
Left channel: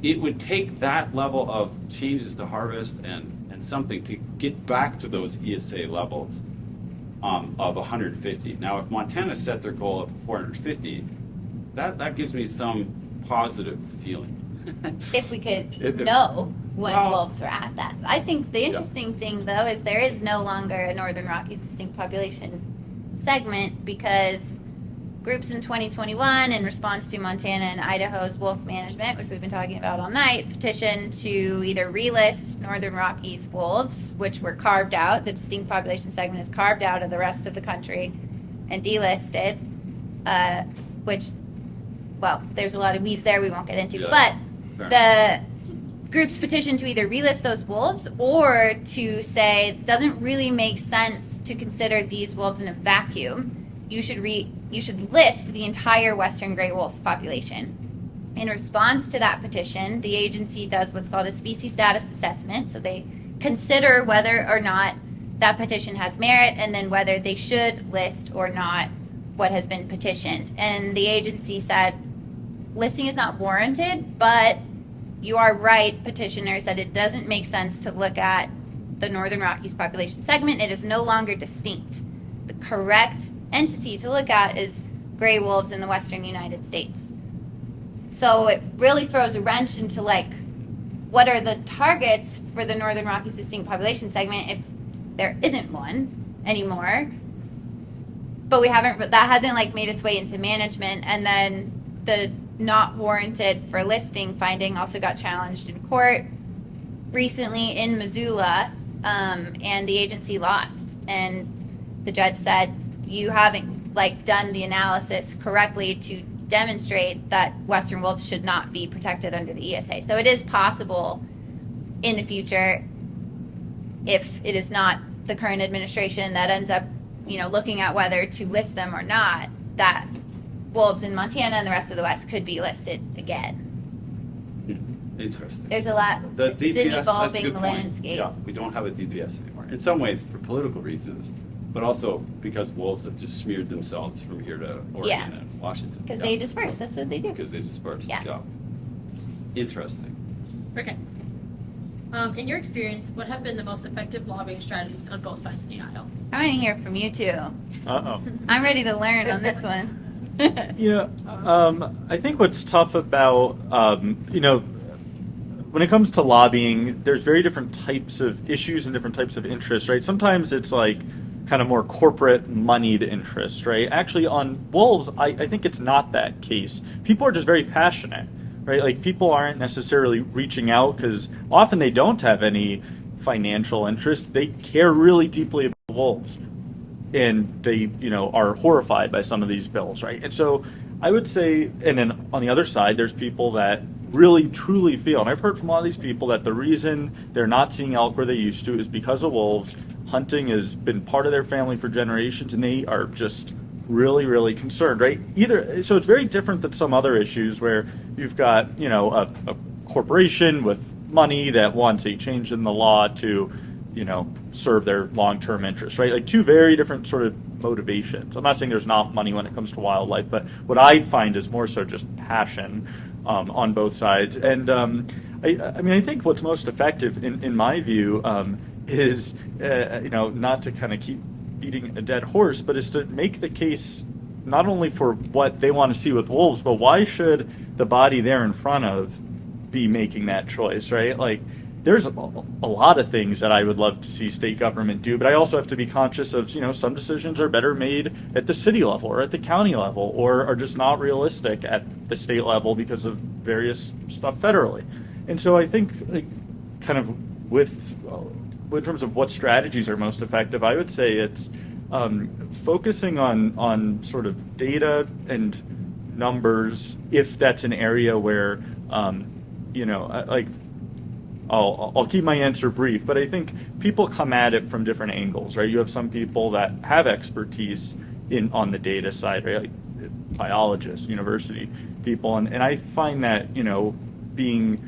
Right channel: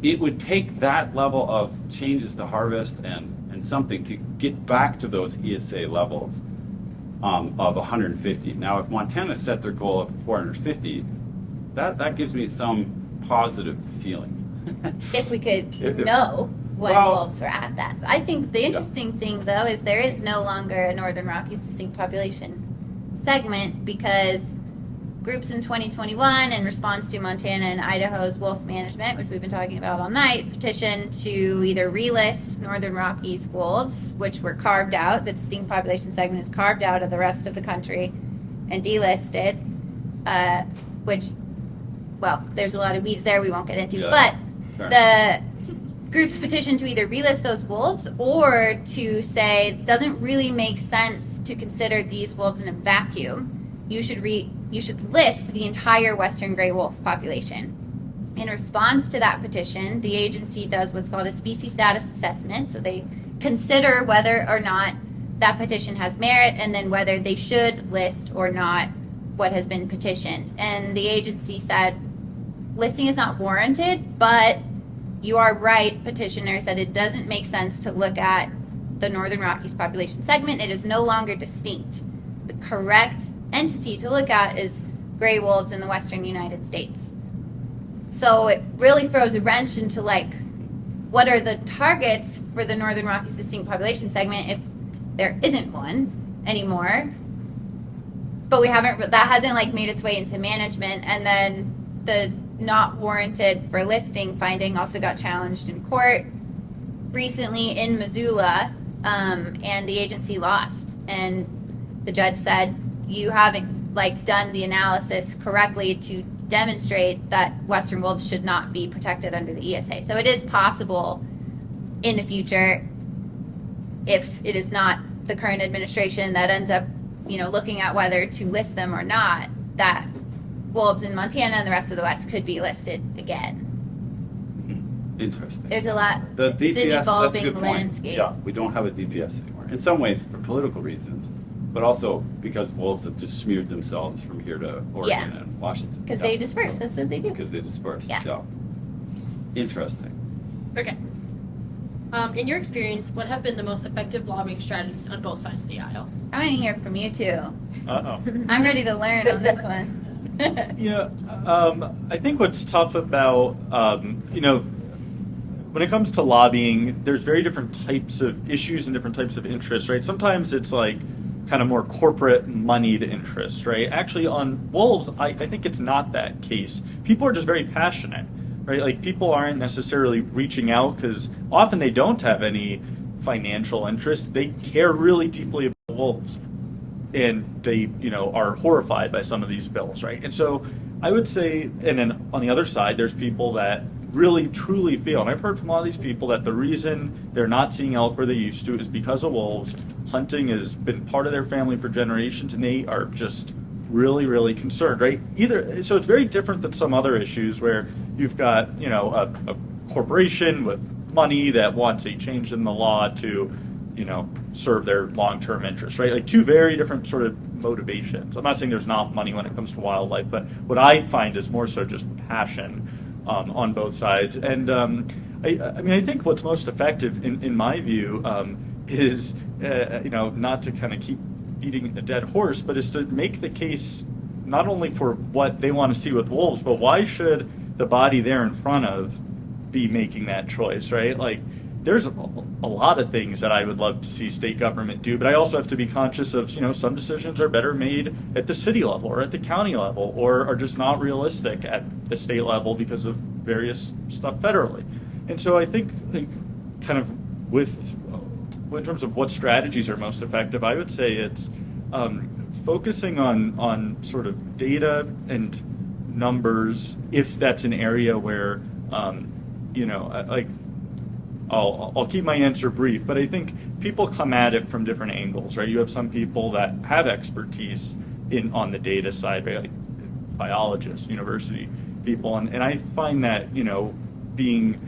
it would take that level of changes to harvest and something to get back to those ESA levels of 150. Now, if Montana set their goal of 450, that gives me some positive feeling. If we could know what wolves were at that. I think the interesting thing, though, is there is no longer a Northern Rockies distinct population segment because groups in 2021, in response to Montana and Idaho's wolf management, which we've been talking about all night, petitioned to either relist Northern Rockies wolves, which were carved out, the distinct population segment is carved out of the rest of the country, and delisted, which, well, there's a lot of weeds there we won't get into, but the groups petitioned to either relist those wolves or to say it doesn't really make sense to consider these wolves in a vacuum. You should list the entire western gray wolf population. In response to that petition, the agency does what's called a species status assessment. So they consider whether or not that petition has merit and then whether they should list or not what has been petitioned. And the agency said listing is not warranted, but you are right, petitioner said it doesn't make sense to look at the Northern Rockies population segment. It is no longer distinct. The correct entity to look at is gray wolves in the western United States. So it really throws a wrench into what are the targets for the Northern Rockies distinct population segment if there isn't one anymore. but that hasn't like made its way into management. And then the not warranted for listing finding also got challenged in court recently in Missoula, and the agency lost. And the judge said, you haven't like done the analysis correctly to demonstrate that Western wolves should not be protected under the ESA. So it is possible in the future, if it is not the current administration that ends up, looking at whether to list them or not, that wolves in Montana and the rest of the West could be listed again. Interesting. There's a lot. The It's DPS, an that's a evolving good point. landscape. Yeah, we don't have a DPS anymore. In some ways for political reasons, but also because wolves have just smeared themselves from here to Oregon Yeah. and Washington. Because they disperse. That's what they do. Because they disperse. Yeah. Interesting. Okay. In your experience, what have been the most effective lobbying strategies on both sides of the aisle? I want to hear from you too. Uh-oh. I'm ready to learn on this one. Yeah, I think what's tough about, when it comes to lobbying, there's very different types of issues and different types of interests, right? Sometimes it's like kind of more corporate moneyed interest, right? Actually, on wolves, I think it's not that case. People are just very passionate, right? Like, people aren't necessarily reaching out because often they don't have any financial interest. They care really deeply about wolves. And they, are horrified by some of these bills, right? And so I would say, and then on the other side, there's people that really truly feel, and I've heard from a lot of these people, that the reason they're not seeing elk where they used to is because of wolves. Hunting has been part of their family for generations, and they are just really, really concerned, right? So it's very different than some other issues where you've got, a corporation with money that wants a change in the law to serve their long-term interests, right? Like, two very different sort of motivations. I'm not saying there's not money when it comes to wildlife, but what I find is more so just passion on both sides. And I think what's most effective, in my view, is, not to kind of keep beating a dead horse, but is to make the case not only for what they want to see with wolves, but why should the body they're in front of be making that choice, right? Like, there's a lot of things that I would love to see state government do, but I also have to be conscious of, some decisions are better made at the city level or at the county level, or are just not realistic at the state level because of various stuff federally. And so I think, kind of with in terms of what strategies are most effective, I would say it's focusing on sort of data and numbers, if that's an area where, I'll keep my answer brief, but I think people come at it from different angles, right? You have some people that have expertise on the data side, right? Like biologists, university people, and I find that, being,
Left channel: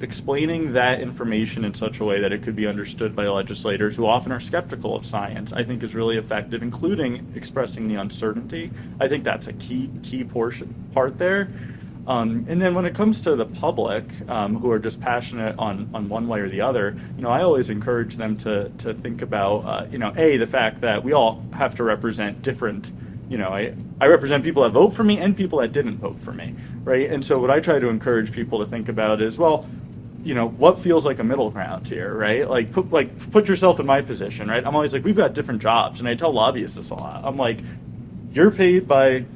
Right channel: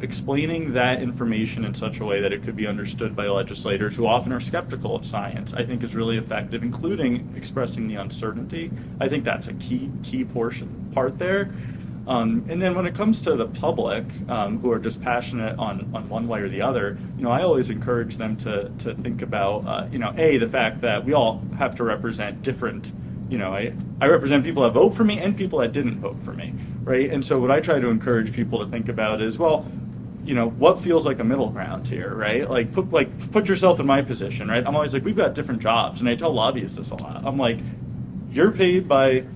explaining that information in such a way that it could be understood by legislators who often are skeptical of science, I think is really effective, including expressing the uncertainty. I think that's a key part there. And then when it comes to the public, who are just passionate on one way or the other, I always encourage them to think about, the fact that we all have to represent different, I represent people that vote for me and people that didn't vote for me, right? And so what I try to encourage people to think about is, well, what feels like a middle ground here, right? Like put yourself in my position, right? I'm always like, we've got different jobs, and I tell lobbyists this a lot. I'm like, you're paid by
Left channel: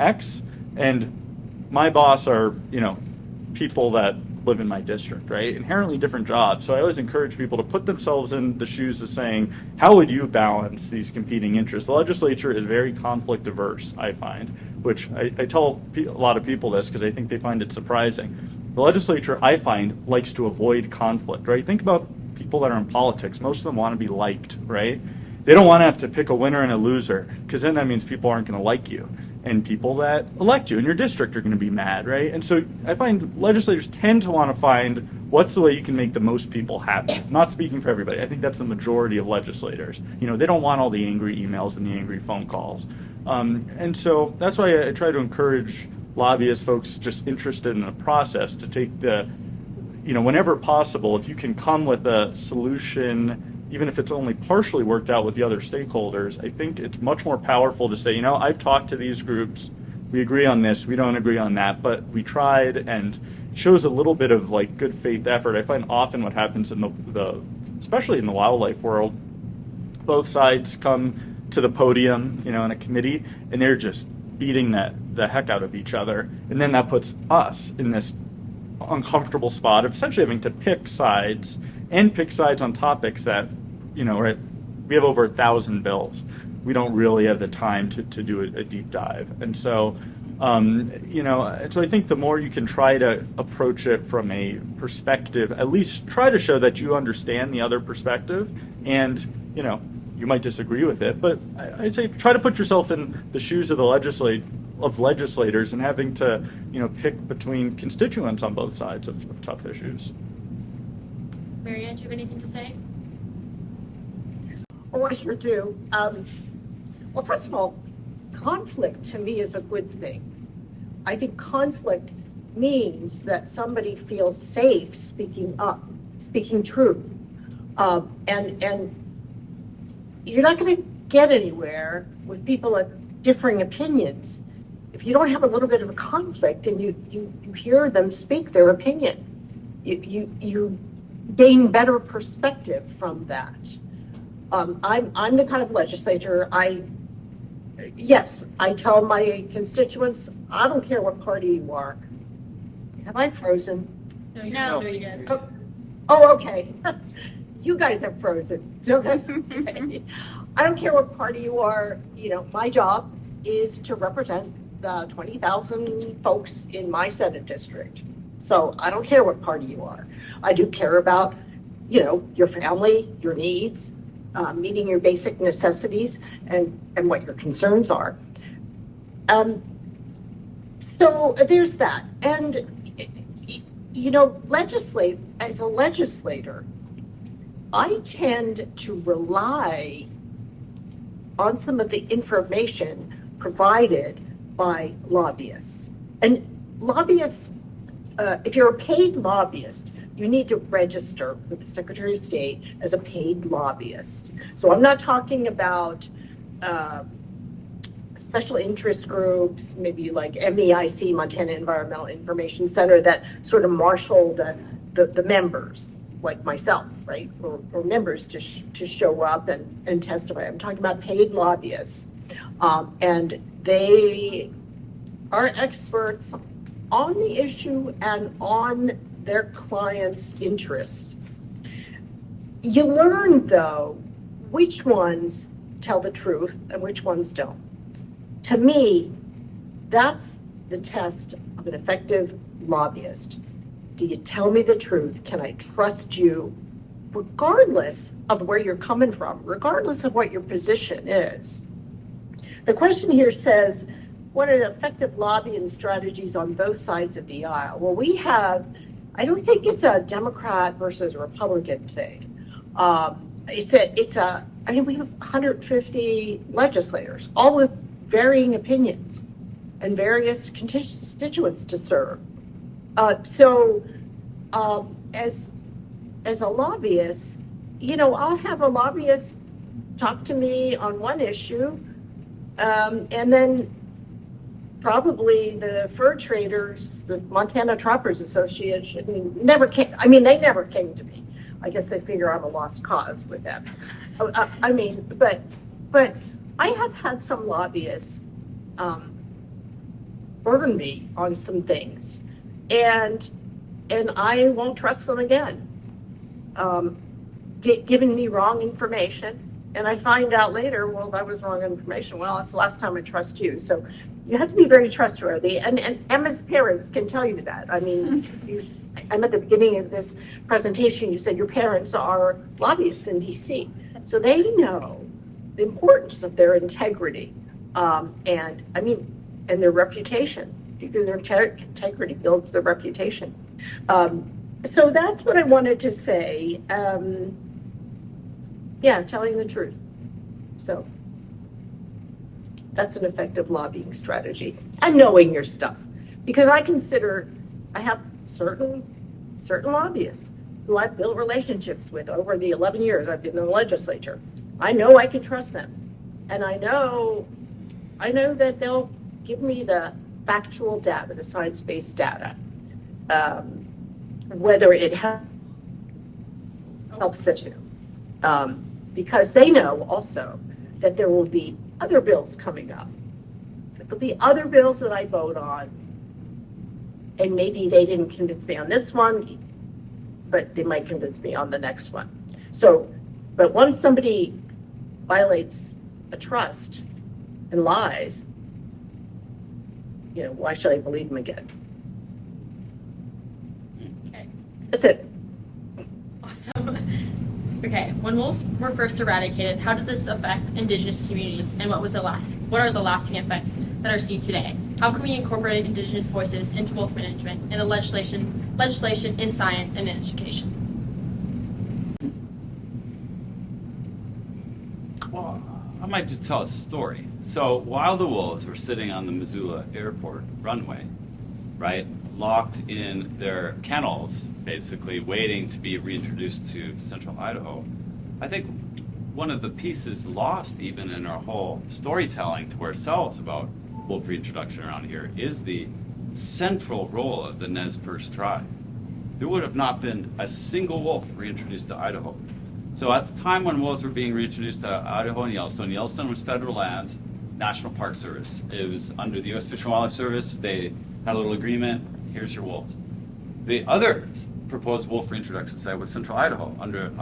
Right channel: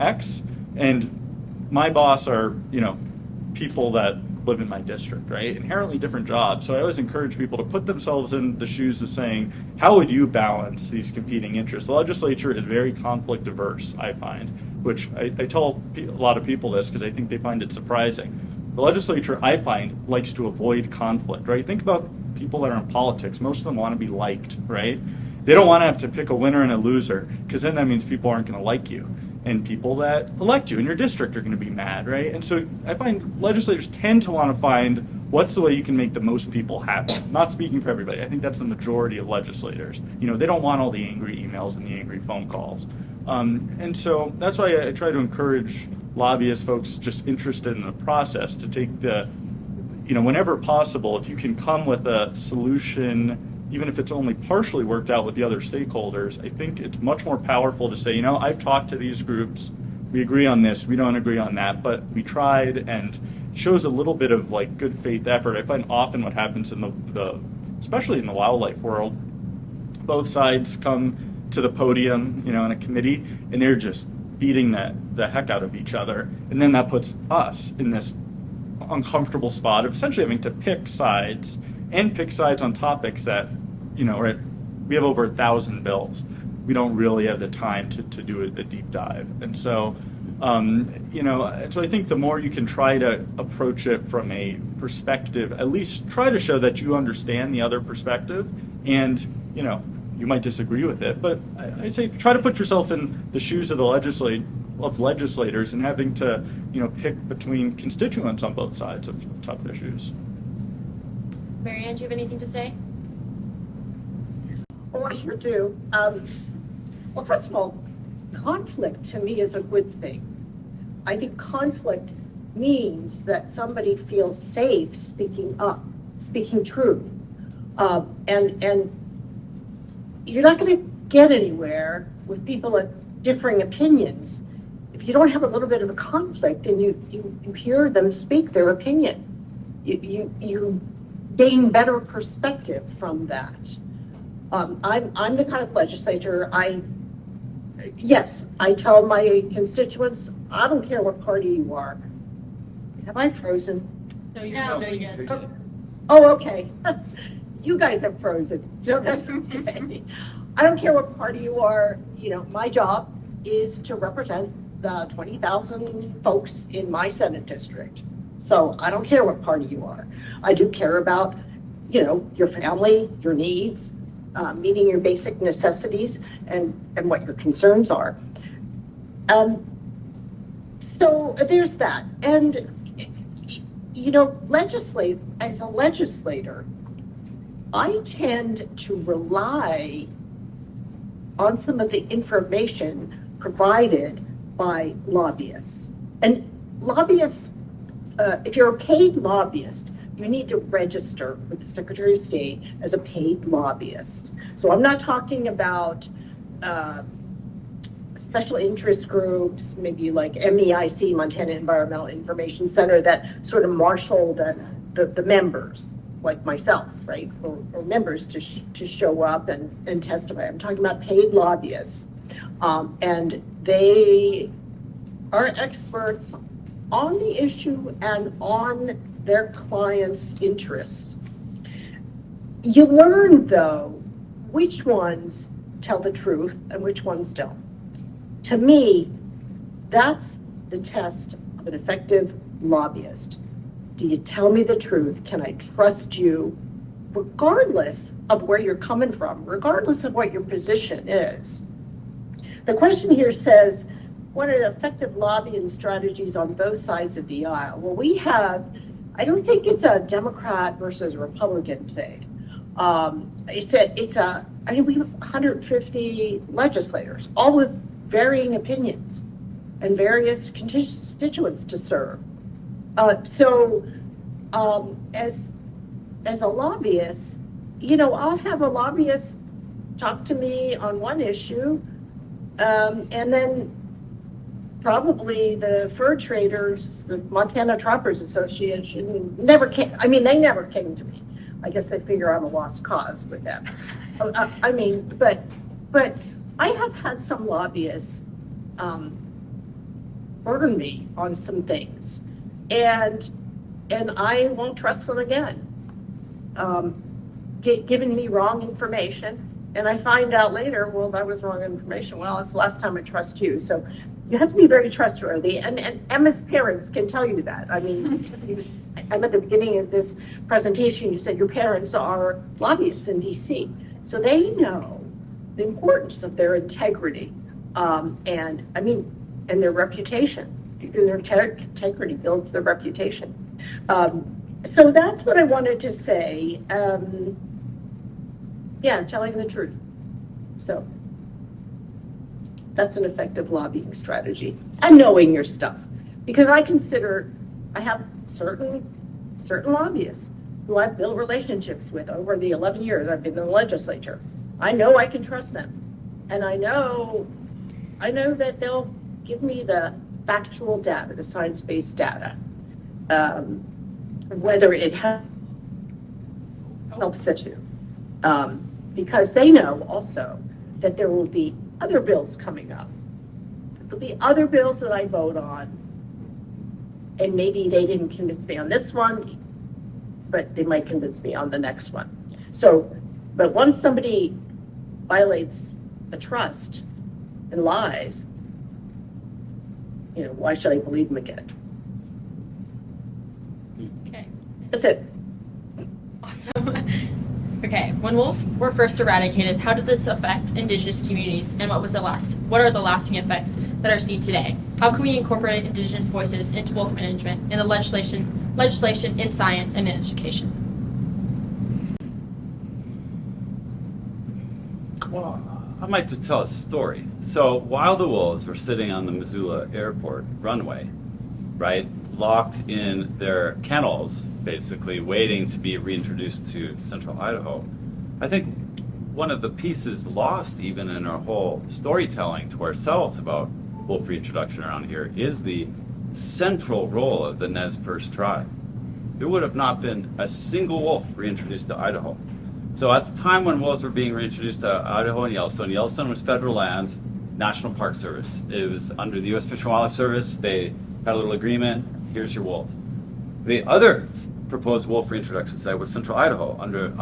X, and my boss are, people that live in my district, right? Inherently different jobs. So I always encourage people to put themselves in the shoes of saying, how would you balance these competing interests? The legislature is very conflict averse, I find, which I tell a lot of people this because I think they find it surprising. The legislature, I find, likes to avoid conflict, right? Think about people that are in politics. Most of them want to be liked, right? They don't want to have to pick a winner and a loser, because then that means people aren't going to like you. And people that elect you in your district are going to be mad, right? And so I find legislators tend to want to find what's the way you can make the most people happy. Not speaking for everybody. I think that's the majority of legislators. They don't want all the angry emails and the angry phone calls. And so that's why I try to encourage lobbyists, folks just interested in the process, to take whenever possible, if you can come with a solution, even if it's only partially worked out with the other stakeholders, I think it's much more powerful to say, I've talked to these groups, we agree on this, we don't agree on that, but we tried, and it shows a little bit of like good faith effort. I find often what happens in especially in the wildlife world, both sides come to the podium, in a committee, and they're just beating the heck out of each other. And then that puts us in this uncomfortable spot of essentially having to pick sides on topics that, we have over 1,000 bills. We don't really have the time to do a deep dive. And so, so I think the more you can try to approach it from a perspective, at least try to show that you understand the other perspective, and, you might disagree with it, but I'd say try to put yourself in the shoes of the legislators and having to, pick between constituents on both sides of tough issues. Marianne, do you have anything to say? Oh, I sure do. Well, first of all, conflict to me is a good thing. I think conflict means that somebody feels safe speaking up, speaking true. And you're not going to get anywhere with people of differing opinions if you don't have a little bit of a conflict and you hear them speak their opinion. You gain better perspective from that. I'm the kind of legislator, I tell my constituents, I don't care what party you are. Have I frozen? No. Oh, okay. You guys have frozen. Okay. I don't care what party you are. My job is to represent the 20,000 folks in my Senate district. So I don't care what party you are. I do care about, your family, your needs, meeting your basic necessities and what your concerns are. So there's that. And, as a legislator, I tend to rely on some of the information provided by lobbyists. And lobbyists, if you're a paid lobbyist, you need to register with the Secretary of State as a paid lobbyist. So I'm not talking about special interest groups, maybe like MEIC, Montana Environmental Information Center, that sort of marshal the members, like myself, right, or members to show up and testify. I'm talking about paid lobbyists, and they are experts on the issue and on their clients' interests. You learn, though, which ones tell the truth and which ones don't. To me, that's the test of an effective lobbyist. Do you tell me the truth? Can I trust you, regardless of where you're coming from, regardless of what your position is? The question here says, what are effective lobbying strategies on both sides of the aisle? Well, we have, I don't think it's a Democrat versus Republican thing. We have 150 legislators, all with varying opinions and various constituents to serve. As a lobbyist, I'll have a lobbyist talk to me on one issue, and then probably the fur traders, the Montana Truckers Association, never came. They never came to me. I guess they figure I'm a lost cause with them. But I have had some lobbyists burn me on some things, and I won't trust them again. Giving me wrong information, and I find out later, well, that was wrong information. Well, it's the last time I trust you. So you have to be very trustworthy, and Emma's parents can tell you that. Emma, at the beginning of this presentation, you said your parents are lobbyists in DC, so they know the importance of their integrity, and their reputation. Their integrity builds their reputation. So that's what I wanted to say. Telling the truth. So that's an effective lobbying strategy, and knowing your stuff, because I have certain lobbyists who I've built relationships with over the 11 years I've been in the legislature. I know I can trust them, and I know that they'll give me the factual data, the science-based data, whether it helps you, because they know also that there will be other bills coming up. There'll be other bills that I vote on, and maybe they didn't convince me on this one, but they might convince me on the next one. So, but once somebody violates a trust and lies, why should I believe them again? Okay. That's it. Awesome. Okay, when wolves were first eradicated, how did this affect Indigenous communities, and what are the lasting effects that are seen today? How can we incorporate Indigenous voices into wolf management in the legislation, in science, and in education? Well, I might just tell a story. So while the wolves were sitting on the Missoula airport runway, right, locked in their kennels, basically waiting to be reintroduced to central Idaho, I think one of the pieces lost even in our whole storytelling to ourselves about wolf reintroduction around here is the central role of the Nez Perce tribe. There would have not been a single wolf reintroduced to Idaho. So at the time when wolves were being reintroduced to Idaho and Yellowstone was federal lands, National Park Service. It was under the U.S. Fish and Wildlife Service. They had a little agreement. Here's your wolves. The other proposed wolf reintroduction site was Central Idaho under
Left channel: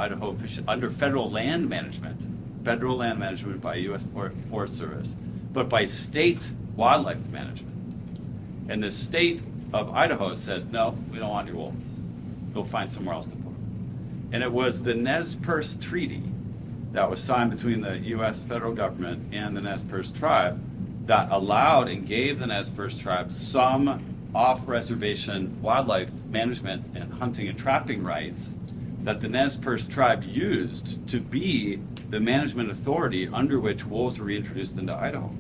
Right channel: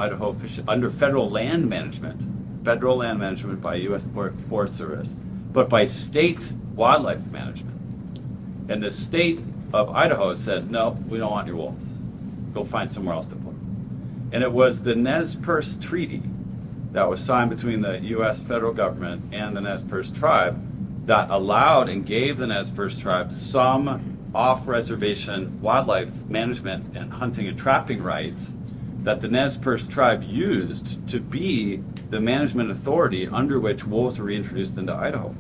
federal land management by U.S. Forest Service, but by state wildlife management. And the state of Idaho said, no, we don't want your wolves. Go find somewhere else to put them. And it was the Nez Perce Treaty that was signed between the U.S. federal government and the Nez Perce tribe that allowed and gave the Nez Perce tribe some off-reservation wildlife management and hunting and trapping rights that the Nez Perce tribe used to be the management authority under which wolves were reintroduced into Idaho.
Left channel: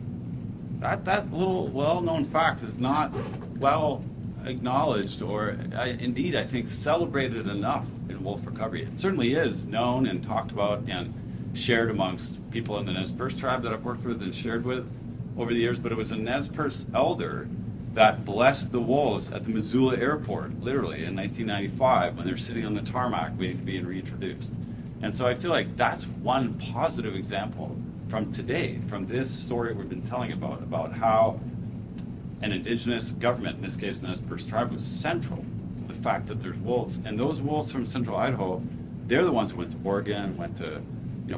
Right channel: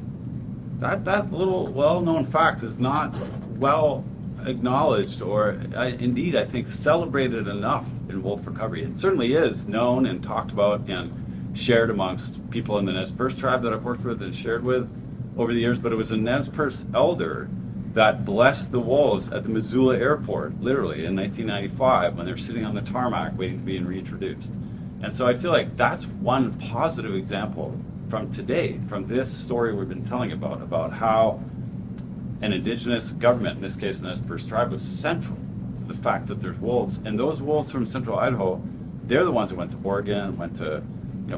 That little well-known fact is not well acknowledged or indeed I think celebrated enough in wolf recovery. It certainly is known and talked about and shared amongst people in the Nez Perce tribe that I've worked with and shared with over the years, but it was a Nez Perce elder that blessed the wolves at the Missoula airport, literally, in 1995 when they're sitting on the tarmac waiting to be reintroduced. And so I feel like that's one positive example from today, from this story we've been telling about how an indigenous government, in this case the Nez Perce tribe, was central to the fact that there's wolves. And those wolves from central Idaho, they're the ones that went to Oregon, went to,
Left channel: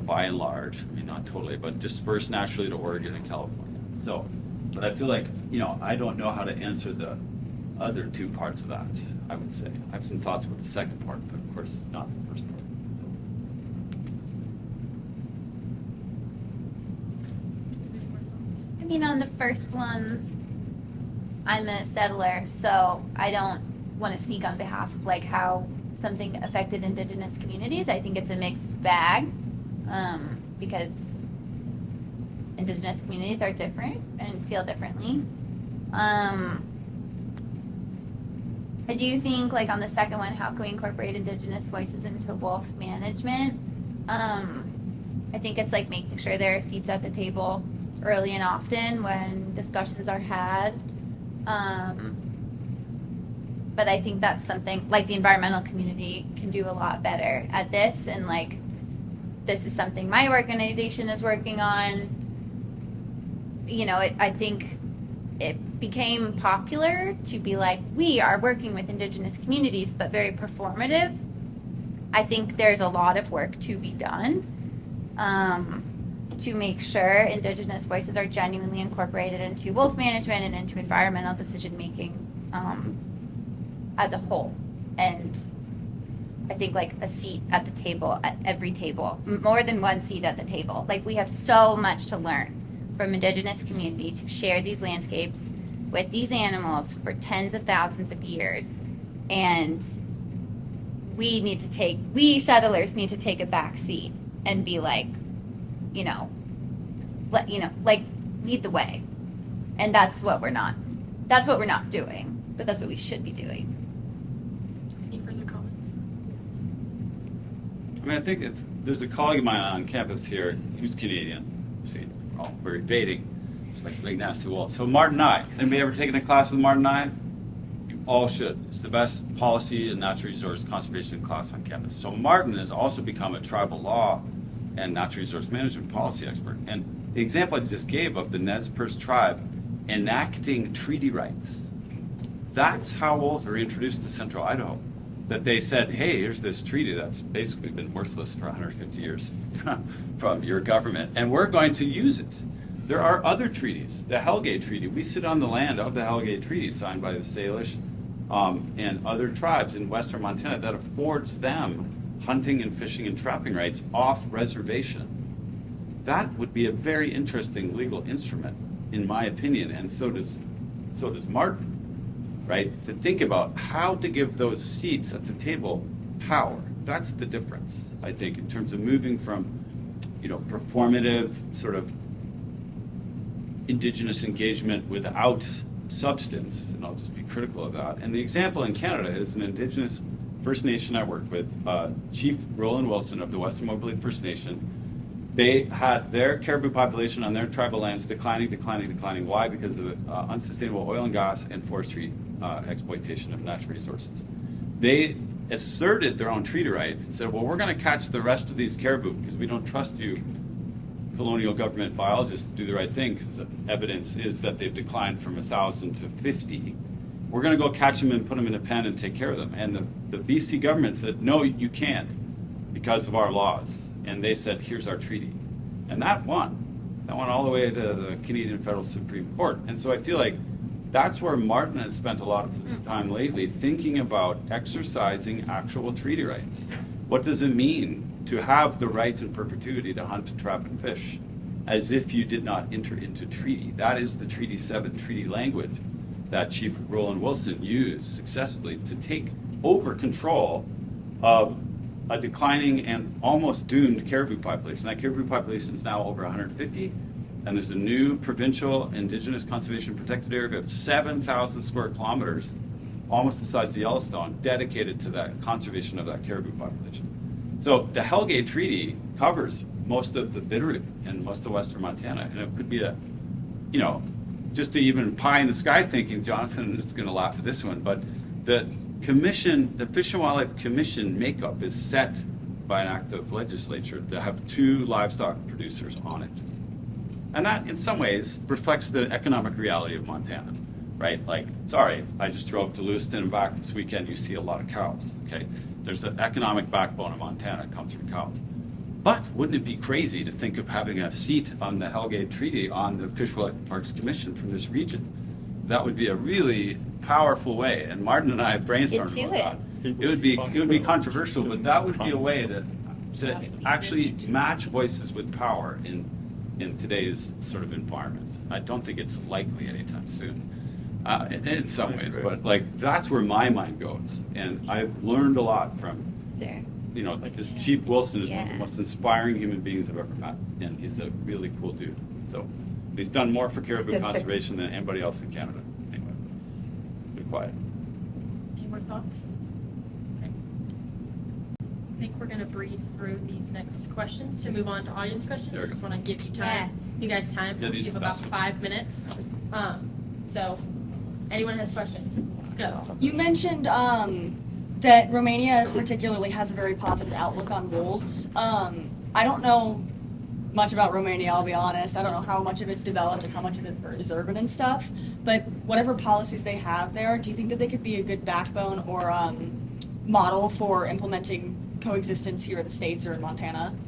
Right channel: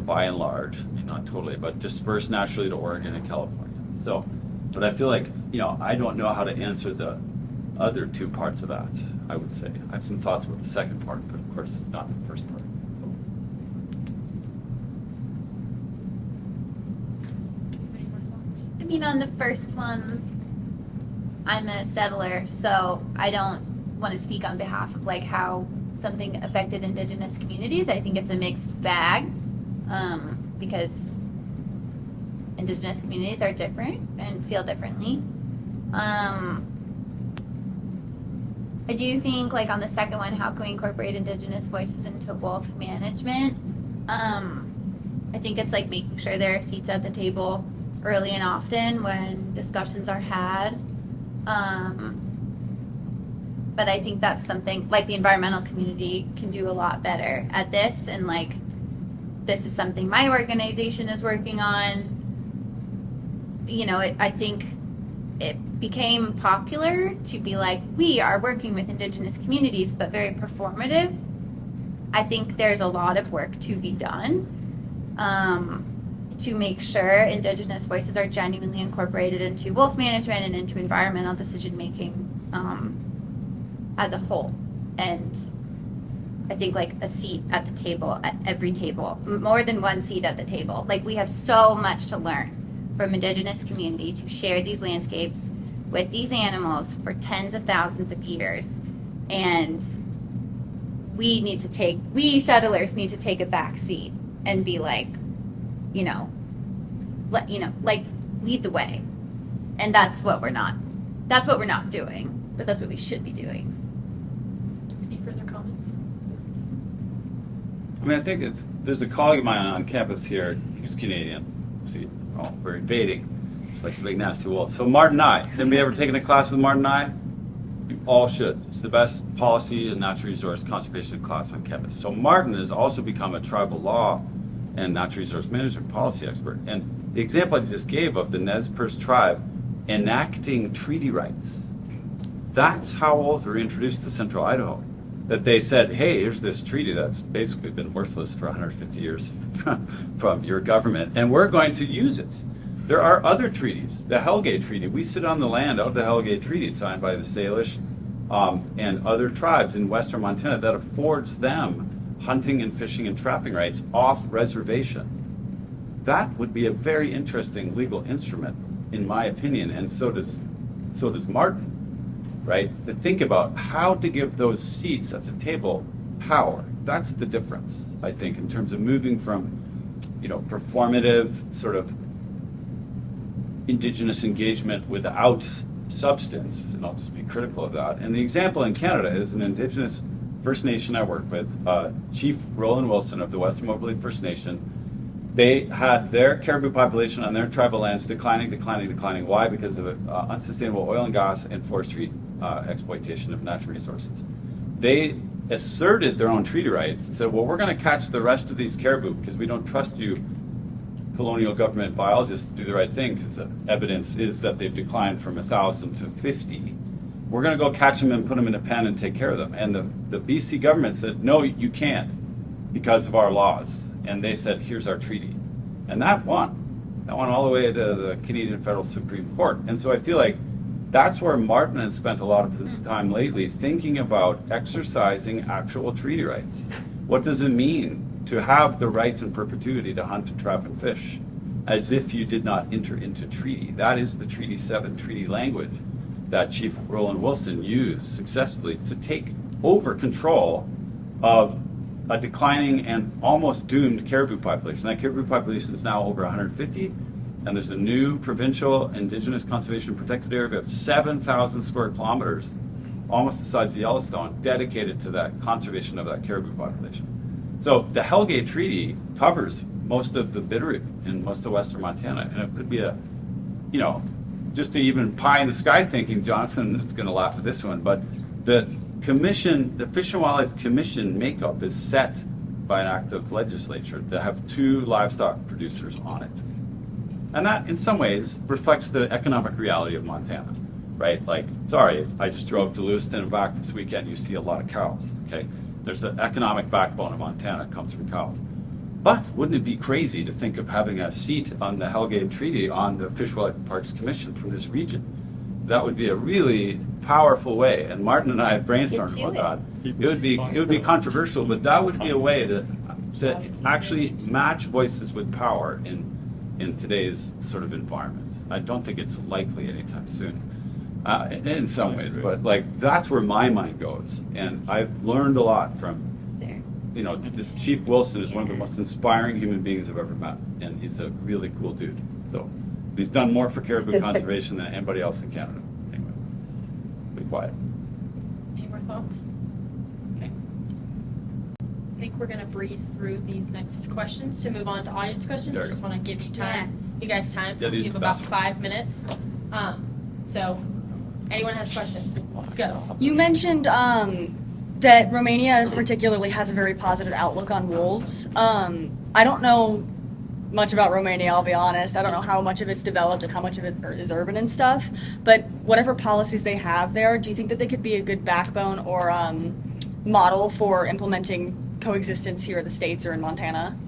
by and large, I mean, not totally, but dispersed naturally to Oregon and California. So, but I feel like, I don't know how to answer the other two parts of that, I would say. I have some thoughts about the second part, but of course not the first part. I mean, on the first one, I'm a settler, so I don't want to speak on behalf of like how something affected Indigenous communities. I think it's a mixed bag because Indigenous communities are different and feel differently. I do think, like on the second one, how can we incorporate Indigenous voices into wolf management? I think it's like making sure there are seats at the table early and often when discussions are had. But I think that's something like the environmental community can do a lot better at this, and like this is something my organization is working on. I think it became popular to be like, we are working with Indigenous communities, but very performative. I think there's a lot of work to be done to make sure Indigenous voices are genuinely incorporated into wolf management and into environmental decision making as a whole. And I think like a seat at the table, at every table, more than one seat at the table. Like we have so much to learn from Indigenous communities who share these landscapes with these animals for tens of thousands of years. And we settlers need to take a back seat and be like, lead the way. And that's what we're not doing, but that's what we should be doing. Any further comments? I mean, I think there's a colleague of mine on campus here, who's Canadian. See, we're invading. It's like a big nasty wolf. So Martin Nye, has anybody ever taken a class with Martin Nye? You all should. It's the best policy and natural resource conservation class on campus. So Martin has also become a tribal law and natural resource management policy expert. And the example I just gave of the Nez Perce tribe enacting treaty rights, that's how wolves were introduced to central Idaho. That they said, hey, here's this treaty that's basically been worthless for 150 years from your government, and we're going to use it. There are other treaties. The Hellgate Treaty, we sit on the land of the Hellgate Treaty signed by the Salish and other tribes in western Montana that affords them hunting and fishing and trapping rights off reservation. That would be a very interesting legal instrument, in my opinion, and so does Martin. Right? To think about how to give those seats at the table power. That's the difference, I think, in terms of moving from, performative sort of Indigenous engagement without substance, and I'll just be critical of that. And the example in Canada is an Indigenous First Nation I work with, Chief Roland Wilson of the Western Mobility First Nation. They had their caribou population on their tribal lands declining. Why? Because of unsustainable oil and gas and forestry exploitation of natural resources. They asserted their own treaty rights and said, well, we're going to catch the rest of these caribou because we don't trust you, colonial government biologists, to do the right thing, because the evidence is that they've declined from 1,000 to 50. We're going to go catch them and put them in a pen and take care of them. And the BC government said, no, you can't because of our laws. And they said, here's our treaty. And that won. That went all the way to the Canadian Federal Supreme Court. And so I feel like that's where Martin has spent a lot of his time lately, thinking about exercising actual treaty rights. What does it mean to have the right in perpetuity to hunt, trap, and fish, as if you did not enter into treaty? That is the Treaty 7 treaty language that Chief Roland Wilson used successfully to take over control of a declining and almost doomed caribou population. That caribou population is now over 150, and there's a new provincial Indigenous Conservation Protected Area of 7,000 square kilometers, almost the size of Yellowstone, dedicated to that conservation of that caribou population. So the Hellgate Treaty covers most of the Bitterroot in most of western Montana, and it could be a, just to even pie in the sky thinking, Jonathan is going to laugh at this one, but the commission, the Fish and Wildlife Commission makeup is set by an act of legislature to have 2 livestock producers on it. And that, in some ways, reflects the economic reality of Montana, right? Like, sorry, if I just drove to Lewiston and back this weekend, you see a lot of cows, okay? There's an economic backbone of Montana, it comes from cows. But wouldn't it be crazy to think of having a seat on the Hellgate Treaty on the Fish, Wildlife, and Parks Commission from this region? That would be a really powerful way, and Martin and I have brainstormed about that. It would be controversial, but that would be a way to actually match voices with power in today's sort of environment. I don't think it's likely anytime soon, in some ways, but like that's where my mind goes, and I've learned a lot from. This Chief Wilson is one of the most inspiring human beings I've ever met, and he's a really cool dude. So he's done more for caribou conservation than anybody else in Canada. Anyway, be quiet. Any more thoughts? Okay. I think we're gonna breeze through these next questions to move on to audience questions. I just want to give you time, you guys time. Yeah, these give are about fast. 5 minutes. So, anyone has questions? Go. You mentioned that Romania particularly has a very positive outlook on wolves. I don't know much about Romania, I'll be honest. I don't know how much of it's developed and how much of it is urban and stuff. But whatever policies they have there, do you think that they could be a good backbone or model for implementing coexistence here in the States or in Montana?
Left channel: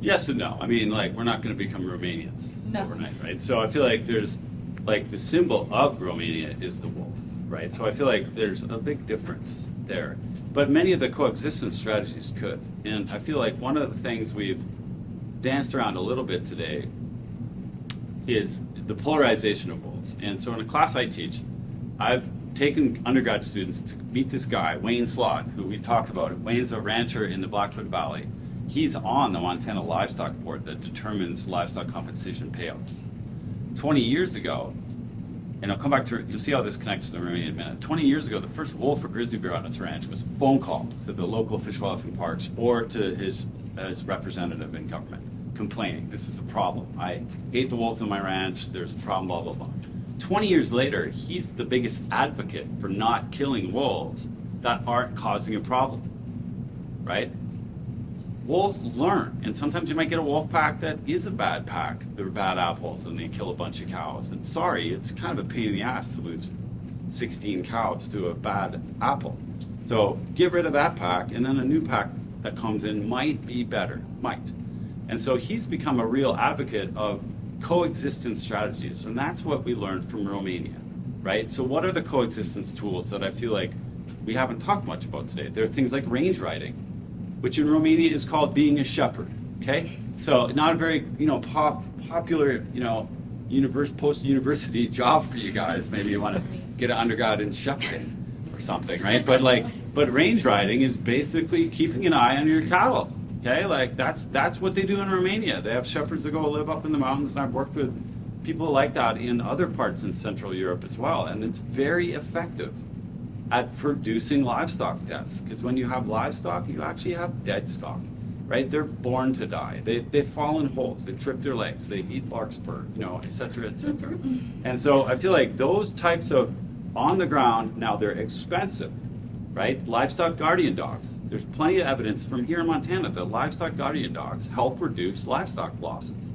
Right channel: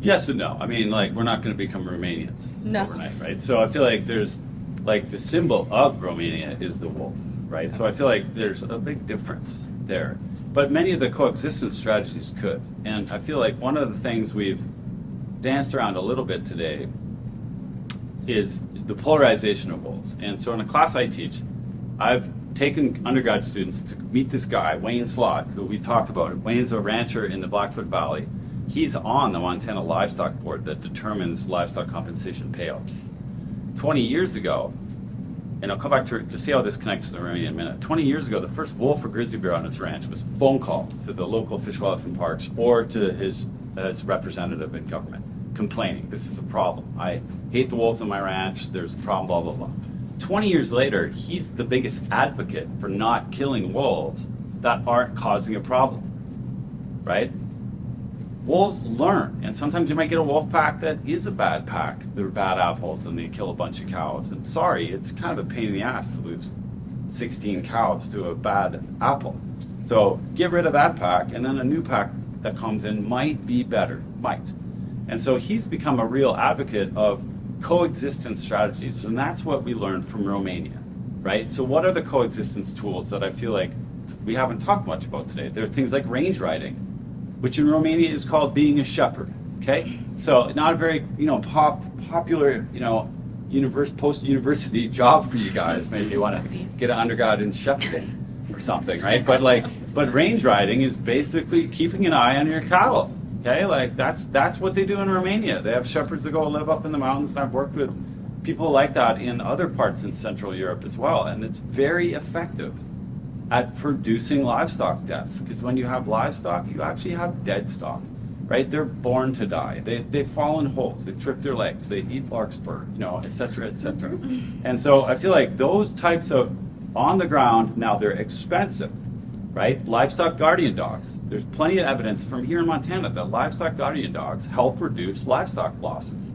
Yes and no. I mean, like, we're not going to become Romanians overnight, right? So I feel like there's, like, the symbol of Romania is the wolf, right? So I feel like there's a big difference there. But many of the coexistence strategies could. And I feel like one of the things we've danced around a little bit today is the polarization of wolves. And so in a class I teach, I've taken undergrad students to meet this guy, Wayne Slott, who we talked about. Wayne's a rancher in the Blackfoot Valley. He's on the Montana Livestock Board that determines livestock compensation payout. 20 years ago, and I'll come back to, you'll see how this connects to the Romania in a minute. 20 years ago, the first wolf or grizzly bear on his ranch was a phone call to the local Fish, Wildlife, and Parks or to his representative in government, complaining, this is a problem. I hate the wolves on my ranch, there's a problem, blah, blah, blah. 20 years later, he's the biggest advocate for not killing wolves that aren't causing a problem, right? wolves learn, and sometimes you might get a wolf pack that is a bad pack. They're bad apples, and they kill a bunch of cows. And sorry, it's kind of a pain in the ass to lose 16 cows to a bad apple. So get rid of that pack, and then a new pack that comes in might be better, might. And so he's become a real advocate of coexistence strategies, and that's what we learned from Romania, right? So what are the coexistence tools that I feel like we haven't talked much about today? There are things like range riding, which in Romania is called being a shepherd, okay? So not a very, popular, post-university job for you guys. Maybe you want to get an undergrad in shepherding or something, right? But range riding is basically keeping an eye on your cattle, okay? Like that's what they do in Romania. They have shepherds that go live up in the mountains, and I've worked with people like that in other parts in Central Europe as well, and it's very effective at producing livestock deaths, because when you have livestock, you actually have dead stock, right? They're born to die. They fall in holes. They trip their legs. They eat larkspur, et cetera, et cetera. And so I feel like those types of on the ground, now they're expensive, right? Livestock guardian dogs. There's plenty of evidence from here in Montana that livestock guardian dogs help reduce livestock losses.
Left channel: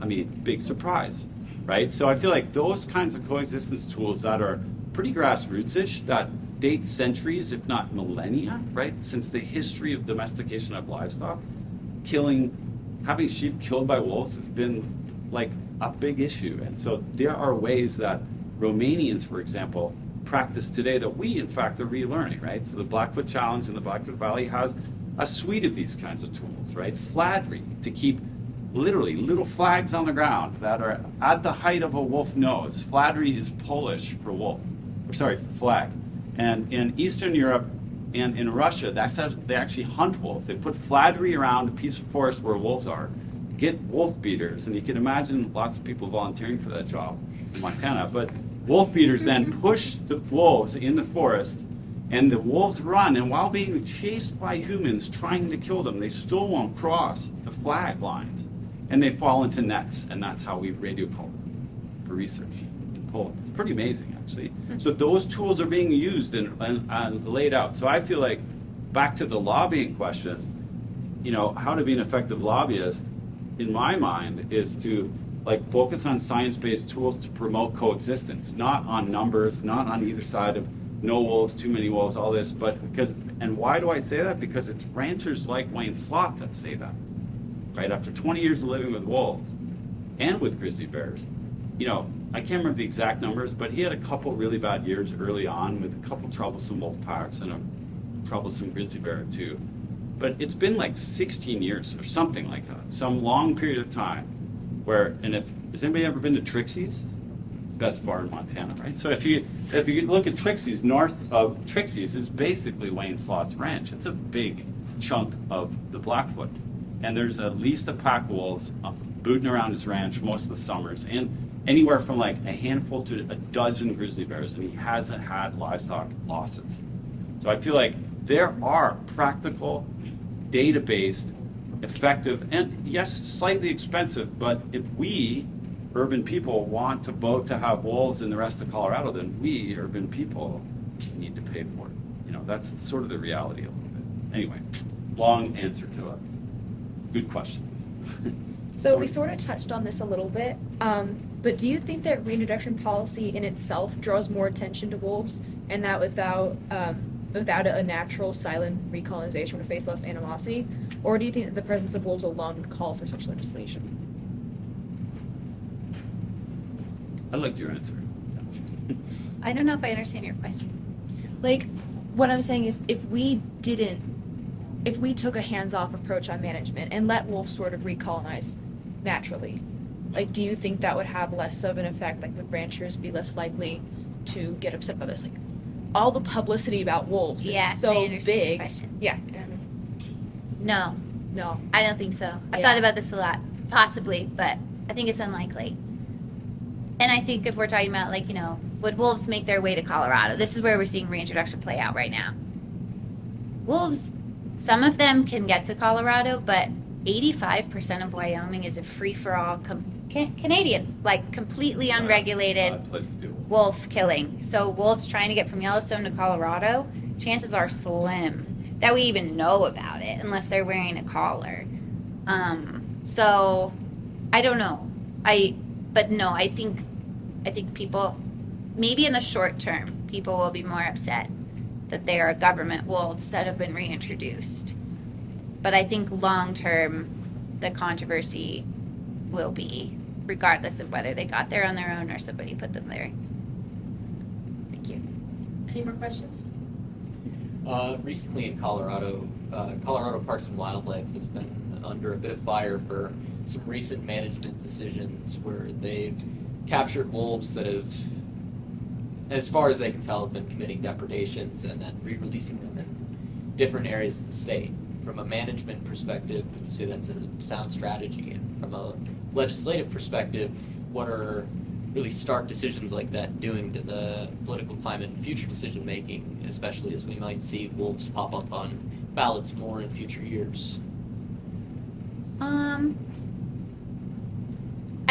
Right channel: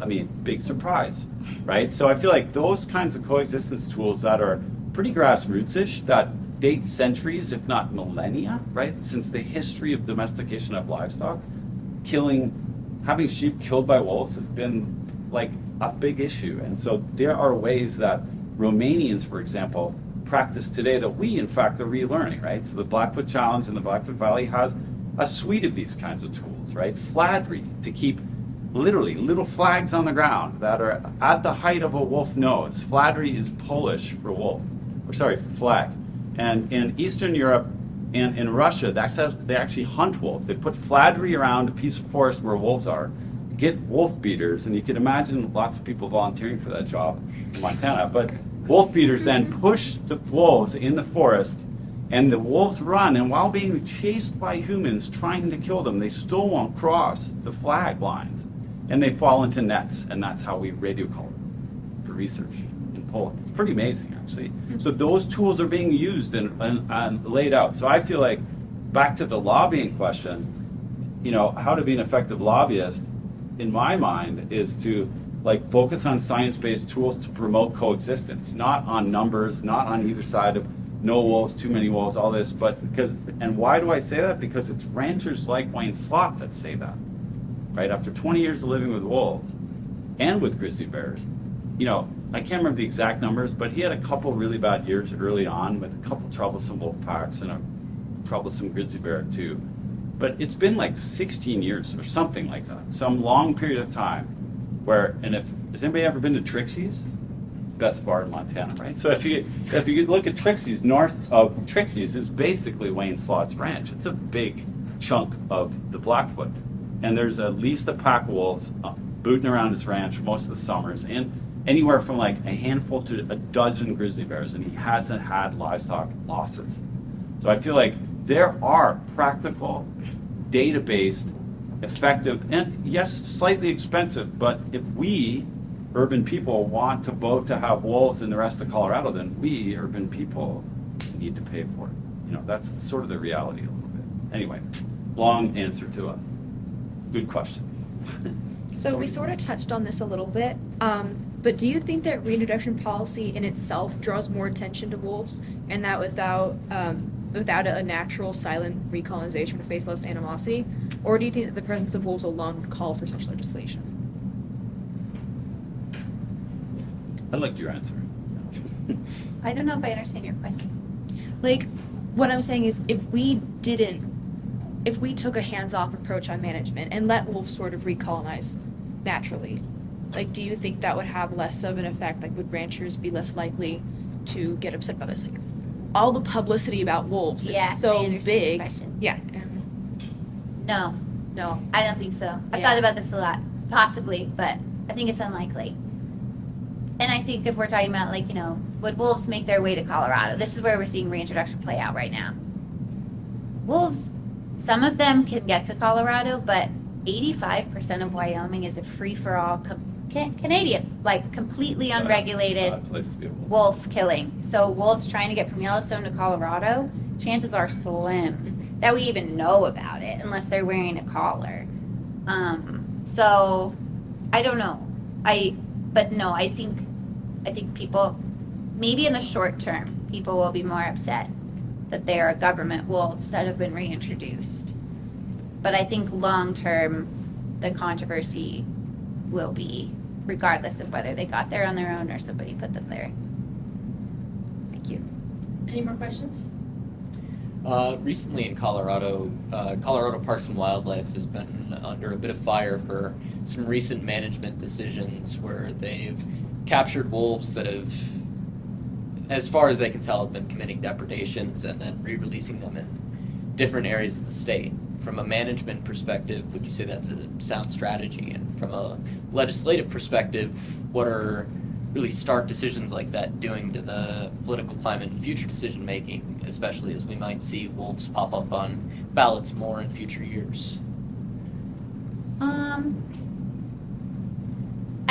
I mean, big surprise, right? So I feel like those kinds of coexistence tools that are pretty grassroots-ish, that date centuries, if not millennia, right? Since the history of domestication of livestock, having sheep killed by wolves has been like a big issue. And so there are ways that Romanians, for example, practice today that we, in fact, are relearning, right? So the Blackfoot Challenge in the Blackfoot Valley has a suite of these kinds of tools, right? Fladry, to keep literally little flags on the ground that are at the height of a wolf nose. Fladry is Polish for wolf, for flag. And in Eastern Europe and in Russia, that's how they actually hunt wolves. They put fladry around a piece of forest where wolves are, get wolf beaters, and you can imagine lots of people volunteering for that job in Montana. But wolf beaters then push the wolves in the forest, and the wolves run, and while being chased by humans trying to kill them, they still won't cross the flag lines, and they fall into nets, and that's how we radio color them for research in Poland. It's pretty amazing, actually. So those tools are being used and laid out. So I feel like, back to the lobbying question, how to be an effective lobbyist, in my mind, is to focus on science-based tools to promote coexistence, not on numbers, not on either side of no wolves, too many wolves, all this, and why do I say that? Because it's ranchers like Wayne Slott that say that, right? After 20 years of living with wolves and with grizzly bears, I can't remember the exact numbers, but he had a couple really bad years early on with a couple troublesome wolf packs and a troublesome grizzly bear too. But it's been like 16 years or something like that, some long period of time where, has anybody ever been to Trixie's? Best bar in Montana, right? So if you look at Trixie's, north of Trixie's is basically Wayne Slott's ranch. It's a big chunk of the Blackfoot. And there's at least a pack of wolves booting around his ranch most of the summers, and anywhere from a handful to a dozen grizzly bears, and he hasn't had livestock losses. So I feel like there are practical, data-based, effective, and yes, slightly expensive, but if we, urban people, want to vote to have wolves in the rest of Colorado, then we, urban people, need to pay for it. That's sort of the reality a little bit. Anyway, long answer to a good question. So we sort of touched on this a little bit, but do you think that reintroduction policy in itself draws more attention to wolves, and that without a natural silent recolonization would face less animosity? Or do you think that the presence of wolves alone would call for such legislation? I liked your answer. I don't know if I understand your question. What I'm saying is, if we took a hands-off approach on management and let wolves sort of recolonize naturally, do you think that would have less of an effect? Would ranchers be less likely to get upset about this? All the publicity about wolves is so I understand big. your question. Yeah. No, I don't think so. I thought about this a lot, possibly, but I think it's unlikely. And I think if we're talking about, would wolves make their way to Colorado? This is where we're seeing reintroduction play out right now. Wolves, some of them can get to Colorado, but 85% of Wyoming is a free-for-all Canadian, completely unregulated Place to be a wolf. wolf killing. So wolves trying to get from Yellowstone to Colorado, chances are slim. that we even know about it unless they're wearing a collar. So I don't know. I think people, maybe in the short term, people will be more upset that they are government wolves that have been reintroduced. But I think long term, the controversy will be regardless of whether they got there on their own or somebody put them there. Thank you. Any more questions? Recently in Colorado, Colorado Parks and Wildlife has been under a bit of fire for some recent management decisions where they've captured wolves that have, as far as they can tell, have been committing depredations and then re-releasing them in different areas of the state. From a management perspective, would you say that's a sound strategy? And from a legislative perspective, what are really stark decisions like that doing to the political climate and future decision making, especially as we might see wolves pop up on ballots more in future years?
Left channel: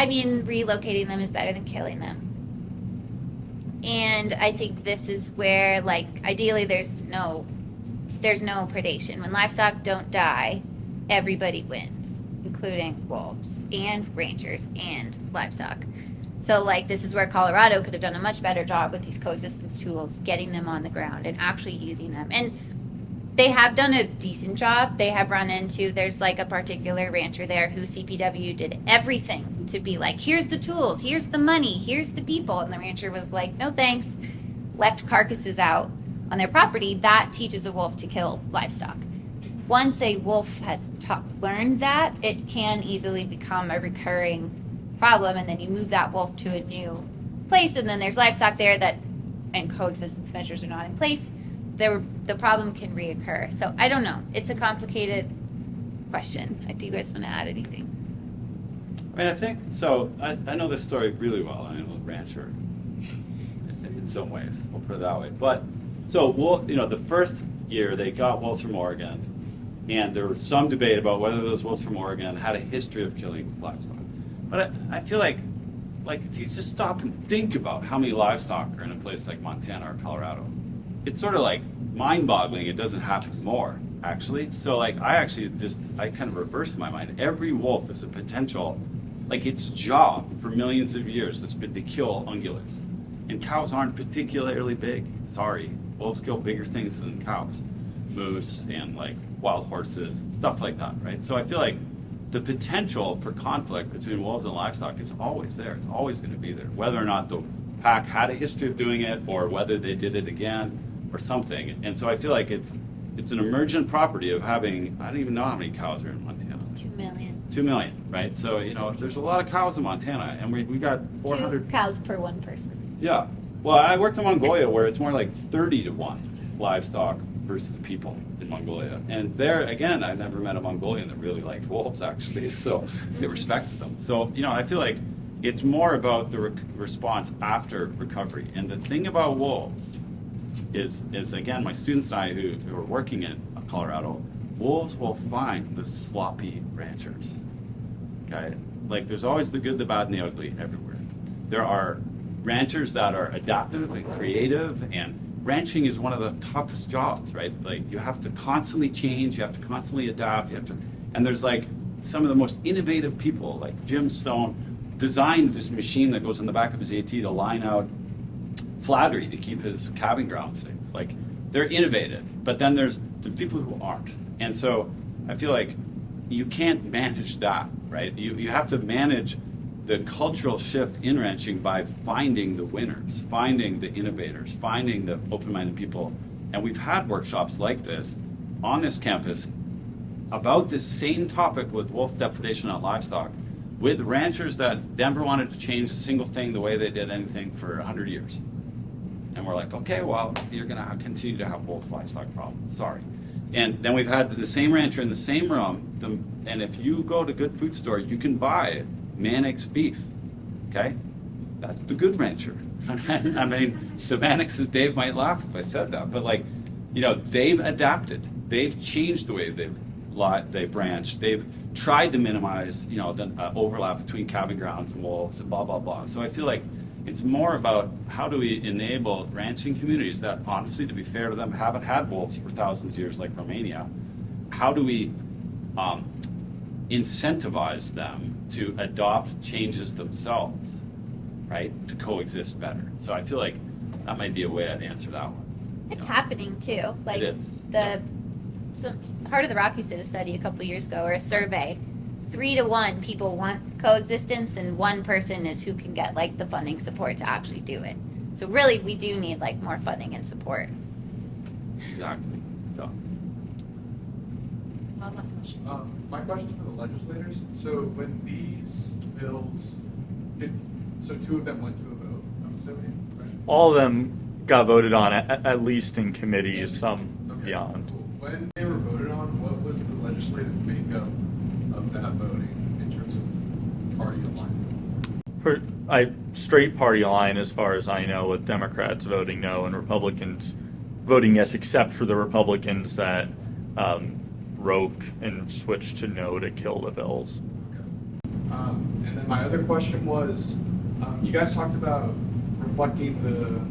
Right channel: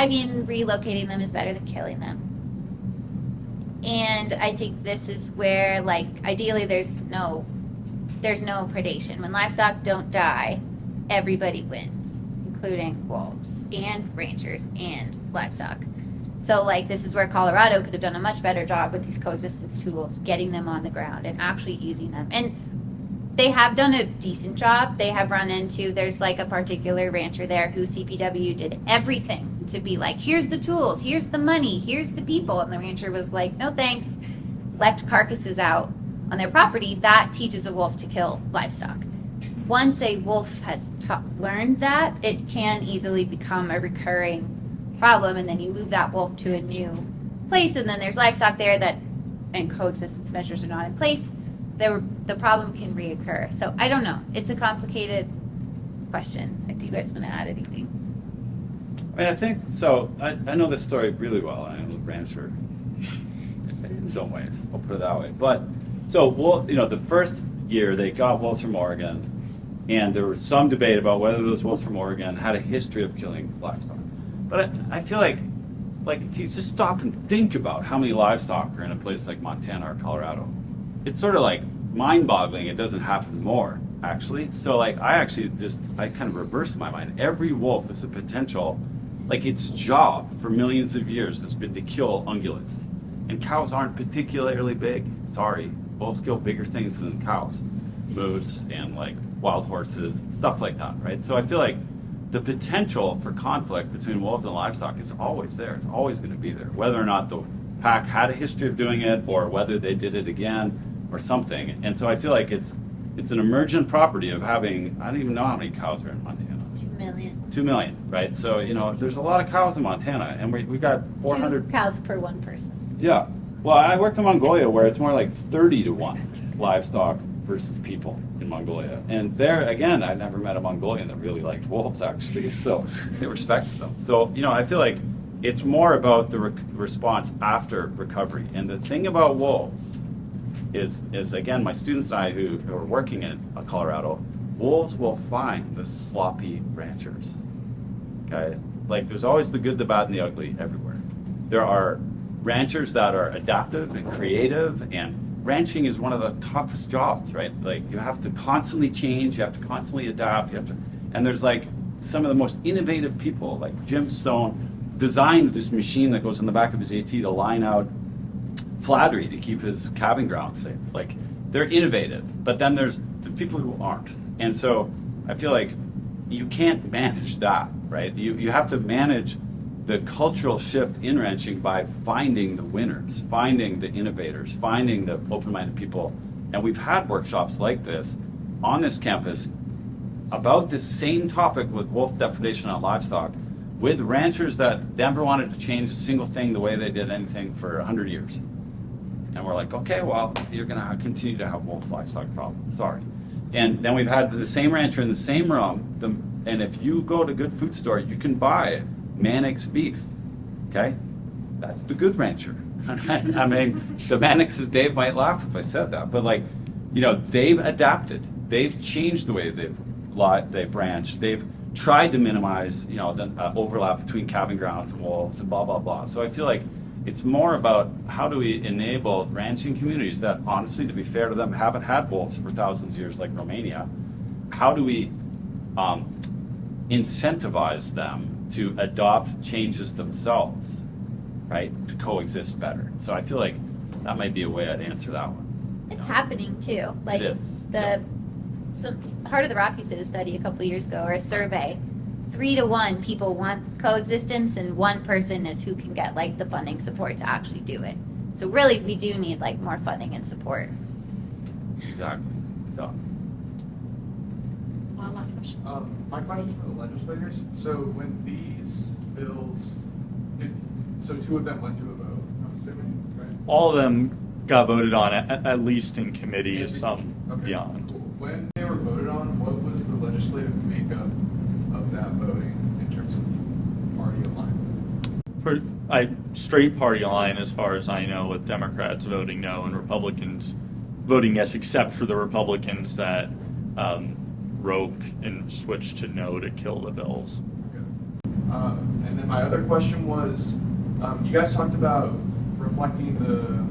I mean, relocating them is better than killing them. And I think this is where, like, ideally there's no predation. When livestock don't die, everybody wins, including wolves and rangers and livestock. So, like, this is where Colorado could have done a much better job with these coexistence tools, getting them on the ground and actually using them. And they have done a decent job. They have run into, there's like a particular rancher there who CPW did everything to be like, here's the tools, here's the money, here's the people. And the rancher was like, no thanks, left carcasses out on their property. That teaches a wolf to kill livestock. Once a wolf has learned that, it can easily become a recurring problem, and then you move that wolf to a new place, and then there's livestock there that, and coexistence measures are not in place, the problem can reoccur. So I don't know. It's a complicated question. Do you guys want to add anything? I mean, I think, so I know this story really well. I'm a rancher in some ways, I'll put it that way. But, so, the first year they got wolves from Oregon, and there was some debate about whether those wolves from Oregon had a history of killing livestock. But I feel like if you just stop and think about how many livestock are in a place like Montana or Colorado, it's sort of like mind-boggling it doesn't happen more, actually. So I kind of reversed my mind. Every wolf is a potential, its job for millions of years has been to kill ungulates. And cows aren't particularly big. Sorry, wolves kill bigger things than cows. Moose and wild horses, stuff like that, right? So I feel like the potential for conflict between wolves and livestock is always there. It's always going to be there. Whether or not the pack had a history of doing it or whether they did it again or something. And so I feel like it's an emergent property of having, I don't even know how many cows are in Montana. 2 million. 2 million, right? So, there's a lot of cows in Montana, and we got 400. 2 cows per one person. Yeah. Well, I worked in Mongolia where it's more like 30 to 1 livestock versus people in Mongolia. And there, again, I never met a Mongolian that really liked wolves, actually, so they respected them. So, I feel like it's more about the response after recovery. And the thing about wolves is again, my students and I who are working in Colorado, wolves will find the sloppy ranchers. Okay? There's always the good, the bad, and the ugly everywhere. There are ranchers that are adaptive and creative, and ranching is one of the toughest jobs, right? You have to constantly change, you have to constantly adapt, and there's some of the most innovative people, like Jim Stone, designed this machine that goes in the back of his AT to line out flattery to keep his calving ground safe. They're innovative, but then there's the people who aren't. And so I feel like you can't manage that, right? You have to manage the cultural shift in ranching by finding the winners, finding the innovators, finding the open-minded people. And we've had workshops like this on this campus about this same topic with wolf depredation on livestock with ranchers that never wanted to change a single thing the way they did anything for 100 years. And we're like, okay, well, you're going to continue to have wolf livestock problems. Sorry. And then we've had the same rancher in the same room, and if you go to Good Food Store, you can buy Mannix beef, okay? That's the good rancher. I mean, the Mannixes, Dave might laugh if I said that, but they've adapted. They've changed the way they've branched. They've tried to minimize, the overlap between calving grounds and wolves and blah, blah, blah. So I feel like It's more about how do we enable ranching communities that, honestly, to be fair to them, haven't had wolves for thousands of years like Romania. How do we incentivize them to adopt changes themselves, right, to coexist better? So I feel like that might be a way I'd answer that one. It's happening too. Like It is. some Heart of the Rockies did a study a couple years ago, or a survey. 3 to 1 people want coexistence, and 1 person is who can get like the funding support to actually do it. So really, we do need like more funding and support. Exactly. Yeah. Last question. My question's for the legislators. So when these bills, so 2 of them went to a vote, I'm assuming, right? All of them got voted on, at least in committee, And- some okay, beyond. cool. When they were voted on, what was the legislative makeup of that voting in terms of party alignment? Straight party line, as far as I know, with Democrats voting no and Republicans voting yes, except for the Republicans that broke and switched to no to kill the bills. Okay. And then my other question was, you guys talked about reflecting the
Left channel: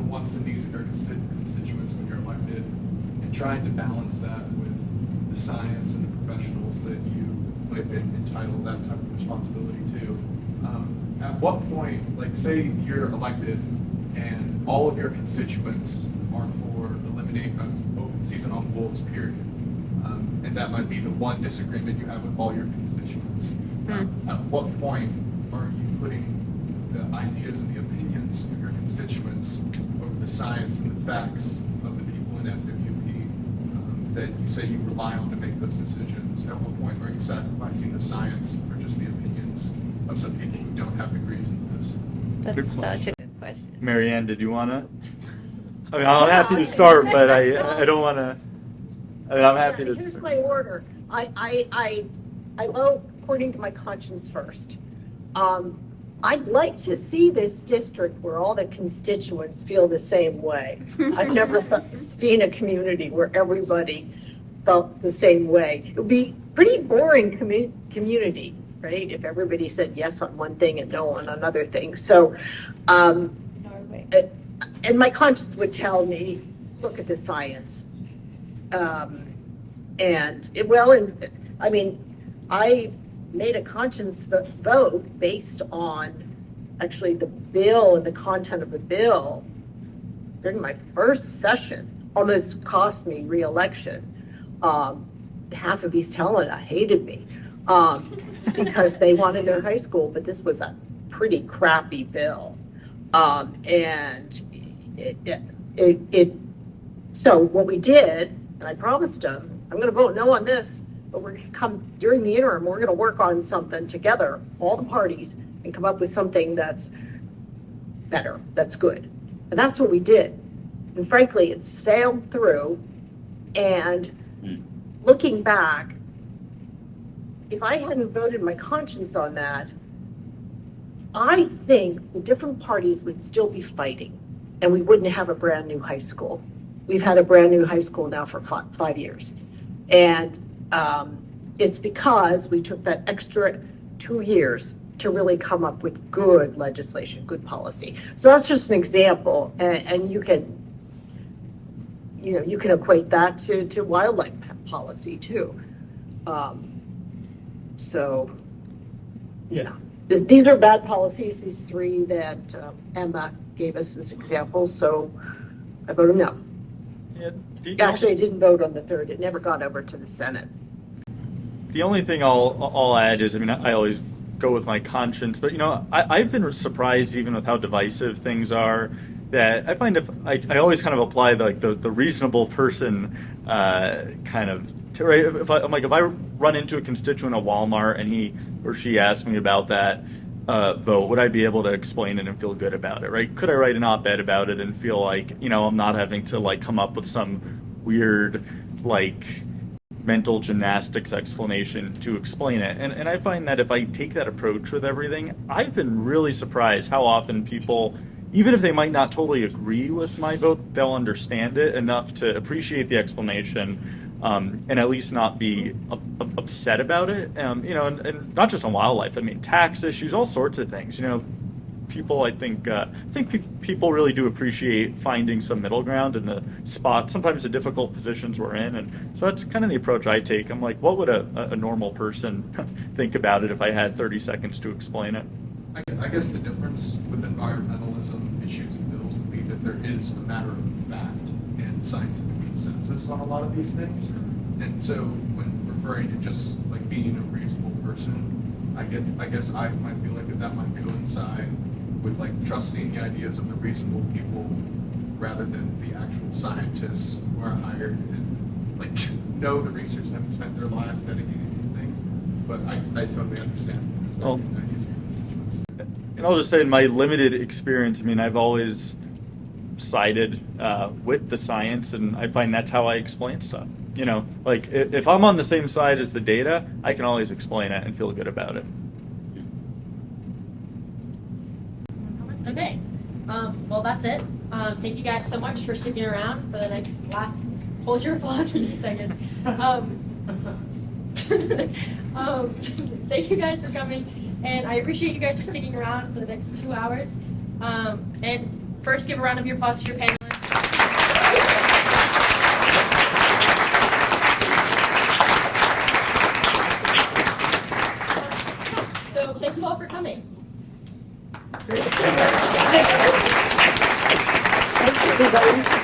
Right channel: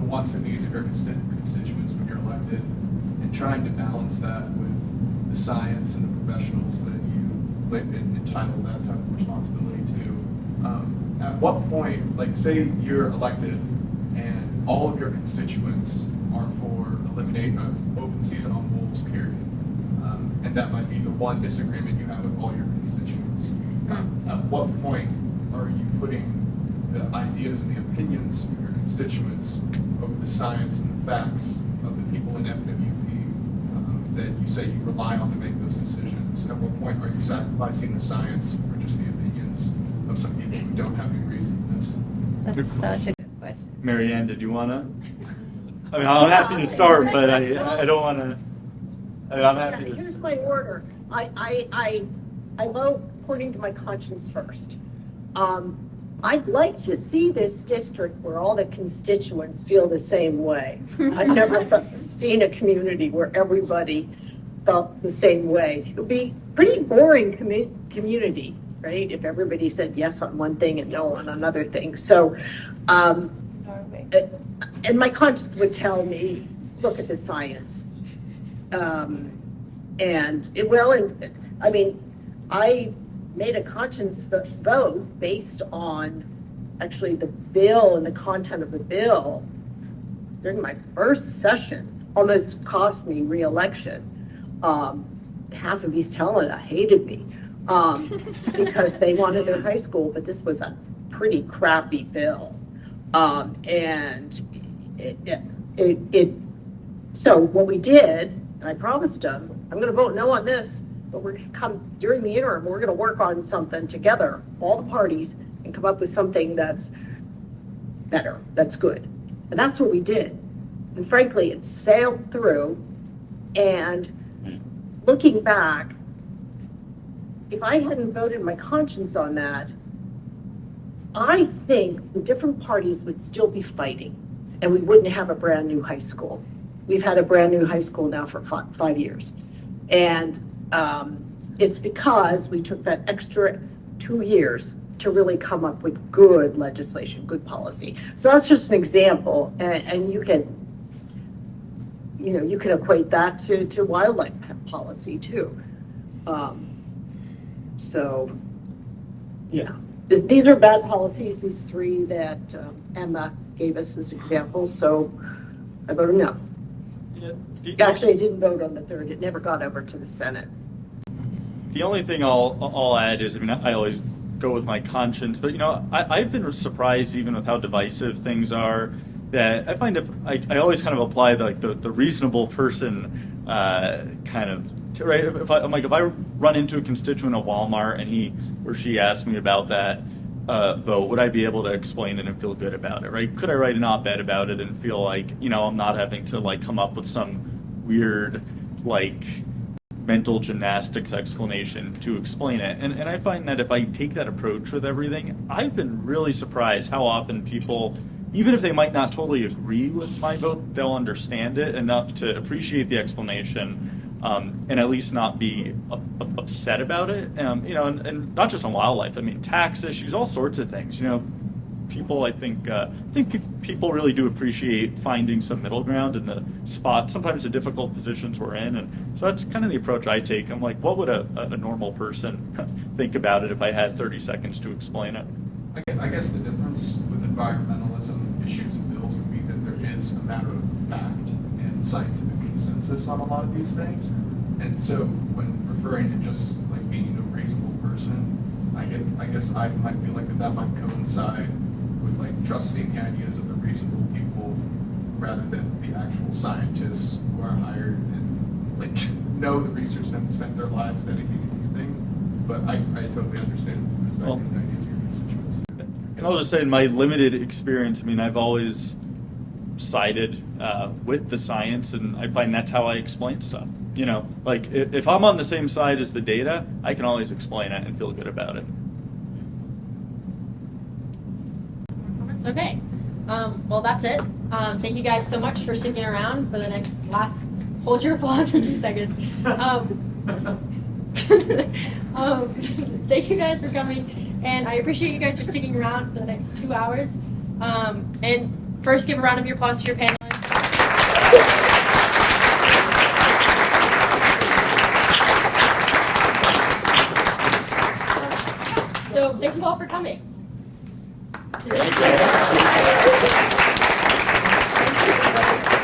wants and needs of your constituents when you're elected, and trying to balance that with the science and the professionals that you entitled that type of responsibility to. At what point, like say you're elected and all of your constituents are for eliminating an open season on wolves, period. And that might be the one disagreement you have with all your constituents. At what point are you putting the ideas and the opinions of your constituents over the science and the facts of the people in FWP that you say you rely on to make those decisions? At what point are you sacrificing the science for just the opinions of some people who don't have degrees in this? That's Good such a good question. Marianne, did you want to? I mean, I'm happy to start, but I don't want to. I mean, I'm happy to Here's start. my order. I vote according to my conscience first. I'd like to see this district where all the constituents feel the same way. I've never seen a community where everybody felt the same way. It would be pretty boring community, right? If everybody said yes on one thing and no on another thing. So, Norway. and my conscience would tell me, look at the science. I made a conscience vote based on actually the bill and the content of the bill during my first session. Almost cost me re-election. Half of East Helena hated me because they wanted their high school, but this was a pretty crappy bill. So what we did, and I promised them, I'm going to vote no on this, but we're going to come during the interim, we're going to work on something together, all the parties, and come up with something that's better, that's good. And that's what we did. And frankly, it sailed through. And looking back, if I hadn't voted my conscience on that, I think the different parties would still be fighting, and we wouldn't have a brand new high school. We've had a brand new high school now for 5 years. And it's because we took that extra 2 years to really come up with good legislation, good policy. So that's just an example. And you can equate that to wildlife policy too. So, yeah. These are bad policies, these 3 that Emma gave us as examples. So I voted no. Actually, I didn't vote on the 3rd. It never got over to the Senate. The only thing I'll add is, I mean, I always go with my conscience, but I've been surprised even with how divisive things are. That I find I always kind of apply the reasonable person kind of right. If I run into a constituent at Walmart and he or she asks me about that vote, would I be able to explain it and feel good about it? Right? Could I write an op-ed about it and feel like I'm not having to come up with some weird mental gymnastics explanation to explain it? And I find that if I take that approach with everything, I've been really surprised how often people, even if they might not totally agree with my vote, they'll understand it enough to appreciate the explanation and at least not be upset about it. And not just on wildlife. I mean, tax issues, all sorts of things. people, I think people really do appreciate finding some middle ground in the spot, sometimes the difficult positions we're in, and so that's kind of the approach I take. I'm like, what would a normal person think about it if I had 30 seconds to explain it? I guess the difference with environmentalism issues and bills would be that there is a matter of fact and scientific consensus on a lot of these things. And so when referring to just like being a reasonable person, I guess I might feel like that might coincide with like trusting the ideas of the reasonable people rather than the actual scientists who are hired and like know the research and have spent their lives dedicating these things. But I totally understand the ideas of your constituents. And I'll just say, in my limited experience, I mean, I've always sided with the science, and I find that's how I explain stuff. You know, like if I'm on the same side as the data, I can always explain it and feel good about it. Okay. Well, that's it. Thank you guys so much for sticking around for the last. Hold your applause for 2 seconds. Thank you guys for coming, and I appreciate you guys for sticking around for the next 2 hours. And first, give a round of applause to your panelists. So thank you all for coming. Thank you. Thanks, everybody.